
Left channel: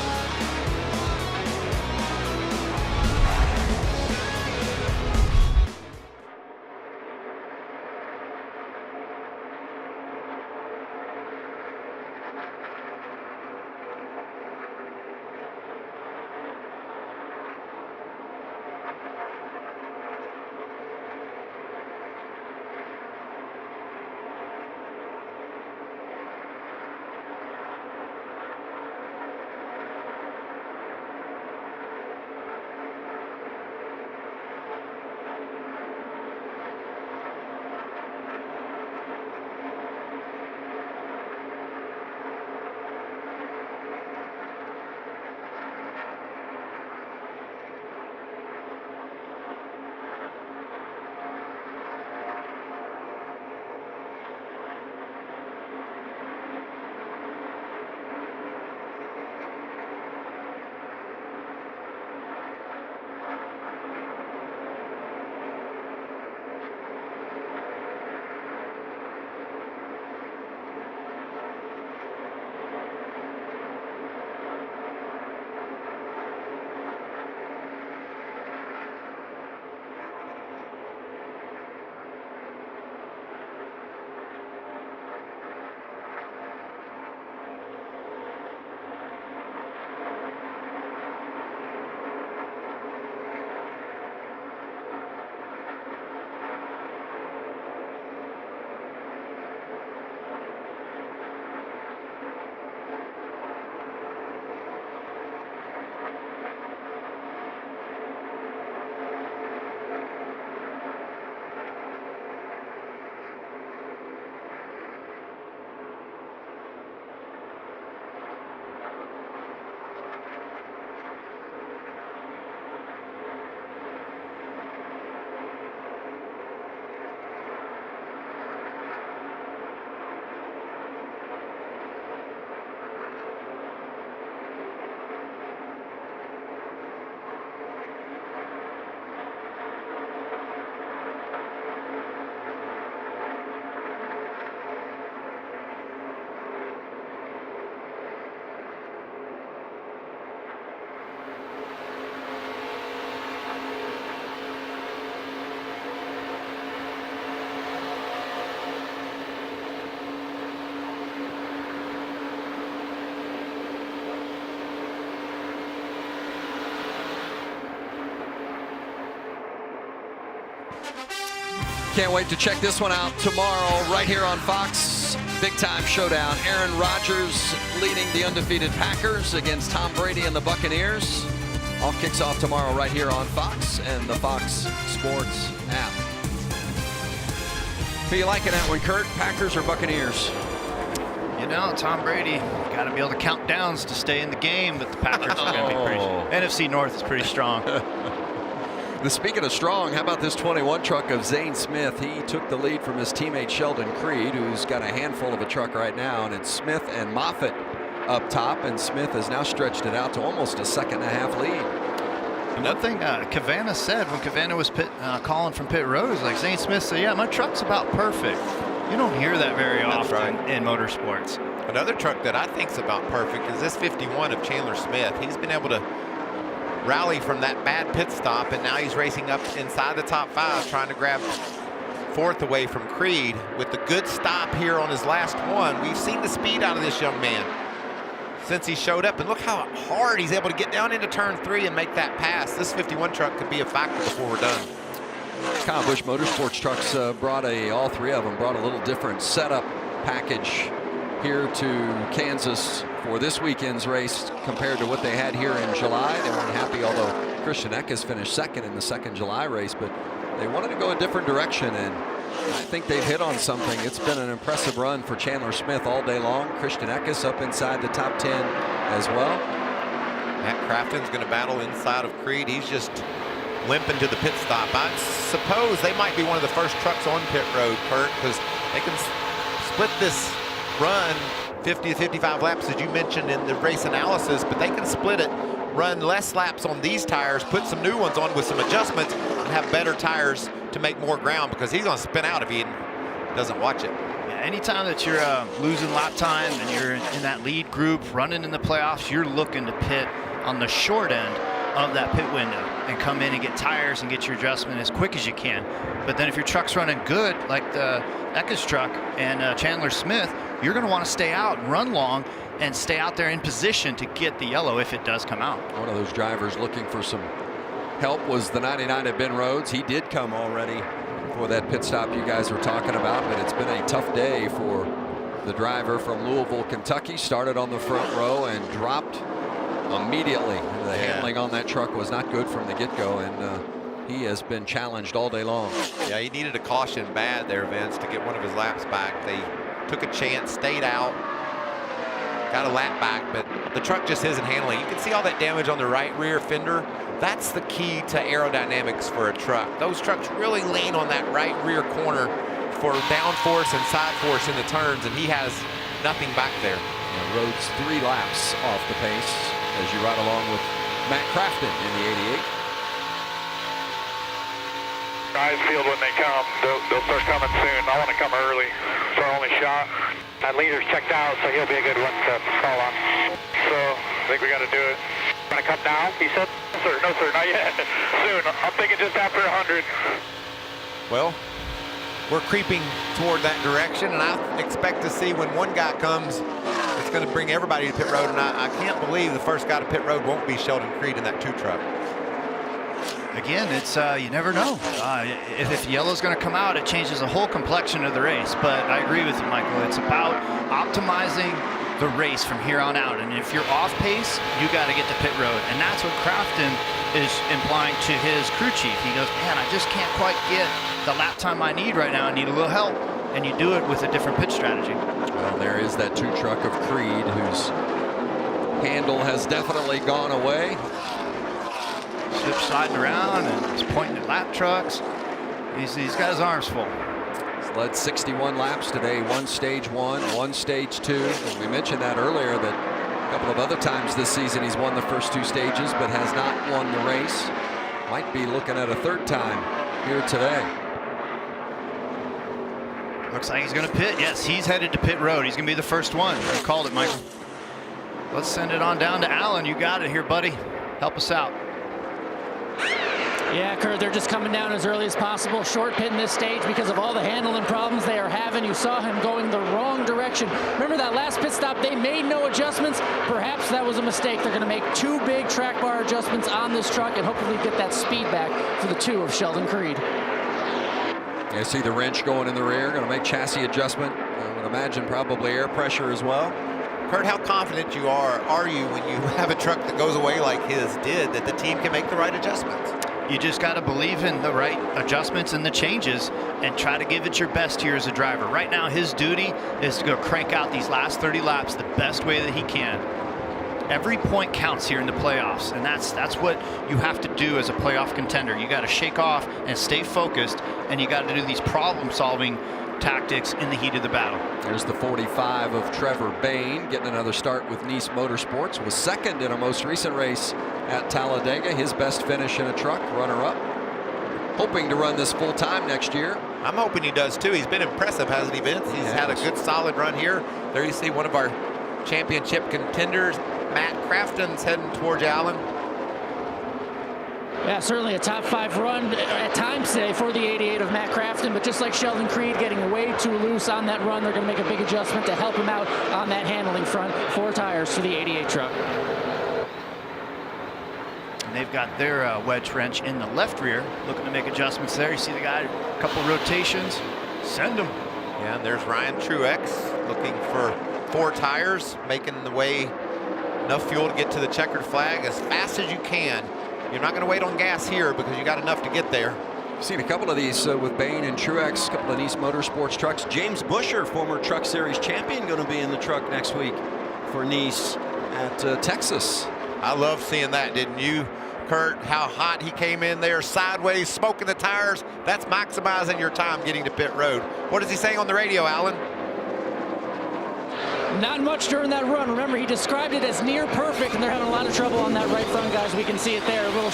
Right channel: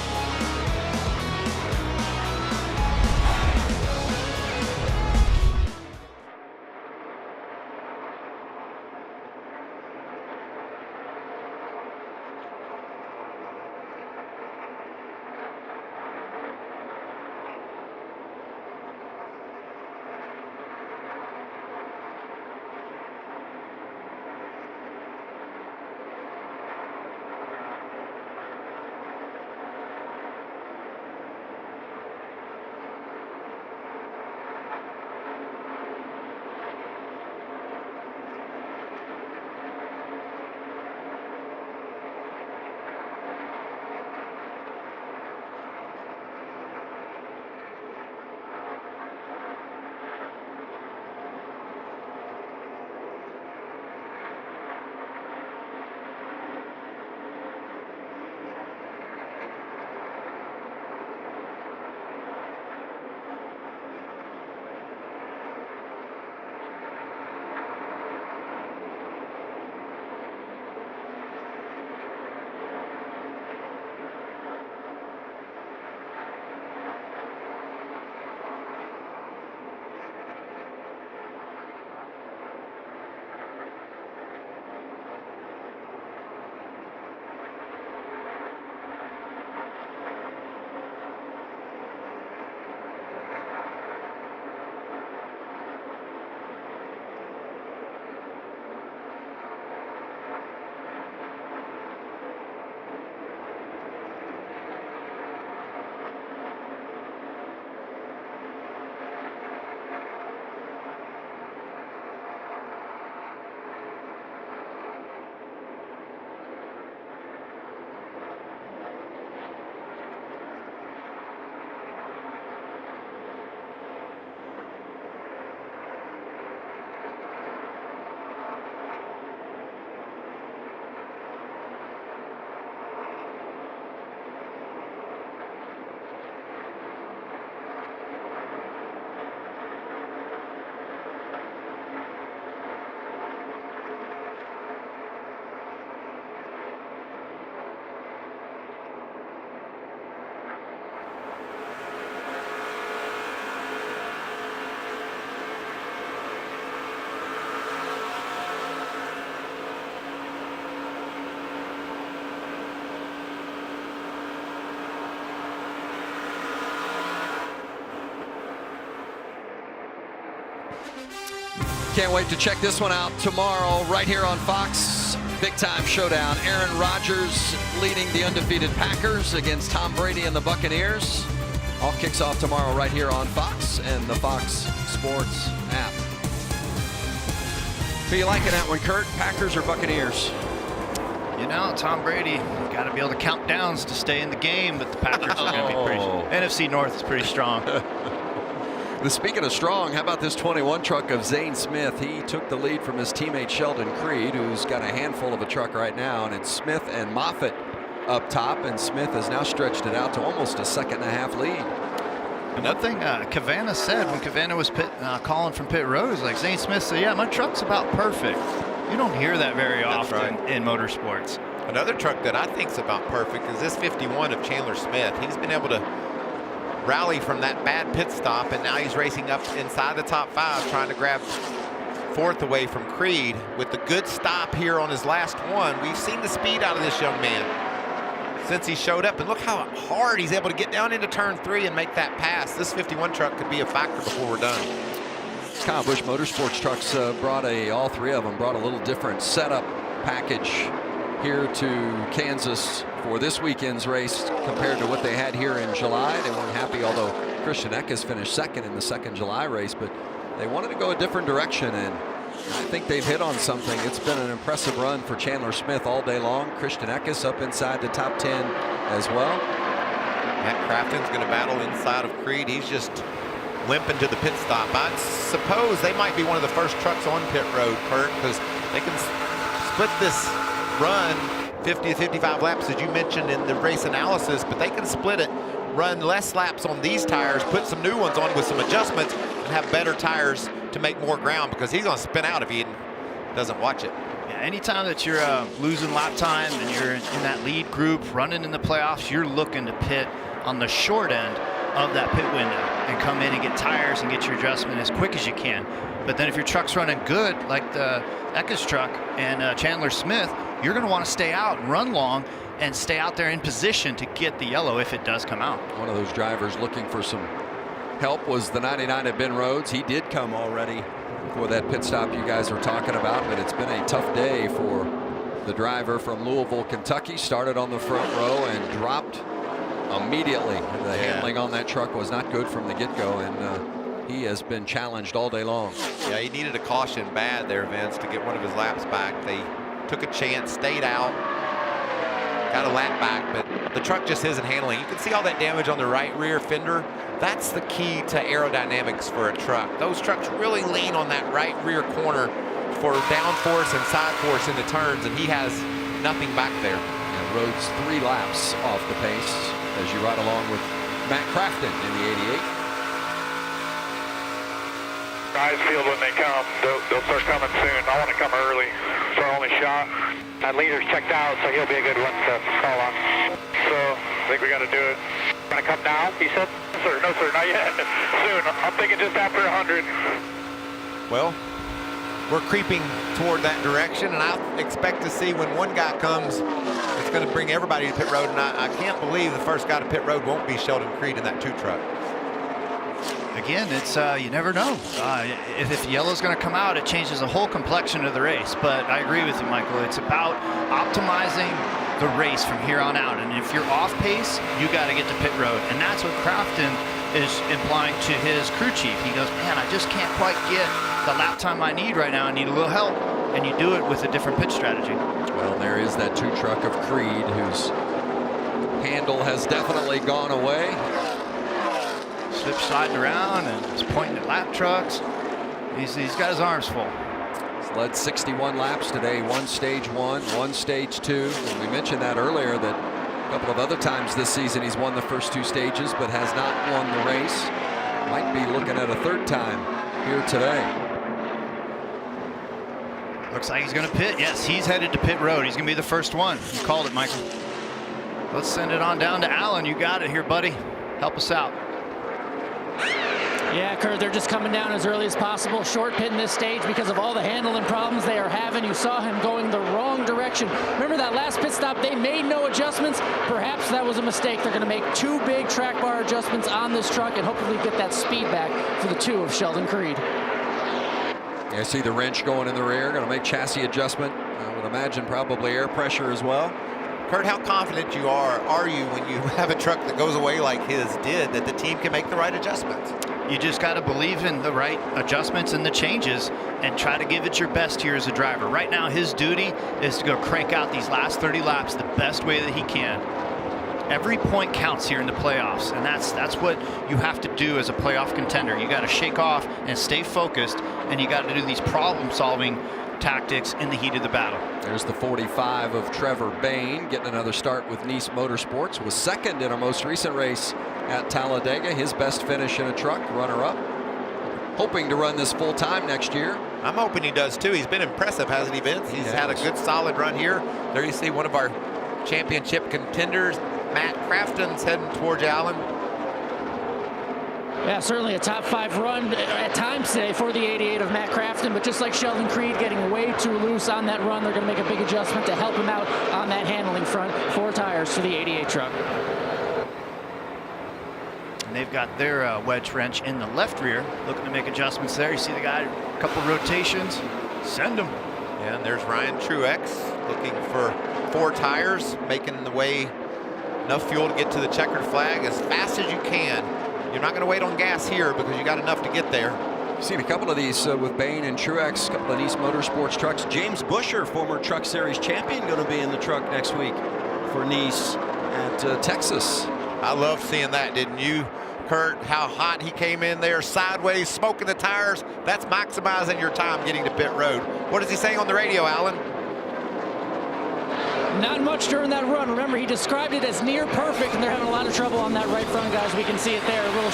Can't wait to check this one out tomorrow right here on Fox. Big time showdown. Aaron Rodgers leading the undefeated Packers against Tom Brady and the Buccaneers. All kicks off tomorrow right here on Fox and the Fox Sports app. Who you liking that one, Kurt? Packers or Buccaneers? You know, Tom Brady, got to be able to count downs to stay in the game, but the Packers are going to be pretty. NFC North is pretty strong. Speaking of strong, how about this 21 truck of Zane Smith? He took the lead from his teammate Sheldon Creed, who's got a handful of a truck right now, and it's Smith and Moffitt up top, and Smith has now stretched it out to almost a 2.5 lead. And one thing Cavanna said when Cavanna was calling from pit road is like, Zane Smith said, yeah, my truck's about perfect. You don't hear that very often in motorsports. Another truck that I think's about perfect is this 51 of Chandler Smith. He's been able to rally from that bad pit stop, and now he's racing up inside the top 5, trying to grab 4th away from Creed with the good stop here on his last one. We've seen the speed out of this young man since he showed up, and look how hard he's able to get down into turn 3 and make that pass. This 51 truck could be a factor before we're done. Kyle Busch Motorsports trucks all 3 of them brought a little different setup package here to Kansas for this weekend's race compared to what they had here in July. They weren't happy, although Christian Eckes finished 2nd in the 2nd July race, but they wanted to go a different direction, and I think they've hit on something. It's been an impressive run for Chandler Smith all day long. Christian Eckes up inside the top 10 as well. Matt Crafton's going to battle inside of Creed. He's just limping to the pit stop. I suppose they might be one of the first trucks on pit road, Kurt, because they can split this run 50 to 55 laps, as you mentioned in the race analysis, but they can split it, run less laps on these tires, put some new ones on with some adjustments, and have better tires to make more ground, because he's going to spin out if he doesn't watch it. Yeah, anytime that you're losing lap time and you're in that lead group running in the playoffs, you're looking to pit on the short end of that pit window and come in and get tires and get your adjustment as quick as you can. But then if your truck's running good, like the Eckes truck and Chandler Smith, you're going to want to stay out and run long and stay out there in position to get the yellow if it does come out. One of those drivers looking for some help was the 99 of Ben Rhodes. He did come already for that pit stop you guys were talking about, but it's been a tough day for the driver from Louisville, Kentucky. Started on the front row and dropped immediately. The handling on that truck was not good from the get-go, and he has been challenged all day long. Yeah, he needed a caution bad there, Vince, to get one of his laps back. They took a chance, stayed out, got a lap back, but the truck just isn't handling. You can see all that damage on the right rear fender. That's the key to aerodynamics for a truck. Those trucks really lean on that right rear corner for downforce and side force in the turns, and he has nothing back there. Yeah, Rhodes 3 laps off the pace as you ride along with Matt Crafton in the 88. Eyes field when they come. They'll start coming soon. I want to come early. It's our only shot. That leader's checked out, so he'll be a good one to call on. So I think we got to do it. Going to come down, he said? No, sir, not yet. Soon. I'm thinking just after 100. Well, we're creeping toward that direction, and I expect to see when one guy comes, it's going to bring everybody to pit road, and I can't believe the first guy to pit road won't be Sheldon Creed in that 2 truck. Again, it's you never know. If yellow's going to come out, it changes the whole complexion of the race. But I agree with you, Michael. It's about optimizing the race from here on out. And if you're off pace, you got to get to pit road. And that's what Crafton is implying to his crew chief. He goes, man, I just can't quite get the lap time I need right now. I need a little help. And you do it with a different pit strategy. Well, there is that 2 truck of Creed whose handle has definitely gone away. Slip sliding around and he's pointing at lap trucks. He's got his arms full. He's led 61 laps today, 1 stage 1, 1 stage 2. And we mentioned that earlier, that a couple of other times this season he's won the first 2 stages but has not won the race. Might be looking at a 3rd time here today. Looks like he's going to pit. Yes, he's headed to pit road. He's going to be the first one. You called it, Michael. Let's send it on down to Alan. You got it here, buddy. Help us out. Yeah, Kurt, they're just coming down as early as possible. Short pit in this stage because of all the handling problems they are having. You saw him going the wrong direction. Remember that last pit stop, they made no adjustments. Perhaps that was a mistake. They're going to make 2 big track bar adjustments on this truck and hopefully get that speed back for the 2 of Sheldon Creed. You see the wrench going in the rear, going to make chassis adjustment. I would imagine probably air pressure as well. Kurt, how confident are you when you have a truck that goes away like his did, that the team can make the right adjustments? You just got to believe in the right adjustments and the changes and try to give it your best here as a driver. Right now, his duty is to go crank out these last 30 laps the best way that he can. Every point counts here in the playoffs, and that's what you have to do as a playoff contender. You got to shake off and stay focused, and you got to do these problem-solving tactics in the heat of the battle. There's the 45 of Trevor Bayne getting another start with Nice Motorsports. Was second in our most recent race at Talladega. His best finish in a truck, runner-up. Hoping to run this full-time next year. I'm hoping he does too. He's been impressive, hasn't he, Vince? He's had a good solid run here. There you see one of our championship contenders, Matt Crafton's heading towards Allen. Yeah, certainly a top 5 run at times today for the 88 of Matt Crafton, but just like Sheldon Creed getting way too loose on that run, they're going to make a big adjustment to help him out on that handling front. 4 tires for the 88 truck. And they've got their wedge wrench in the left rear, looking to make adjustments there. You see the guy, a couple rotations, send him. Yeah, and there's Ryan Truex looking for 4 tires, making the way enough fuel to get to the checkered flag as fast as you can. You're not going to wait on gas here because you got enough to get there. You've seen a couple of these with Bayne and Truex, a couple of Nice Motorsports trucks. James Buescher, former Truck Series champion, going to be in the truck next week for Nice at Texas. I love seeing that, didn't you, Kurt? How hot he came in there, sideways, smoking the tires. That's maximizing your time getting to pit road. What is he saying on the radio, Alan? Not much during that run. Remember, he described it as near perfect, and they're having a lot of trouble on that right front, guys. We can see it there, a little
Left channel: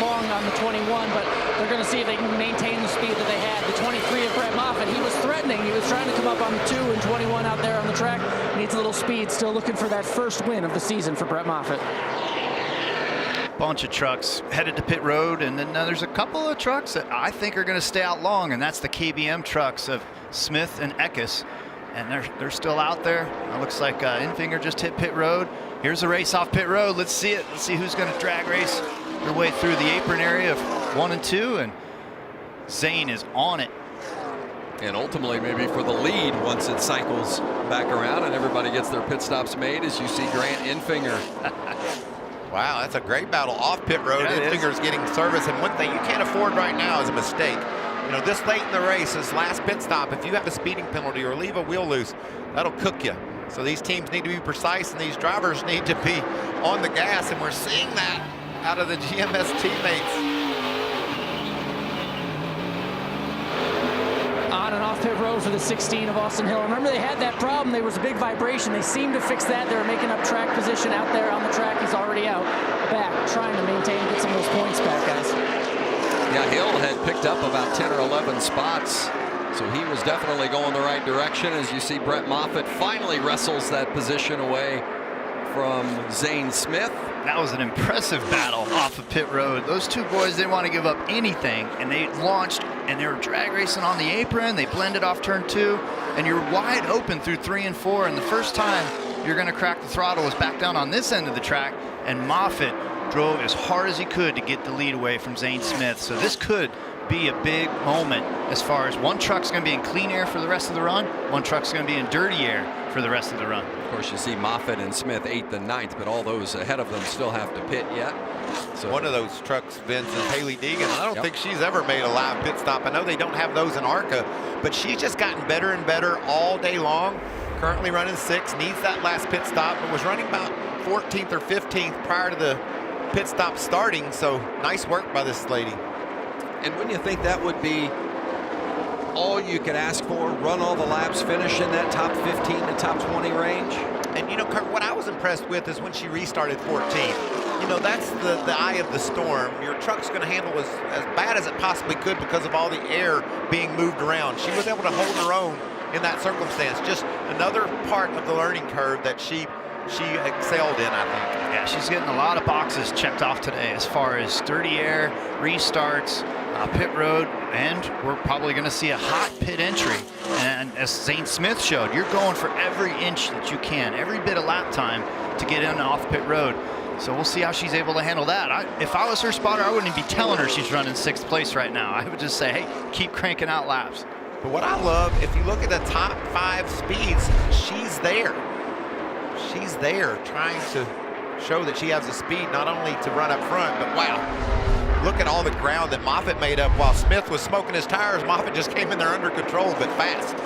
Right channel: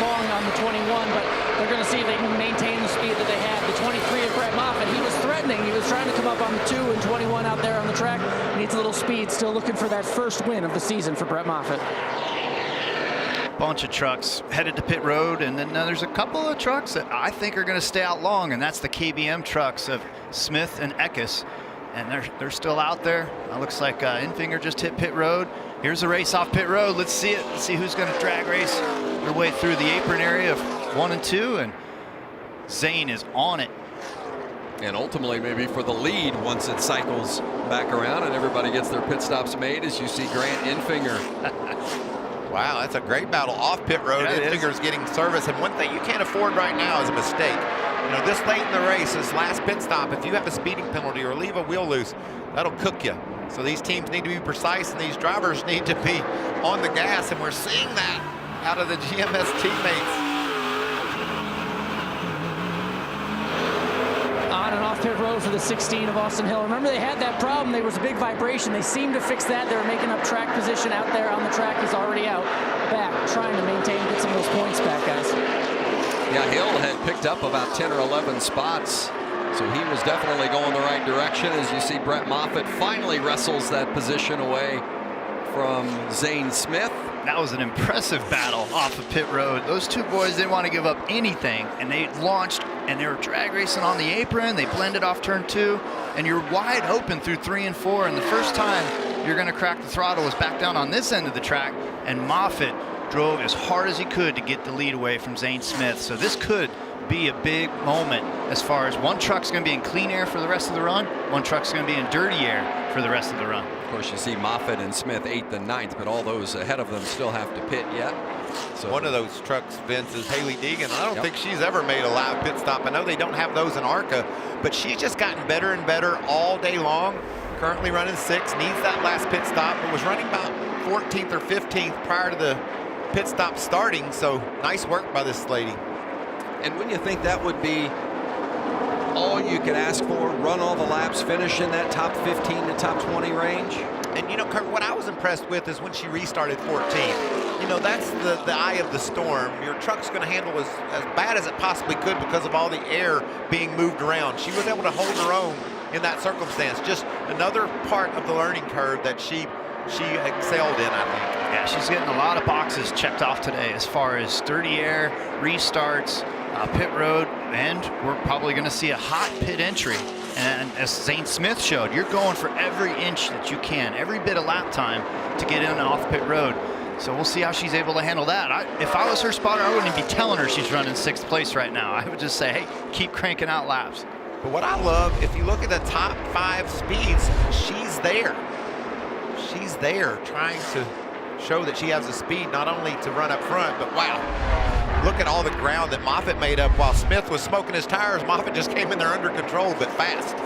long on the 21, but they're going to see if they can maintain the speed that they had. The 23 of Brett Moffitt, he was threatening. He was trying to come up on the 2 and 21 out there on the track. Needs a little speed, still looking for that first win of the season for Brett Moffitt. Bunch of trucks headed to pit road, and then there's a couple of trucks that I think are going to stay out long, and that's the KBM trucks of Smith and Eckes. And they're still out there. It looks like Infinger just hit pit road. Here's a race off pit road. Let's see it. Let's see who's going to drag race their way through the apron area of 1 and 2. And Zane is on it. And ultimately maybe for the lead once it cycles back around and everybody gets their pit stops made, as you see Grant Infinger. Wow, that's a great battle off pit road. Yeah, Infinger's getting service. And one thing you can't afford right now is a mistake. You know, this late in the race, this last pit stop, if you have a speeding penalty or leave a wheel loose, that'll cook you. So these teams need to be precise, and these drivers need to be on the gas, and we're seeing that out of the GMS teammates. On and off pit road for the 16 of Austin Hill. Remember, they had that problem. There was a big vibration. They seemed to fix that. They were making up track position out there on the track. He's already out back, trying to maintain, get some of those points back, guys. Yeah, Hill had picked up about 10 or 11 spots, so he was definitely going the right direction. As you see, Brett Moffitt finally wrestles that position away from Zane Smith. That was an impressive battle off of pit road. Those two boys didn't want to give up anything, and they launched, and they were drag racing on the apron. They blended off turn 2, and you're wide open through 3 and 4, and the first time you're going to crack the throttle was back down on this end of the track, and Moffitt drove as hard as he could to get the lead away from Zane Smith. So this could be a big moment as far as one truck's going to be in clean air for the rest of the run, one truck's going to be in dirty air for the rest of the run. Of course, you see Moffitt and Smith 8th and 9th, but all those ahead of them still have to pit yet. So one of those trucks, Vince, is Hailie Deegan. I don't think she's ever made a live pit stop. I know they don't have those in ARCA, but she's just gotten better and better all day long. Currently running 6th, needs that last pit stop, but was running about 14th or 15th prior to the pit stop starting. So nice work by this lady. And wouldn't you think that would be all you could ask for? Run all the laps, finish in that top 15 to top 20 range? And you know, Kurt, what I was impressed with is when she restarted 14th. You know, that's the eye of the storm. Your truck's going to handle as bad as it possibly could because of all the air being moved around. She was able to hold her own in that circumstance. Just another part of the learning curve that she excelled in, I think. Yeah, she's getting a lot of boxes checked off today as far as dirty air, restarts, pit road, and we're probably going to see a hot pit entry. And as Zane Smith showed, you're going for every inch that you can, every bit of lap time to get in off pit road. So we'll see how she's able to handle that. If I was her spotter, I wouldn't be telling her she's running 6th place right now. I would just say, hey, keep cranking out laps. But what I love, if you look at the top 5 speeds, she's there. She's there trying to show that she has the speed not only to run up front, but wow, look at all the ground that Moffitt made up while Smith was smoking his tires. Moffitt just came in there under control, but fast.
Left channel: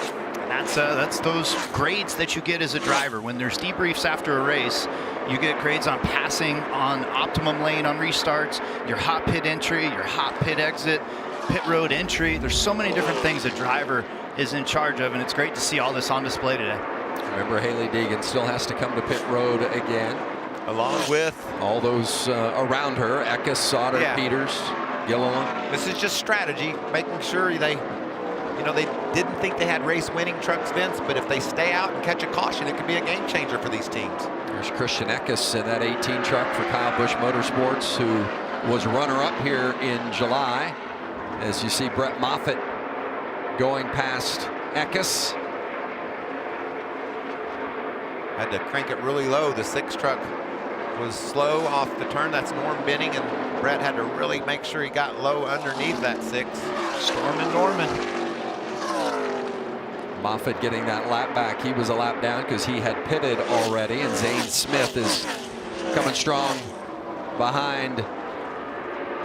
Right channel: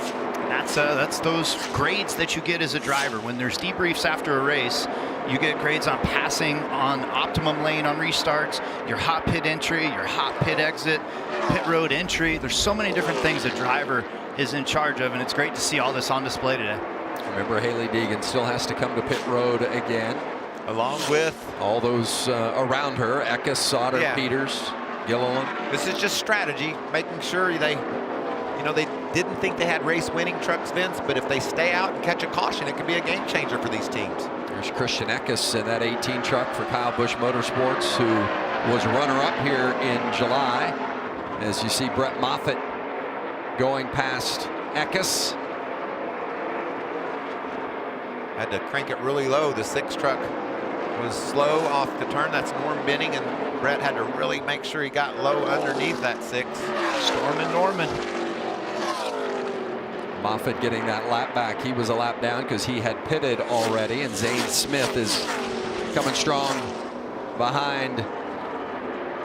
That's those grades that you get as a driver. When there's debriefs after a race, you get grades on passing, on optimum lane on restarts, your hot pit entry, your hot pit exit, pit road entry. There's so many different things a driver is in charge of, and it's great to see all this on display today. Remember, Hailie Deegan still has to come to pit road again. Along with all those around her, Eckes, Sauter, Peters, Gilliland. This is just strategy, making sure they didn't think they had race winning trucks, Vince, but if they stay out and catch a caution, it could be a game changer for these teams. There's Christian Eckes in that 18 truck for Kyle Busch Motorsports, who was runner-up here in July. As you see Brett Moffitt going past Eckes. Had to crank it really low. The 6 truck was slow off the turn. That's Norm Benning, and Brett had to really make sure he got low underneath that 6. Stormin' Norman. Moffitt getting that lap back. He was a lap down because he had pitted already, and Zane Smith is coming strong behind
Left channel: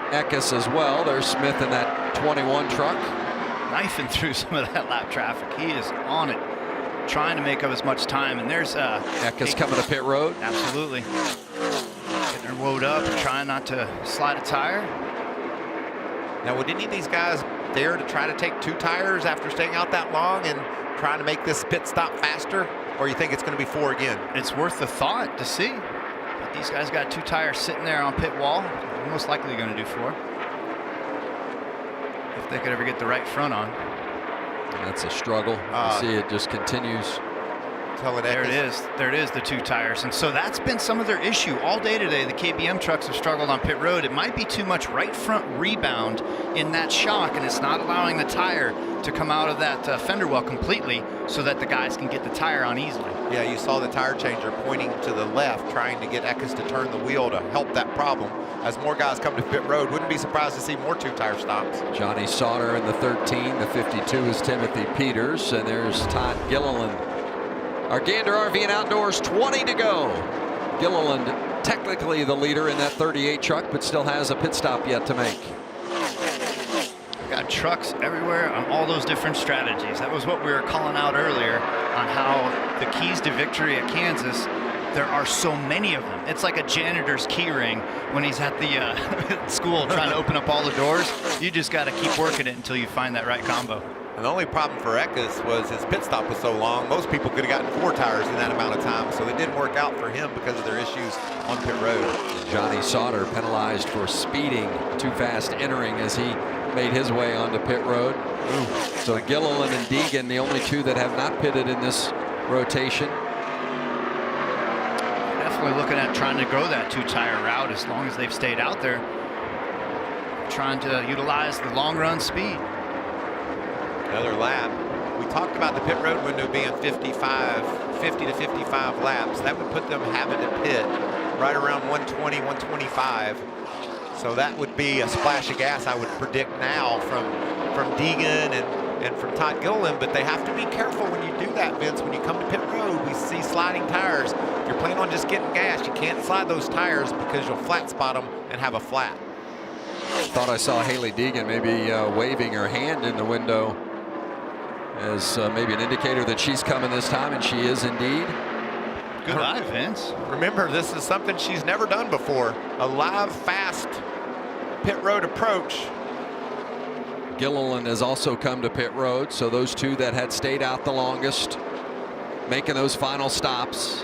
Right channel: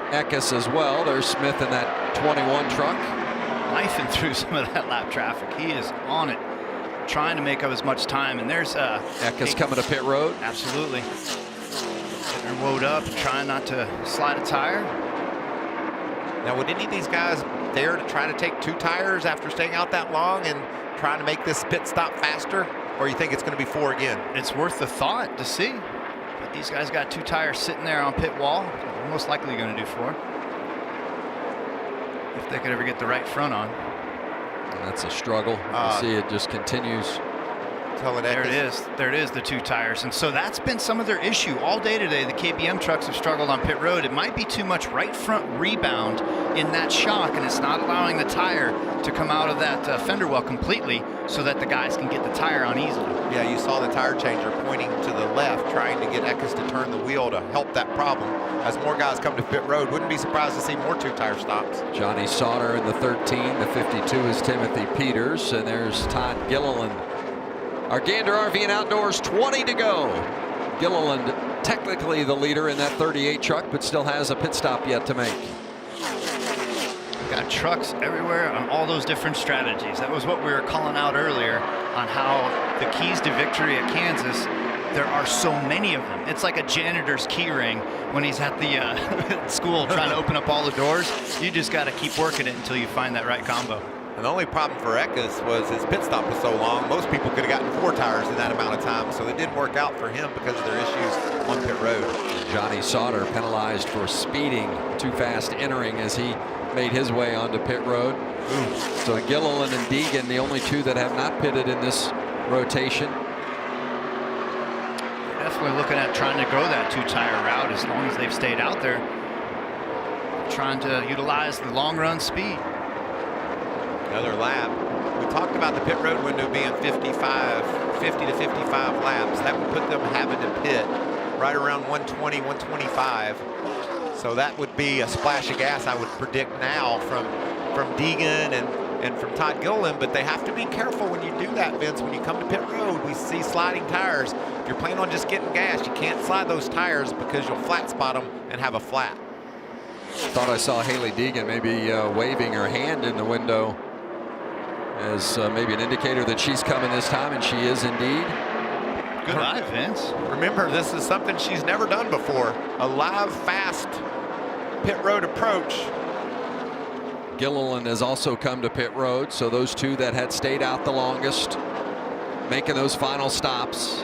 Eckes as well. There's Smith in that 21 truck. Knifing through some of that lap traffic. He is on it, trying to make up as much time. And there's Eckes coming to pit road. Absolutely. Getting her woed up and trying not to slide a tire. Now, would any of these guys dare to try to take 2 tires after staying out that long and trying to make this pit stop faster? Or you think it's going to be 4 again? It's worth the thought to see. But these guys got 2 tires sitting there on pit wall. They're most likely going to do 4. If they could ever get the right front on. That's a struggle. You see it just continues. There it is. There it is, the 2 tires. And so that's been some of their issue all day today. The KBM trucks have struggled on pit road. It might be too much right front rebound in that shock, and it's not allowing the tire to come out of that fender well completely so that the guys can get the tire on easily. Yeah, you saw the tire changer pointing to the left, trying to get Eckes to turn the wheel to help that problem. As more guys come to pit road, wouldn't be surprised to see more 2 tire stops. Johnny Sauter in the 13. The 52 is Timothy Peters, and there's Todd Gilliland. Our Gander RV and Outdoors, 20 to go. Gilliland technically the leader in that 38 truck, but still has a pit stop yet to make. Got trucks everywhere on all those different strategies. That was what we were calling out earlier on how the keys to victory at Kansas, there are so many of them. It's like a janitor's key ring when he's at the school trying to open up all the doors. You just got to keep working it until you find that right combo. And the only problem for Eckes was his pit stop was so long. Most people could have gotten 4 tires in that amount of time, so it didn't work out for him because of their issues on pit road. Johnny Sauter penalized for speeding too fast entering as he made his way onto pit road. So Gilliland and Deegan, the only 2 that have not pitted in this rotation. They're definitely looking at trying to go that 2 tire route as long as they've stayed out there. Trying to utilize the long run speed. Another lap. We talked about the pit road window being 50 to 55 laps. That would put them having to pit right around 120, 125. So that would be a splash of gas, I would predict now, from Deegan and from Todd Gilliland. But they have to be careful when you do that, Vince. When you come to pit road, we see sliding tires. If you're planning on just getting gas, you can't slide those tires because you'll flat spot them and have a flat. Thought I saw Hailie Deegan maybe waving her hand in the window as maybe an indicator that she's coming this time, and she is indeed. Good eye, Vince. Remember, this is something she's never done before. A live, fast pit road approach. Gilliland has also come to pit road, so those 2 that had stayed out the longest making those final stops.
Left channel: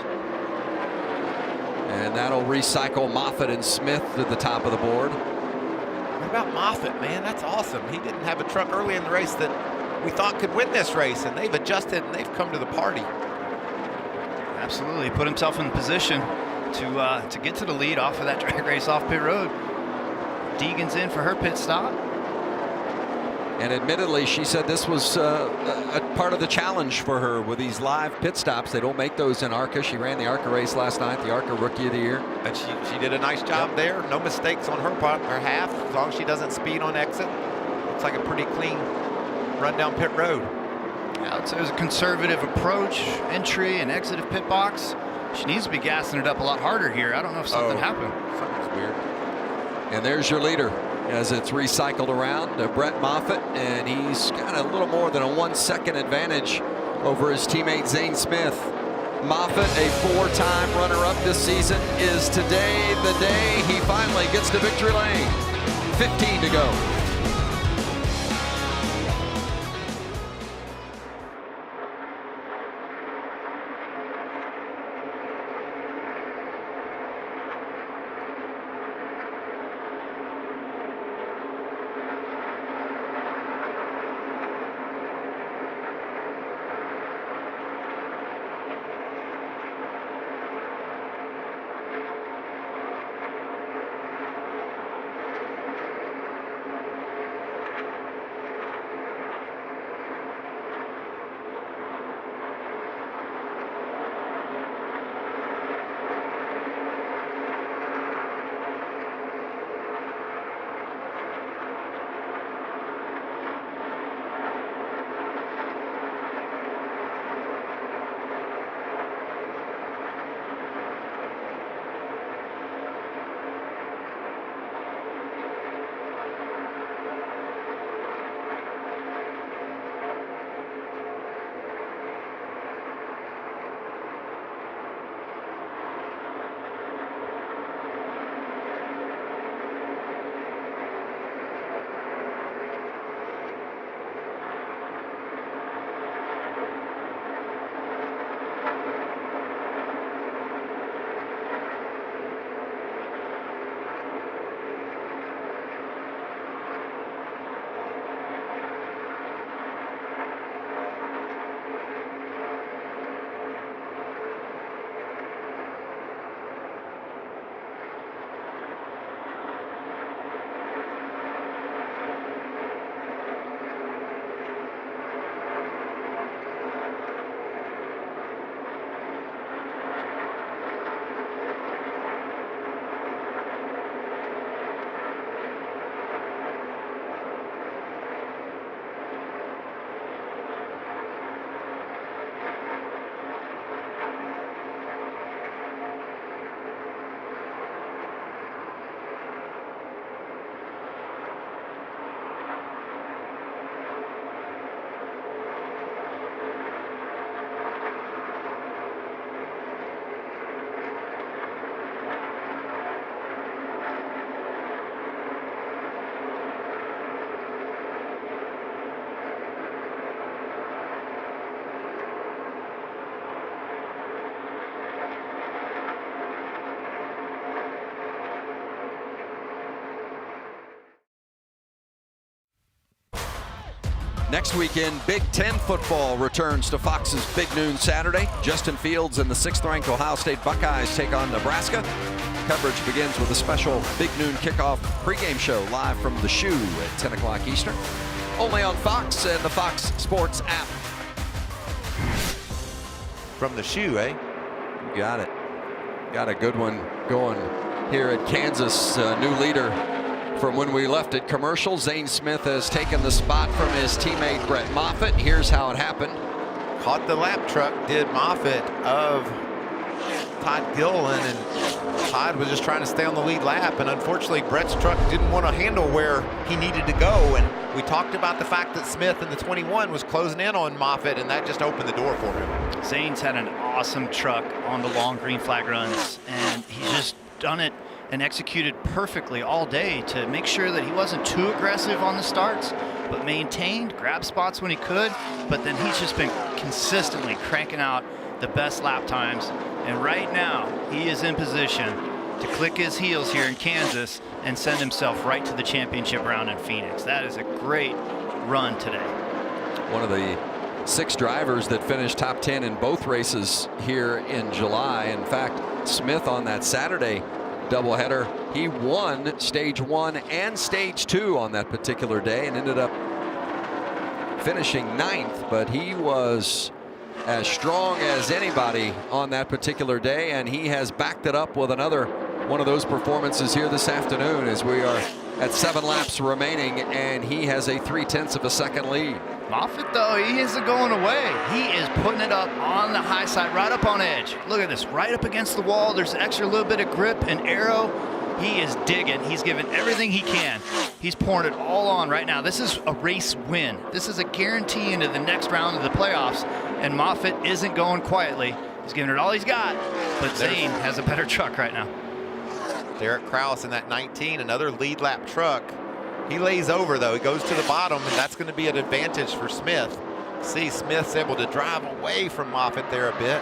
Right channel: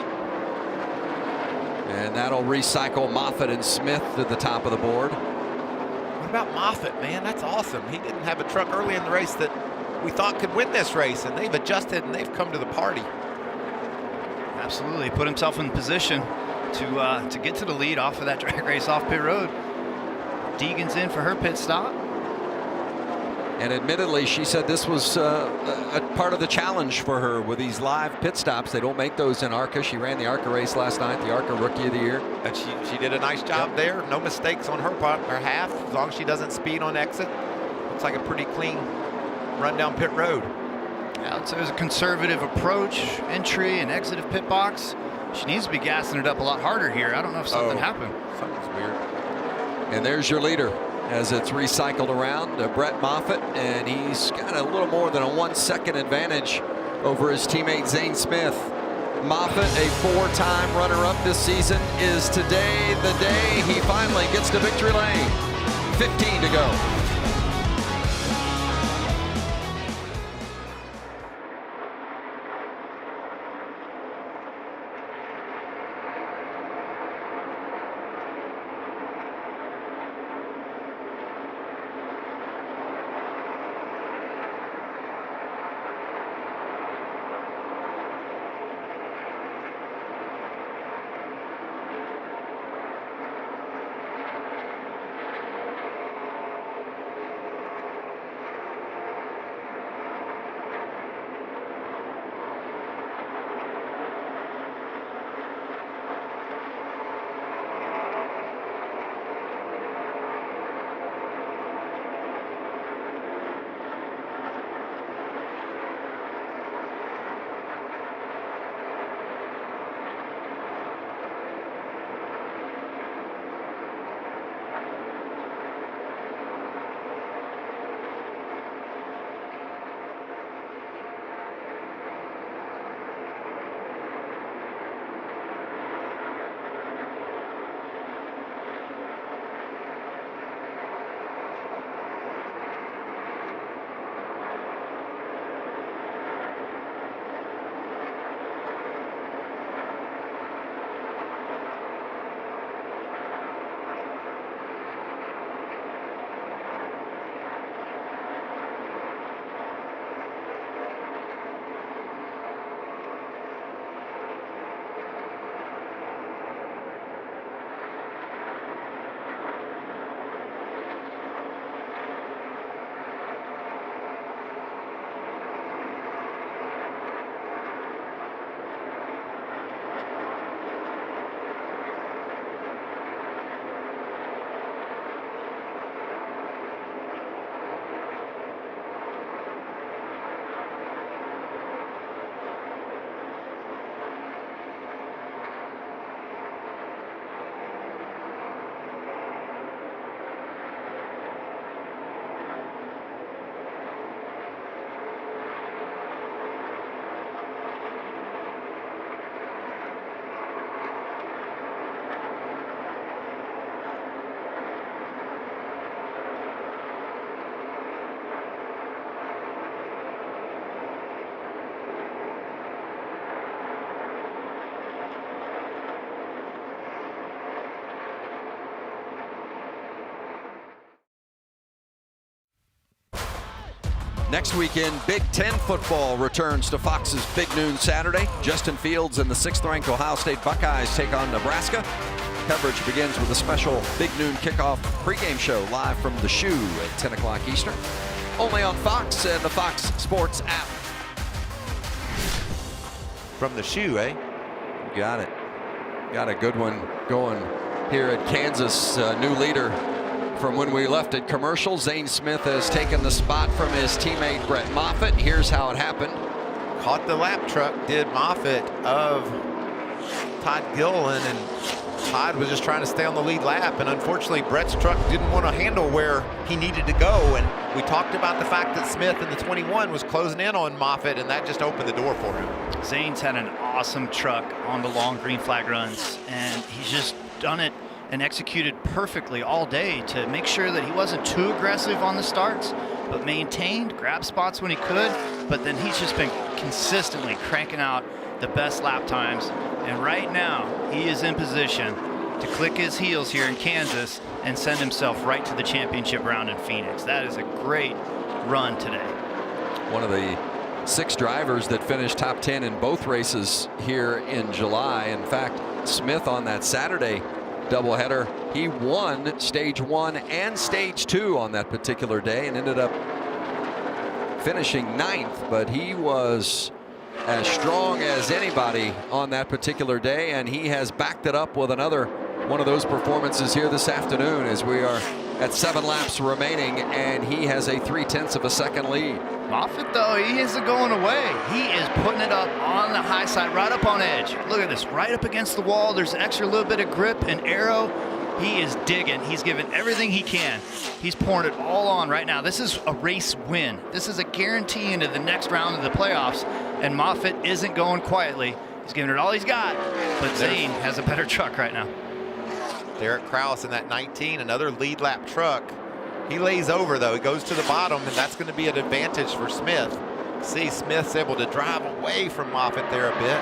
And that'll recycle Moffitt and Smith to the top of the board. What about Moffitt, man? That's awesome. He didn't have a truck early in the race that we thought could win this race, and they've adjusted and they've come to the party. Absolutely, put himself in position to get to the lead off of that drag race off pit road. Deegan's in for her pit stop. And admittedly, she said this was a part of the challenge for her with these live pit stops. They don't make those in ARCA. She ran the ARCA race last night, the ARCA Rookie of the Year. And she did a nice job there. No mistakes on her part, her half, as long as she doesn't speed on exit. Looks like a pretty clean run down pit road. Yeah, so it was a conservative approach, entry and exit of pit box. She needs to be gassing it up a lot harder here. I don't know if something happened. Something's weird. And there's your leader as it's recycled around, Brett Moffitt, and he's got a little more than a 1 second advantage over his teammate Zane Smith. Moffitt, a 4-time runner-up this season, is today the day he finally gets to victory lane. 15 to go. Next weekend, Big Ten football returns to Fox's Big Noon Saturday. Justin Fields and the 6th-ranked Ohio State Buckeyes take on Nebraska. Coverage begins with a special Big Noon kickoff pregame show live from the Shoe at 10 o'clock Eastern. Only on Fox and the Fox Sports app. From the Shoe, eh? You got it. Got a good one going here at Kansas. New leader from when we left at commercial. Zane Smith has taken the spot from his teammate Brett Moffitt. Here's how it happened. Caught the lap truck, did Moffitt of Todd Gilliland, and Todd was just trying to stay on the lead lap, and unfortunately Brett's truck didn't want to handle where he needed to go, and we talked about the fact that Smith in the 21 was closing in on Moffitt, and that just opened the door for him. Zane's had an awesome truck on the long green flag runs, and he's just done it and executed perfectly all day to make sure that he wasn't too aggressive on the starts, but maintained, grabbed spots when he could, but then he's just been consistently cranking out the best lap times. And right now, he is in position to click his heels here in Kansas and send himself right to the championship round in Phoenix. That is a great run today. One of the 6 drivers that finished top 10 in both races here in July. In fact, Smith on that Saturday doubleheader, he won stage 1 and stage 2 on that particular day and ended up finishing 9th, but he was as strong as anybody on that particular day, and he has backed it up with another one of those performances here this afternoon as we are at 7 laps remaining, and he has a 0.3 of a second lead. Moffitt, though, he isn't going away. He is putting it up on the high side, right up on edge. Look at this, right up against the wall. There's an extra little bit of grip and arrow. He is digging. He's giving everything he can. He's pouring it all on right now. This is a race win. This is a guarantee into the next round of the playoffs, and Moffitt isn't going quietly. He's giving it all he's got, but Zane has a better truck right now. Derek Kraus in that 19, another lead lap truck. He lays over, though. He goes to the bottom, and that's going to be an advantage for Smith. See, Smith's able to drive away from Moffitt there a bit.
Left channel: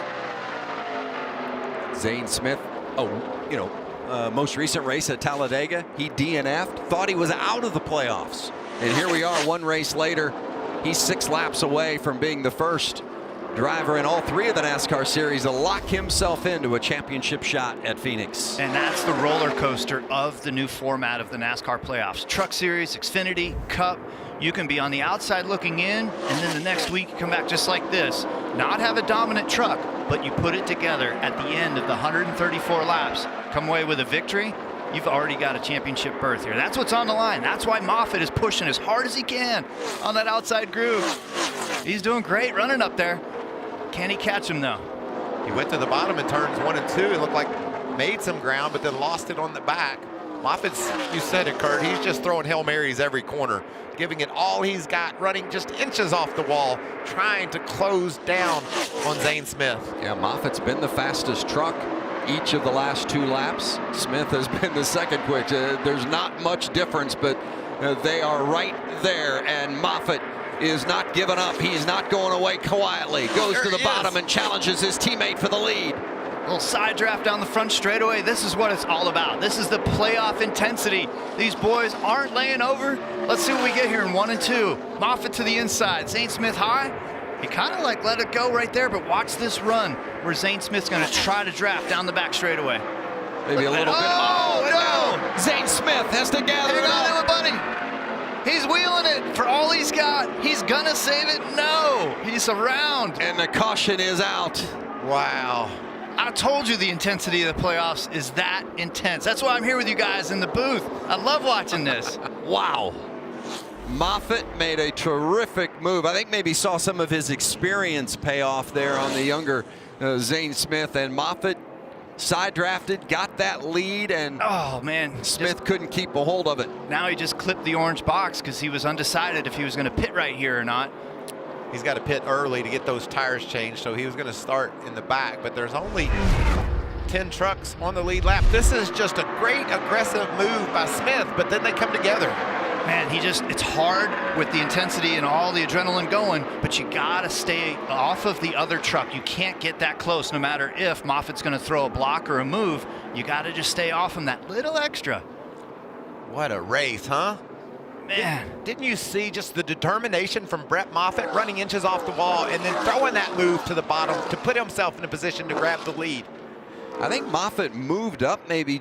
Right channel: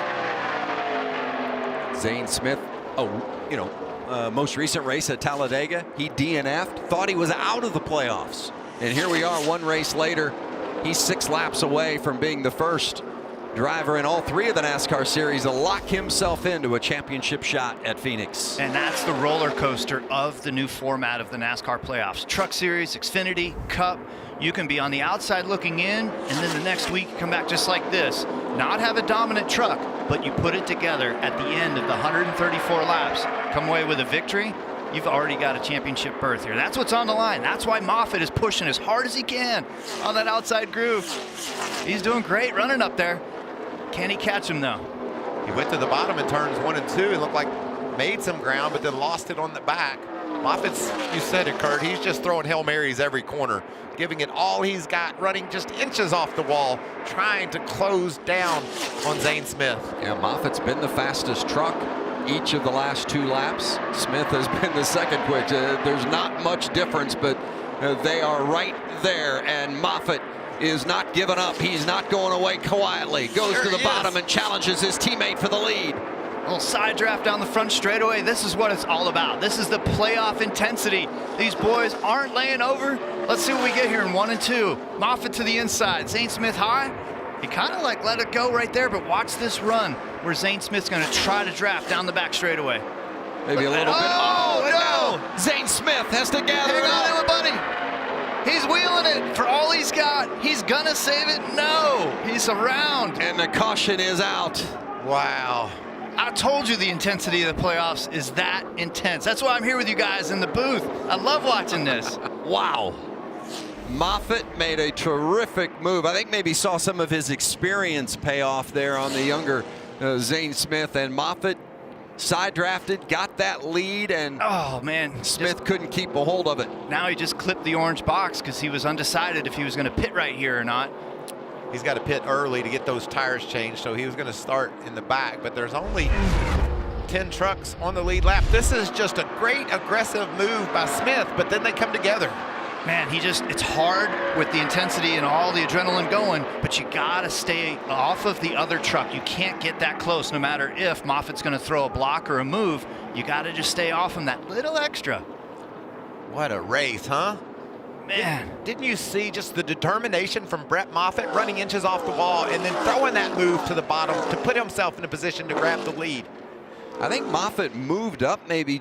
Zane Smith, most recent race at Talladega, he DNF'd, thought he was out of the playoffs. And here we are 1 race later. He's 6 laps away from being the first driver in all 3 of the NASCAR series to lock himself into a championship shot at Phoenix. And that's the roller coaster of the new format of the NASCAR playoffs. Truck Series, Xfinity, Cup. You can be on the outside looking in, and then the next week you come back just like this. Not have a dominant truck, but you put it together at the end of the 134 laps. Come away with a victory. You've already got a championship berth here. That's what's on the line. That's why Moffitt is pushing as hard as he can on that outside groove. He's doing great running up there. Can he catch him, though? He went to the bottom in turns 1 and 2 and looked like made some ground, but then lost it on the back. Moffitt's, you said it, Kurt, he's just throwing Hail Marys every corner, giving it all he's got, running just inches off the wall, trying to close down on Zane Smith. Yeah, Moffitt's been the fastest truck each of the last 2 laps. Smith has been the second quick. There's not much difference, but they are right there, and Moffitt is not giving up. He's not going away quietly. Goes to the bottom and challenges his teammate for the lead. A little side draft down the front straightaway. This is what it's all about. This is the playoff intensity. These boys aren't laying over. Let's see what we get here in 1 and 2. Moffitt to the inside. Zane Smith high. He kind of like let it go right there, but watch this run where Zane Smith's going to try to draft down the back straightaway. Maybe a little bit. Oh, no! Zane Smith has to gather it Hang on, up. everybody. He's wheeling it for all he's got. He's gonna save it. No, he's around. And the caution is out. Wow. I told you the intensity of the playoffs is that intense. That's why I'm here with you guys in the booth. I love watching this. Wow. Moffitt made a terrific move. I think maybe saw some of his experience pay off there on the younger Zane Smith, and Moffitt side drafted, got that lead, and oh man, Smith couldn't keep a hold of it. Now he just clipped the orange box because he was undecided if he was going to pit right here or not. He's got to pit early to get those tires changed, so he was going to start in the back, but there's only 10 trucks on the lead lap. This is just a great aggressive move by Smith, but then they come together. Man, it's hard with the intensity and all the adrenaline going, but you gotta stay off of the other truck. You can't get that close no matter if Moffitt's gonna throw a block or a move. You gotta just stay off him that little extra. What a race, huh? Man. Didn't you see just the determination from Brett Moffitt running inches off the wall and then throwing that move to the bottom to put himself in a position to grab the lead? I think Moffitt moved up maybe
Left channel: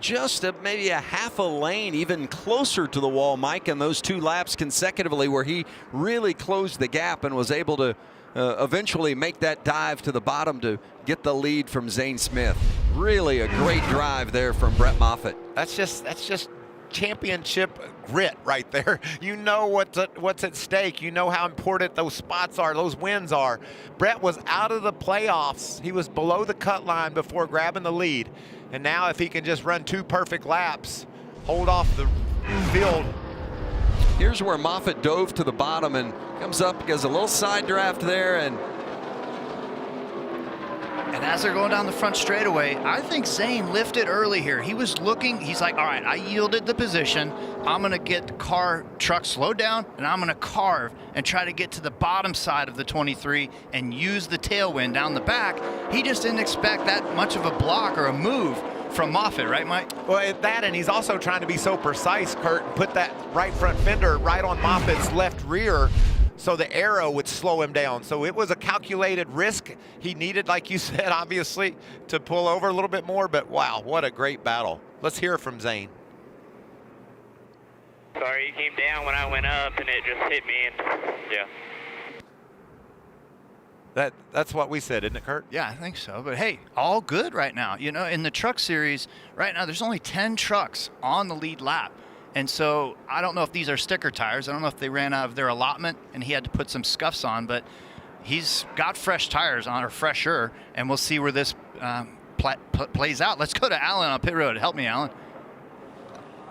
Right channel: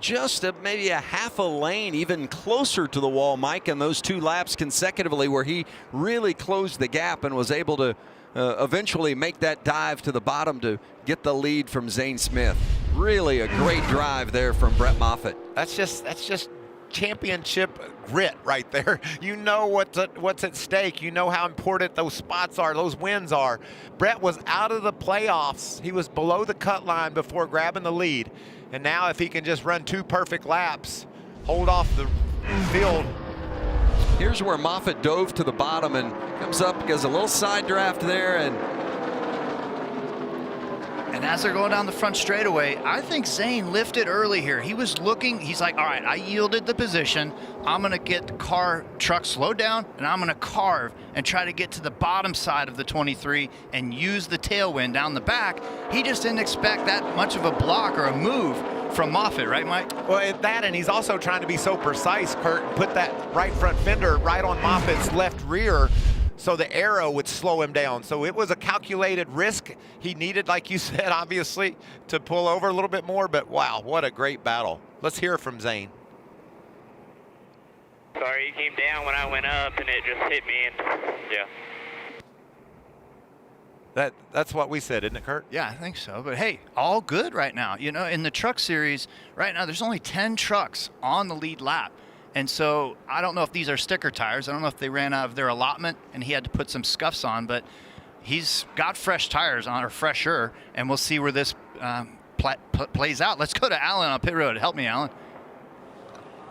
maybe a half a lane, even closer to the wall, Mike, in those 2 laps consecutively where he really closed the gap and was able to eventually make that dive to the bottom to get the lead from Zane Smith. Really a great drive there from Brett Moffitt. That's just championship grit right there. You know what's at stake. You know how important those spots are, those wins are. Brett was out of the playoffs. He was below the cut line before grabbing the lead. And now if he can just run 2 perfect laps, hold off the field. Here's where Moffitt dove to the bottom and comes up, gets a little side draft there, and as they're going down the front straightaway, I think Zane lifted early here. He was looking, he's like, all right, I yielded the position. I'm going to get the truck slowed down, and I'm going to carve and try to get to the bottom side of the 23 and use the tailwind down the back. He just didn't expect that much of a block or a move from Moffitt, right, Mike? Well, that, and he's also trying to be so precise, Kurt, and put that right front fender right on Moffitt's left rear, so the arrow would slow him down. So it was a calculated risk. He needed, like you said, obviously, to pull over a little bit more, but wow, what a great battle. Let's hear from Zane. Sorry, you came down when I went up and it just hit me, and yeah. That's what we said, isn't it, Kurt? Yeah, I think so. But hey, all good right now. You know, in the truck series, right now, there's only 10 trucks on the lead lap. And so I don't know if these are sticker tires. I don't know if they ran out of their allotment and he had to put some scuffs on, but he's got fresh tires on, or fresher, and we'll see where this plays out. Let's go to Alan on pit road. Help me, Alan.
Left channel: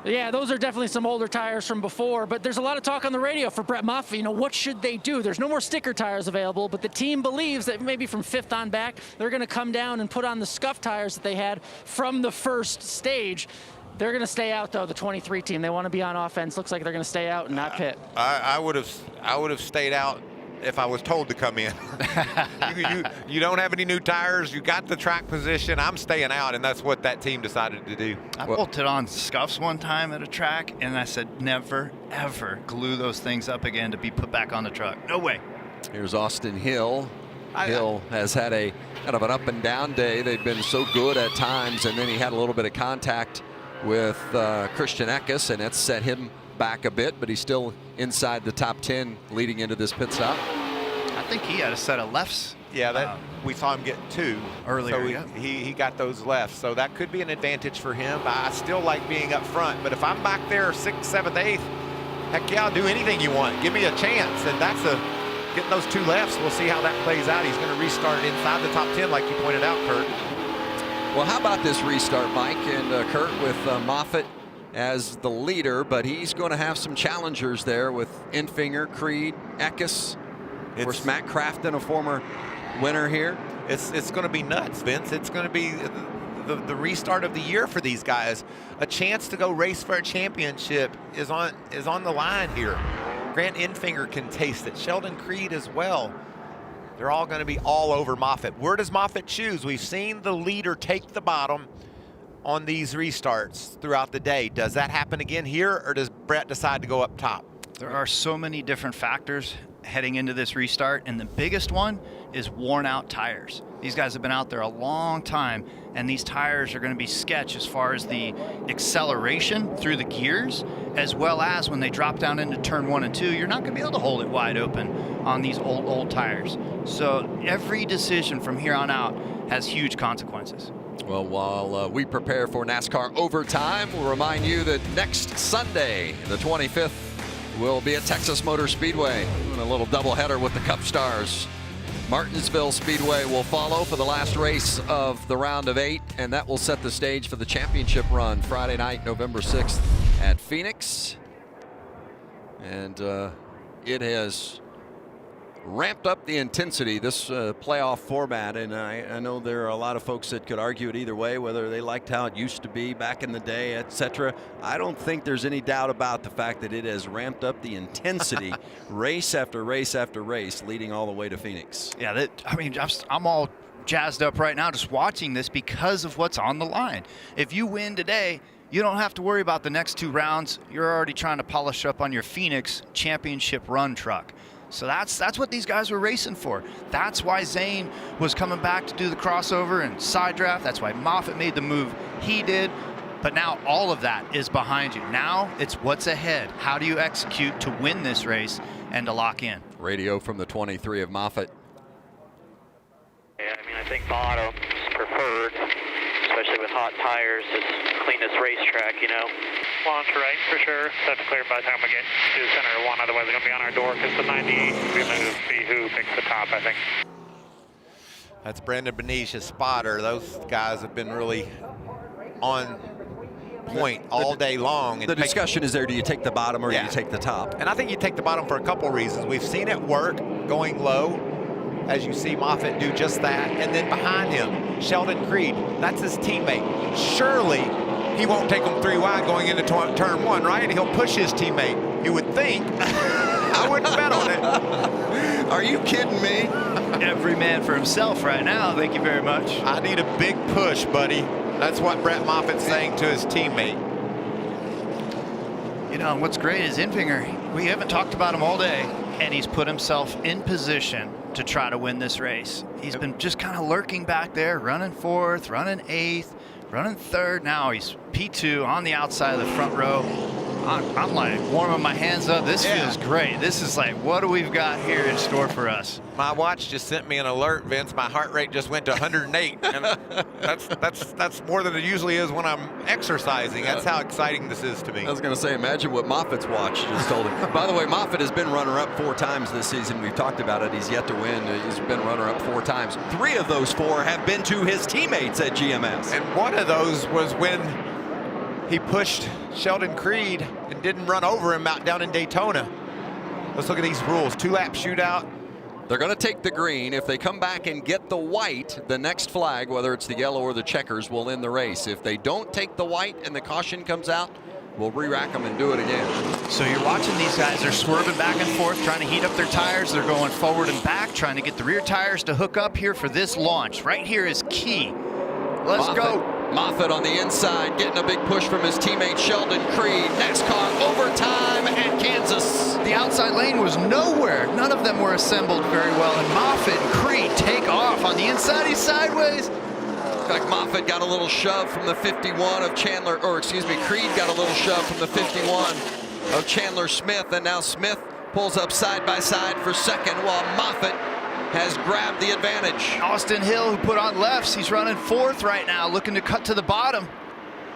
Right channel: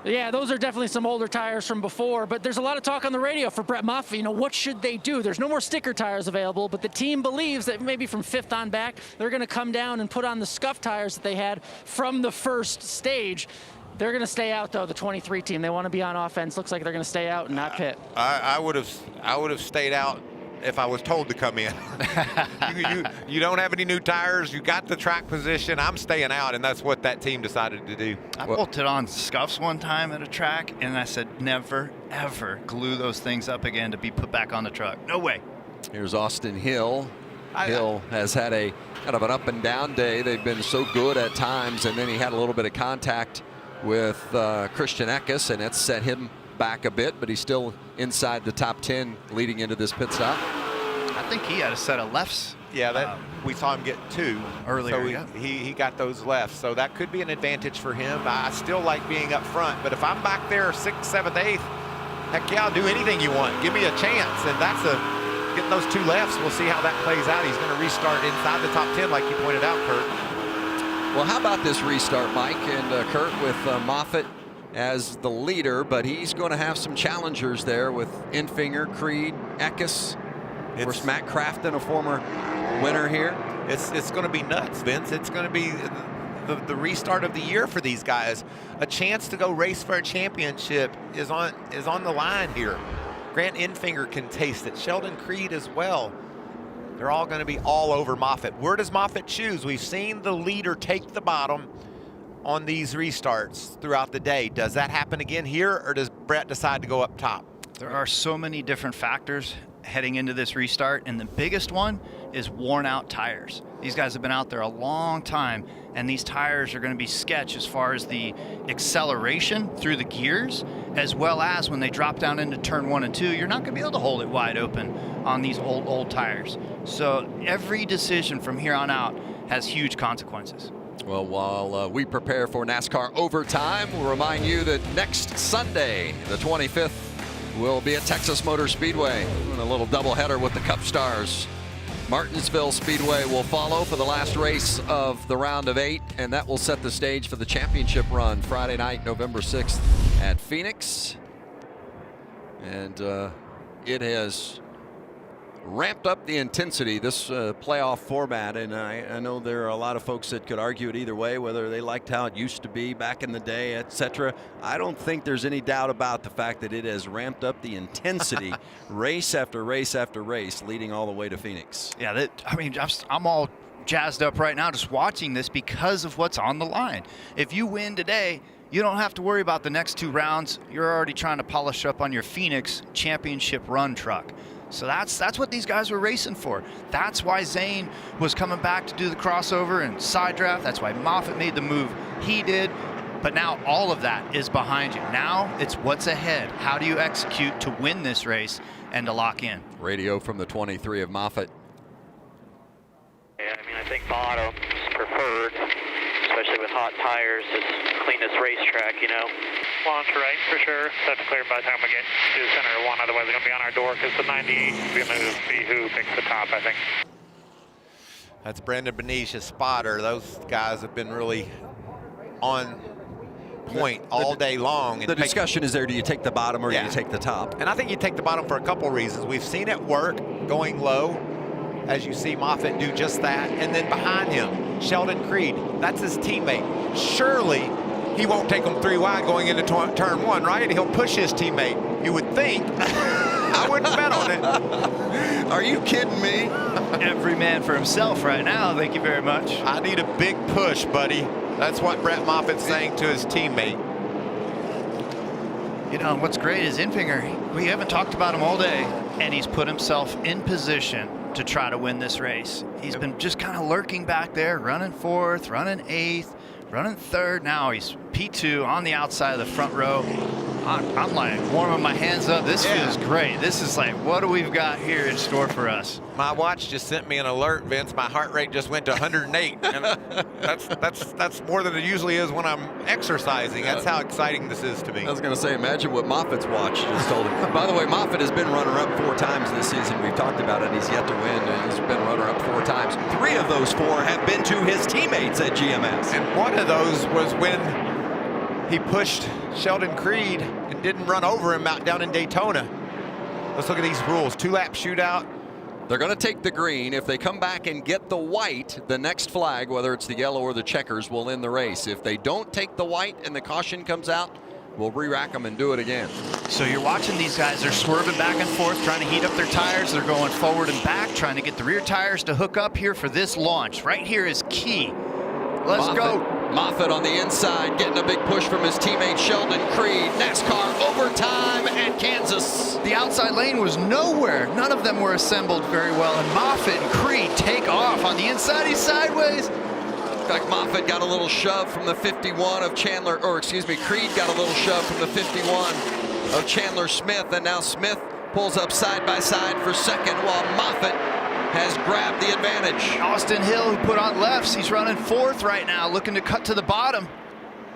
Yeah, those are definitely some older tires from before, but there's a lot of talk on the radio for Brett Moffitt. You know, what should they do? There's no more sticker tires available, but the team believes that maybe from 5th on back, they're going to come down and put on the scuff tires that they had from the first stage. They're going to stay out, though, the 23 team. They want to be on offense. Looks like they're going to stay out and not pit. I would have stayed out if I was told to come in. you don't have any new tires. You got the track position. I'm staying out, and that's what that team decided to do. I bolted on scuffs one time at a track, and I said, never, ever glue those things up again to be put back on the truck. No way. Here's Austin Hill. Hill has had a kind of an up and down day. They've been so good at times, and then he had a little bit of contact with Christian Eckes, and it set him back a bit, but he's still inside the top 10 leading into this pit stop. I think he had a set of lefts. Yeah, we saw him get 2 earlier. So he got those lefts, so that could be an advantage for him. I still like being up front, but if I'm back there 6th, 7th, 8th, heck yeah, I'll do anything you want. Give me a chance, and that's getting those 2 lefts. We'll see how that plays out. He's going to restart inside the top 10, like you pointed out, Kurt. Well, how about this restart, Mike and Kurt, with Moffitt as the leader, but he's going to have some challengers there with Infinger, Creed, Eckes. Of course, Matt Crafton, a former winner here. It's going to be nuts, Vince. It's going to be the restart of the year for these guys. A chance to go race for a championship is on the line here. Grant Infinger can taste it. Sheldon Creed as well. They're all going to be all over Moffitt. Where does Moffitt choose? We've seen the leader take the bottom on these restarts throughout the day. Does that happen again here, or does Brett decide to go up top? There are so many different factors heading into this restart, and the biggest one is worn out tires. These guys have been out there a long time, and these tires are going to be sketch as far as the acceleration through the gears, as well as when they drop down into turn 1 and 2, you're not going to be able to hold it wide open on these old tires. So every decision from here on out has huge consequences. Well, while we prepare for NASCAR overtime, we'll remind you that next Sunday, the 25th, will be at Texas Motor Speedway. Doing a little doubleheader with the Cup Stars. Martinsville Speedway will follow for the last race of the round of 8, and that will set the stage for the championship run Friday night, November 6th at Phoenix. And it has ramped up the intensity, this playoff format, and I know there are a lot of folks that could argue it either way, whether they liked how it used to be back in the day, etc. I don't think there's any doubt about the fact that it has ramped up the intensity race after race after race, leading all the way to Phoenix. Yeah, I'm all jazzed up right now just watching this because of what's on the line. If you win today, you don't have to worry about the next 2 rounds. You're already trying to polish up on your Phoenix championship run truck. So that's what these guys were racing for. That's why Zane was coming back to do the crossover and side draft. That's why Moffitt made the move he did. But now all of that is behind you. Now it's what's ahead. How do you execute to win this race and to lock in? Radio from the 23 of Moffitt. Yeah, I think bottom's preferred, especially with hot tires, to clean this racetrack, Launch right, for sure. That's clear by the time we get to center 1. Otherwise, they're going to be on our door because the 98 is going to see who picks the top, I think. That's Brandon Benicia's spotter. Those guys have been really on point all day long. The discussion is there, do you take the bottom or do you take the top? And I think you take the bottom for a couple reasons. We've seen it work going low, as you see Moffitt do just that. And then behind him, Sheldon Creed, that's his teammate. Surely he won't take them 3 wide going into turn 1, right? He'll push his teammate, you would think. I wouldn't bet on it. Are you kidding me? Every man for himself right now. Thank you very much. I need a big push, buddy. That's what Brett Moffitt's saying to his teammate. And what's great is Infinger, we haven't talked about him all day, and he's put himself in position to try to win this race. He's been just kind of lurking back there, running 4th, running 8th, running 3rd. Now he's P2 on the outside of the front row. I'm like warming my hands up. This feels great. This is like, what do we've got here in store for us? My watch just sent me an alert, Vince. My heart rate just went to 108. And that's more than it usually is when I'm exercising. That's how exciting this is to me. I was going to say, imagine what Moffitt's watch just told him. By the way, Moffitt has been runner-up 4 times this season. We've talked about it. He's yet to win. He's been runner-up 4 times. 3 of those 4 have been to his teammates at GMS. And one of those was when he pushed Sheldon Creed and didn't run over him out down in Daytona. Let's look at these rules. 2-lap shootout. They're going to take the green. If they come back and get the white, the next flag, whether it's the yellow or the checkers, will end the race. If they don't take the white and the caution comes out, we'll re-rack them and do it again. So you're watching these guys. They're swerving back and forth, trying to heat up their tires. They're going forward and back, trying to get the rear tires to hook up here for this launch. Right here is key. Let's go. Moffitt on the inside, getting a big push from his teammate Sheldon Creed. NASCAR overtime at Kansas. The outside lane was nowhere. None of them were assembled very well. And Moffitt and Creed take off on the inside. He's sideways. In fact, Moffitt got a little shove from the 51 of Chandler, or excuse me, Creed got a little shove from the 51 of Chandler Smith. And now Smith pulls up side by side for second while Moffitt has grabbed the advantage. Austin Hill, who put on lefts, he's running 4th right now, looking to cut to the bottom.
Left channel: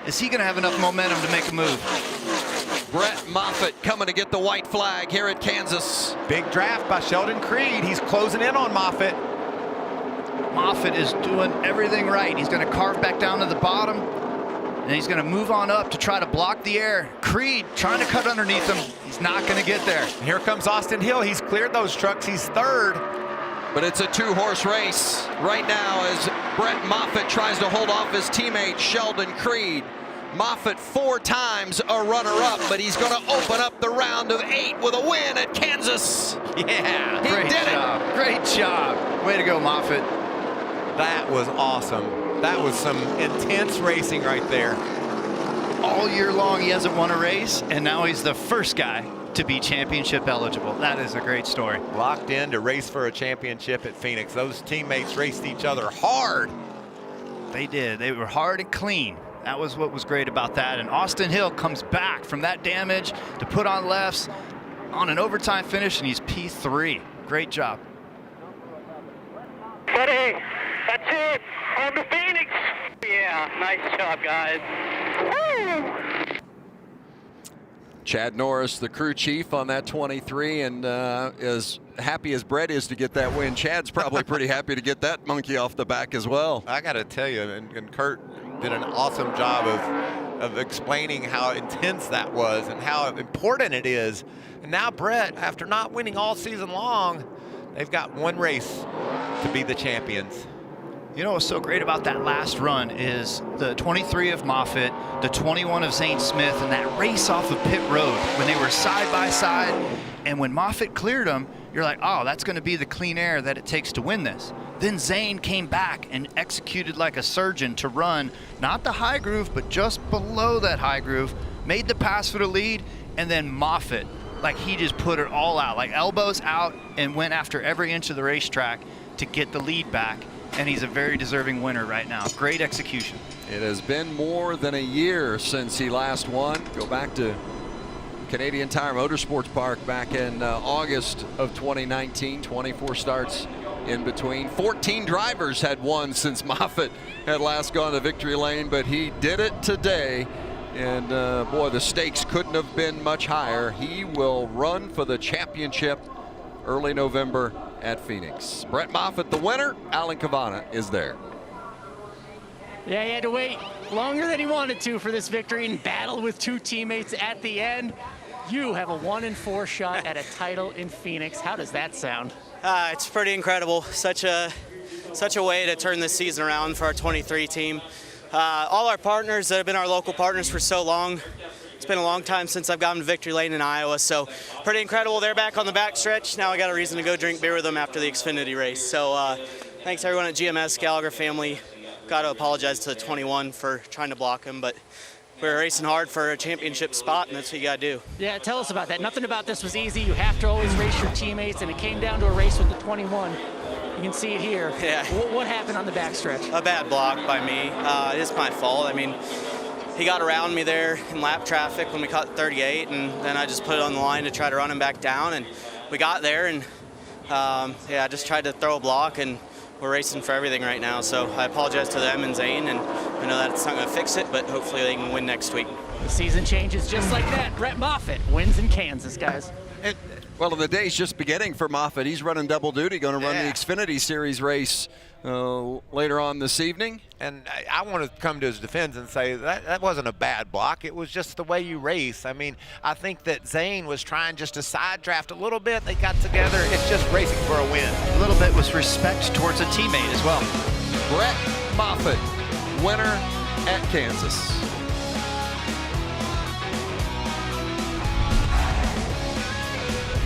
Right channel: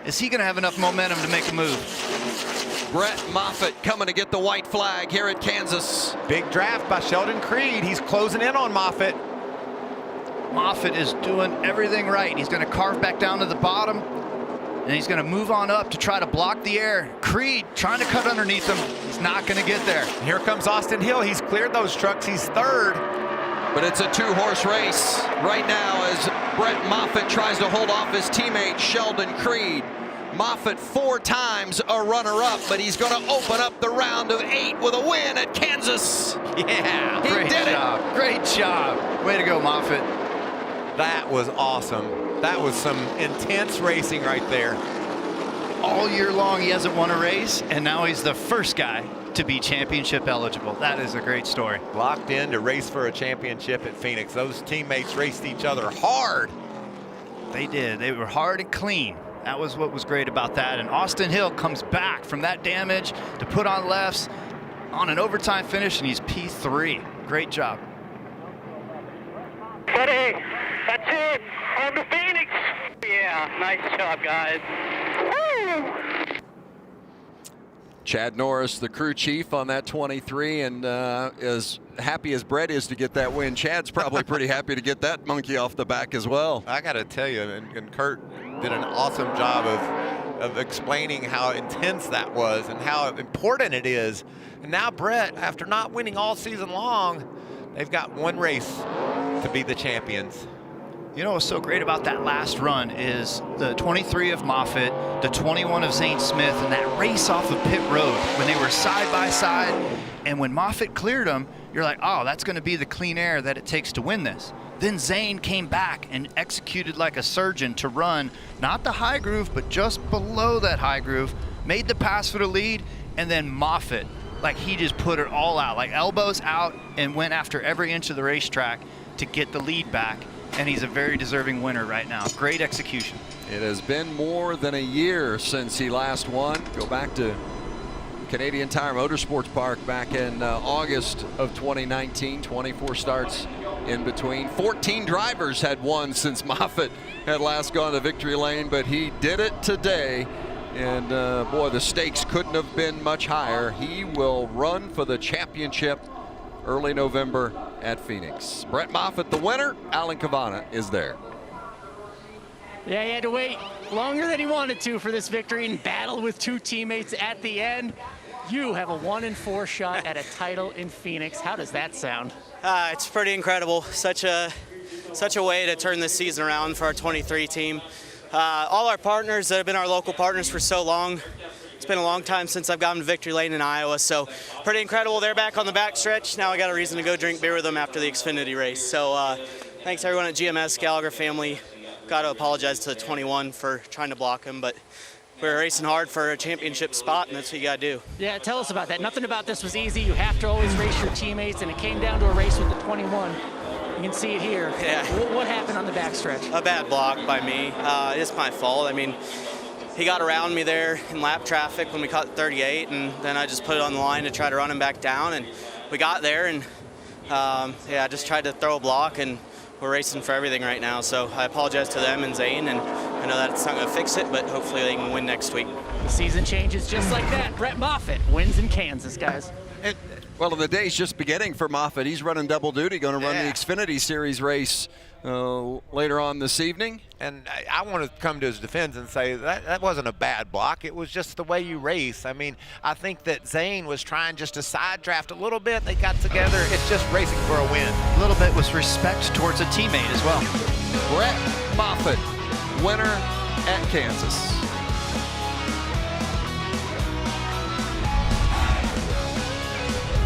Is he going to have enough momentum to make a move? Brett Moffitt coming to get the white flag here at Kansas. Big draft by Sheldon Creed. He's closing in on Moffitt. Moffitt is doing everything right. He's going to carve back down to the bottom, and he's going to move on up to try to block the air. Creed trying to cut underneath him. He's not going to get there. Here comes Austin Hill. He's cleared those trucks. He's 3rd. But it's a 2-horse race right now as Brett Moffitt tries to hold off his teammate Sheldon Creed. Moffitt 4 times a runner-up, but he's going to open up the round of 8 with a win at Kansas. Yeah, he did it. Great job. Way to go, Moffitt. That was awesome. That was some intense racing right there. All year long, he hasn't won a race, and now he's the first guy to be championship eligible. That is a great story. Locked in to race for a championship at Phoenix. Those teammates raced each other hard. They did. They were hard and clean. That was what was great about that. And Austin Hill comes back from that damage to put on lefts on an overtime finish, and he's P3. Great job. Buddy, that's it. On to Phoenix. Yeah, nice job, guys. Woo! Chad Norris, the crew chief on that 23, and as happy as Brett is to get that win, Chad's probably pretty happy to get that monkey off the back as well. I got to tell you, and Kurt did an awesome job of explaining how intense that was and how important it is. And now Brett, after not winning all season long, they've got 1 race to be the champions. You know what's so great about that last run is the 23 of Moffitt, the 21 of Zane Smith, and that race off of pit road when they were side by side. And when Moffitt cleared them, you're like, oh, that's going to be the clean air that it takes to win this. Then Zane came back and executed like a surgeon to run, not the high groove, but just below that high groove, made the pass for the lead, and then Moffitt, like he just put it all out, like elbows out, and went after every inch of the racetrack to get the lead back. And he's a very deserving winner right now. Great execution. It has been more than a year since he last won. Go back to Canadian Tire Motorsports Park back in August of 2019. 24 starts in between. 14 drivers had won since Moffitt had last gone to victory lane, but he did it today. And boy, the stakes couldn't have been much higher. He will run for the championship early November at Phoenix. Brett Moffitt, the winner. Alan Cavana is there. Yeah, he had to wait longer than he wanted to for this victory and battle with 2 teammates at the end. You have a 1-4 shot at a title in Phoenix. How does that sound? It's pretty incredible. Such a way to turn this season around for our 23 team. All our partners that have been our local partners for so long. It's been a long time since I've gotten to victory lane in Iowa, so pretty incredible. They're back on the back stretch. Now I got a reason to go drink beer with them after the Xfinity race. So thanks everyone at GMS, Gallagher family. Got to apologize to the 21 for trying to block him, but we're racing hard for a championship spot, and that's what you got to do. Yeah, tell us about that. Nothing about this was easy. You have to always race your teammates, and it came down to a race with the 21. You can see it here. Yeah. What happened on the backstretch? A bad block by me. It's my fault. I mean, he got around me there in lap traffic when we caught 38, and then I just put it on the line to try to run him back down, and we got there, and yeah, I just tried to throw a block, and we're racing for everything right now. So I apologize to them and Zane, and I know that's not going to fix it, but hopefully they can win next week. The season changes just like that. Brett Moffitt wins in Kansas, guys. Well, the day's just beginning for Moffitt. He's running double duty, going to run the Xfinity Series race later on this evening. And I want to come to his defense and say that wasn't a bad block. It was just the way you race. I mean, I think that Zane was trying just to side draft a little bit. They got together. It's just racing for a win. A little bit was respect towards a teammate as well. Brett Moffitt, winner at Kansas.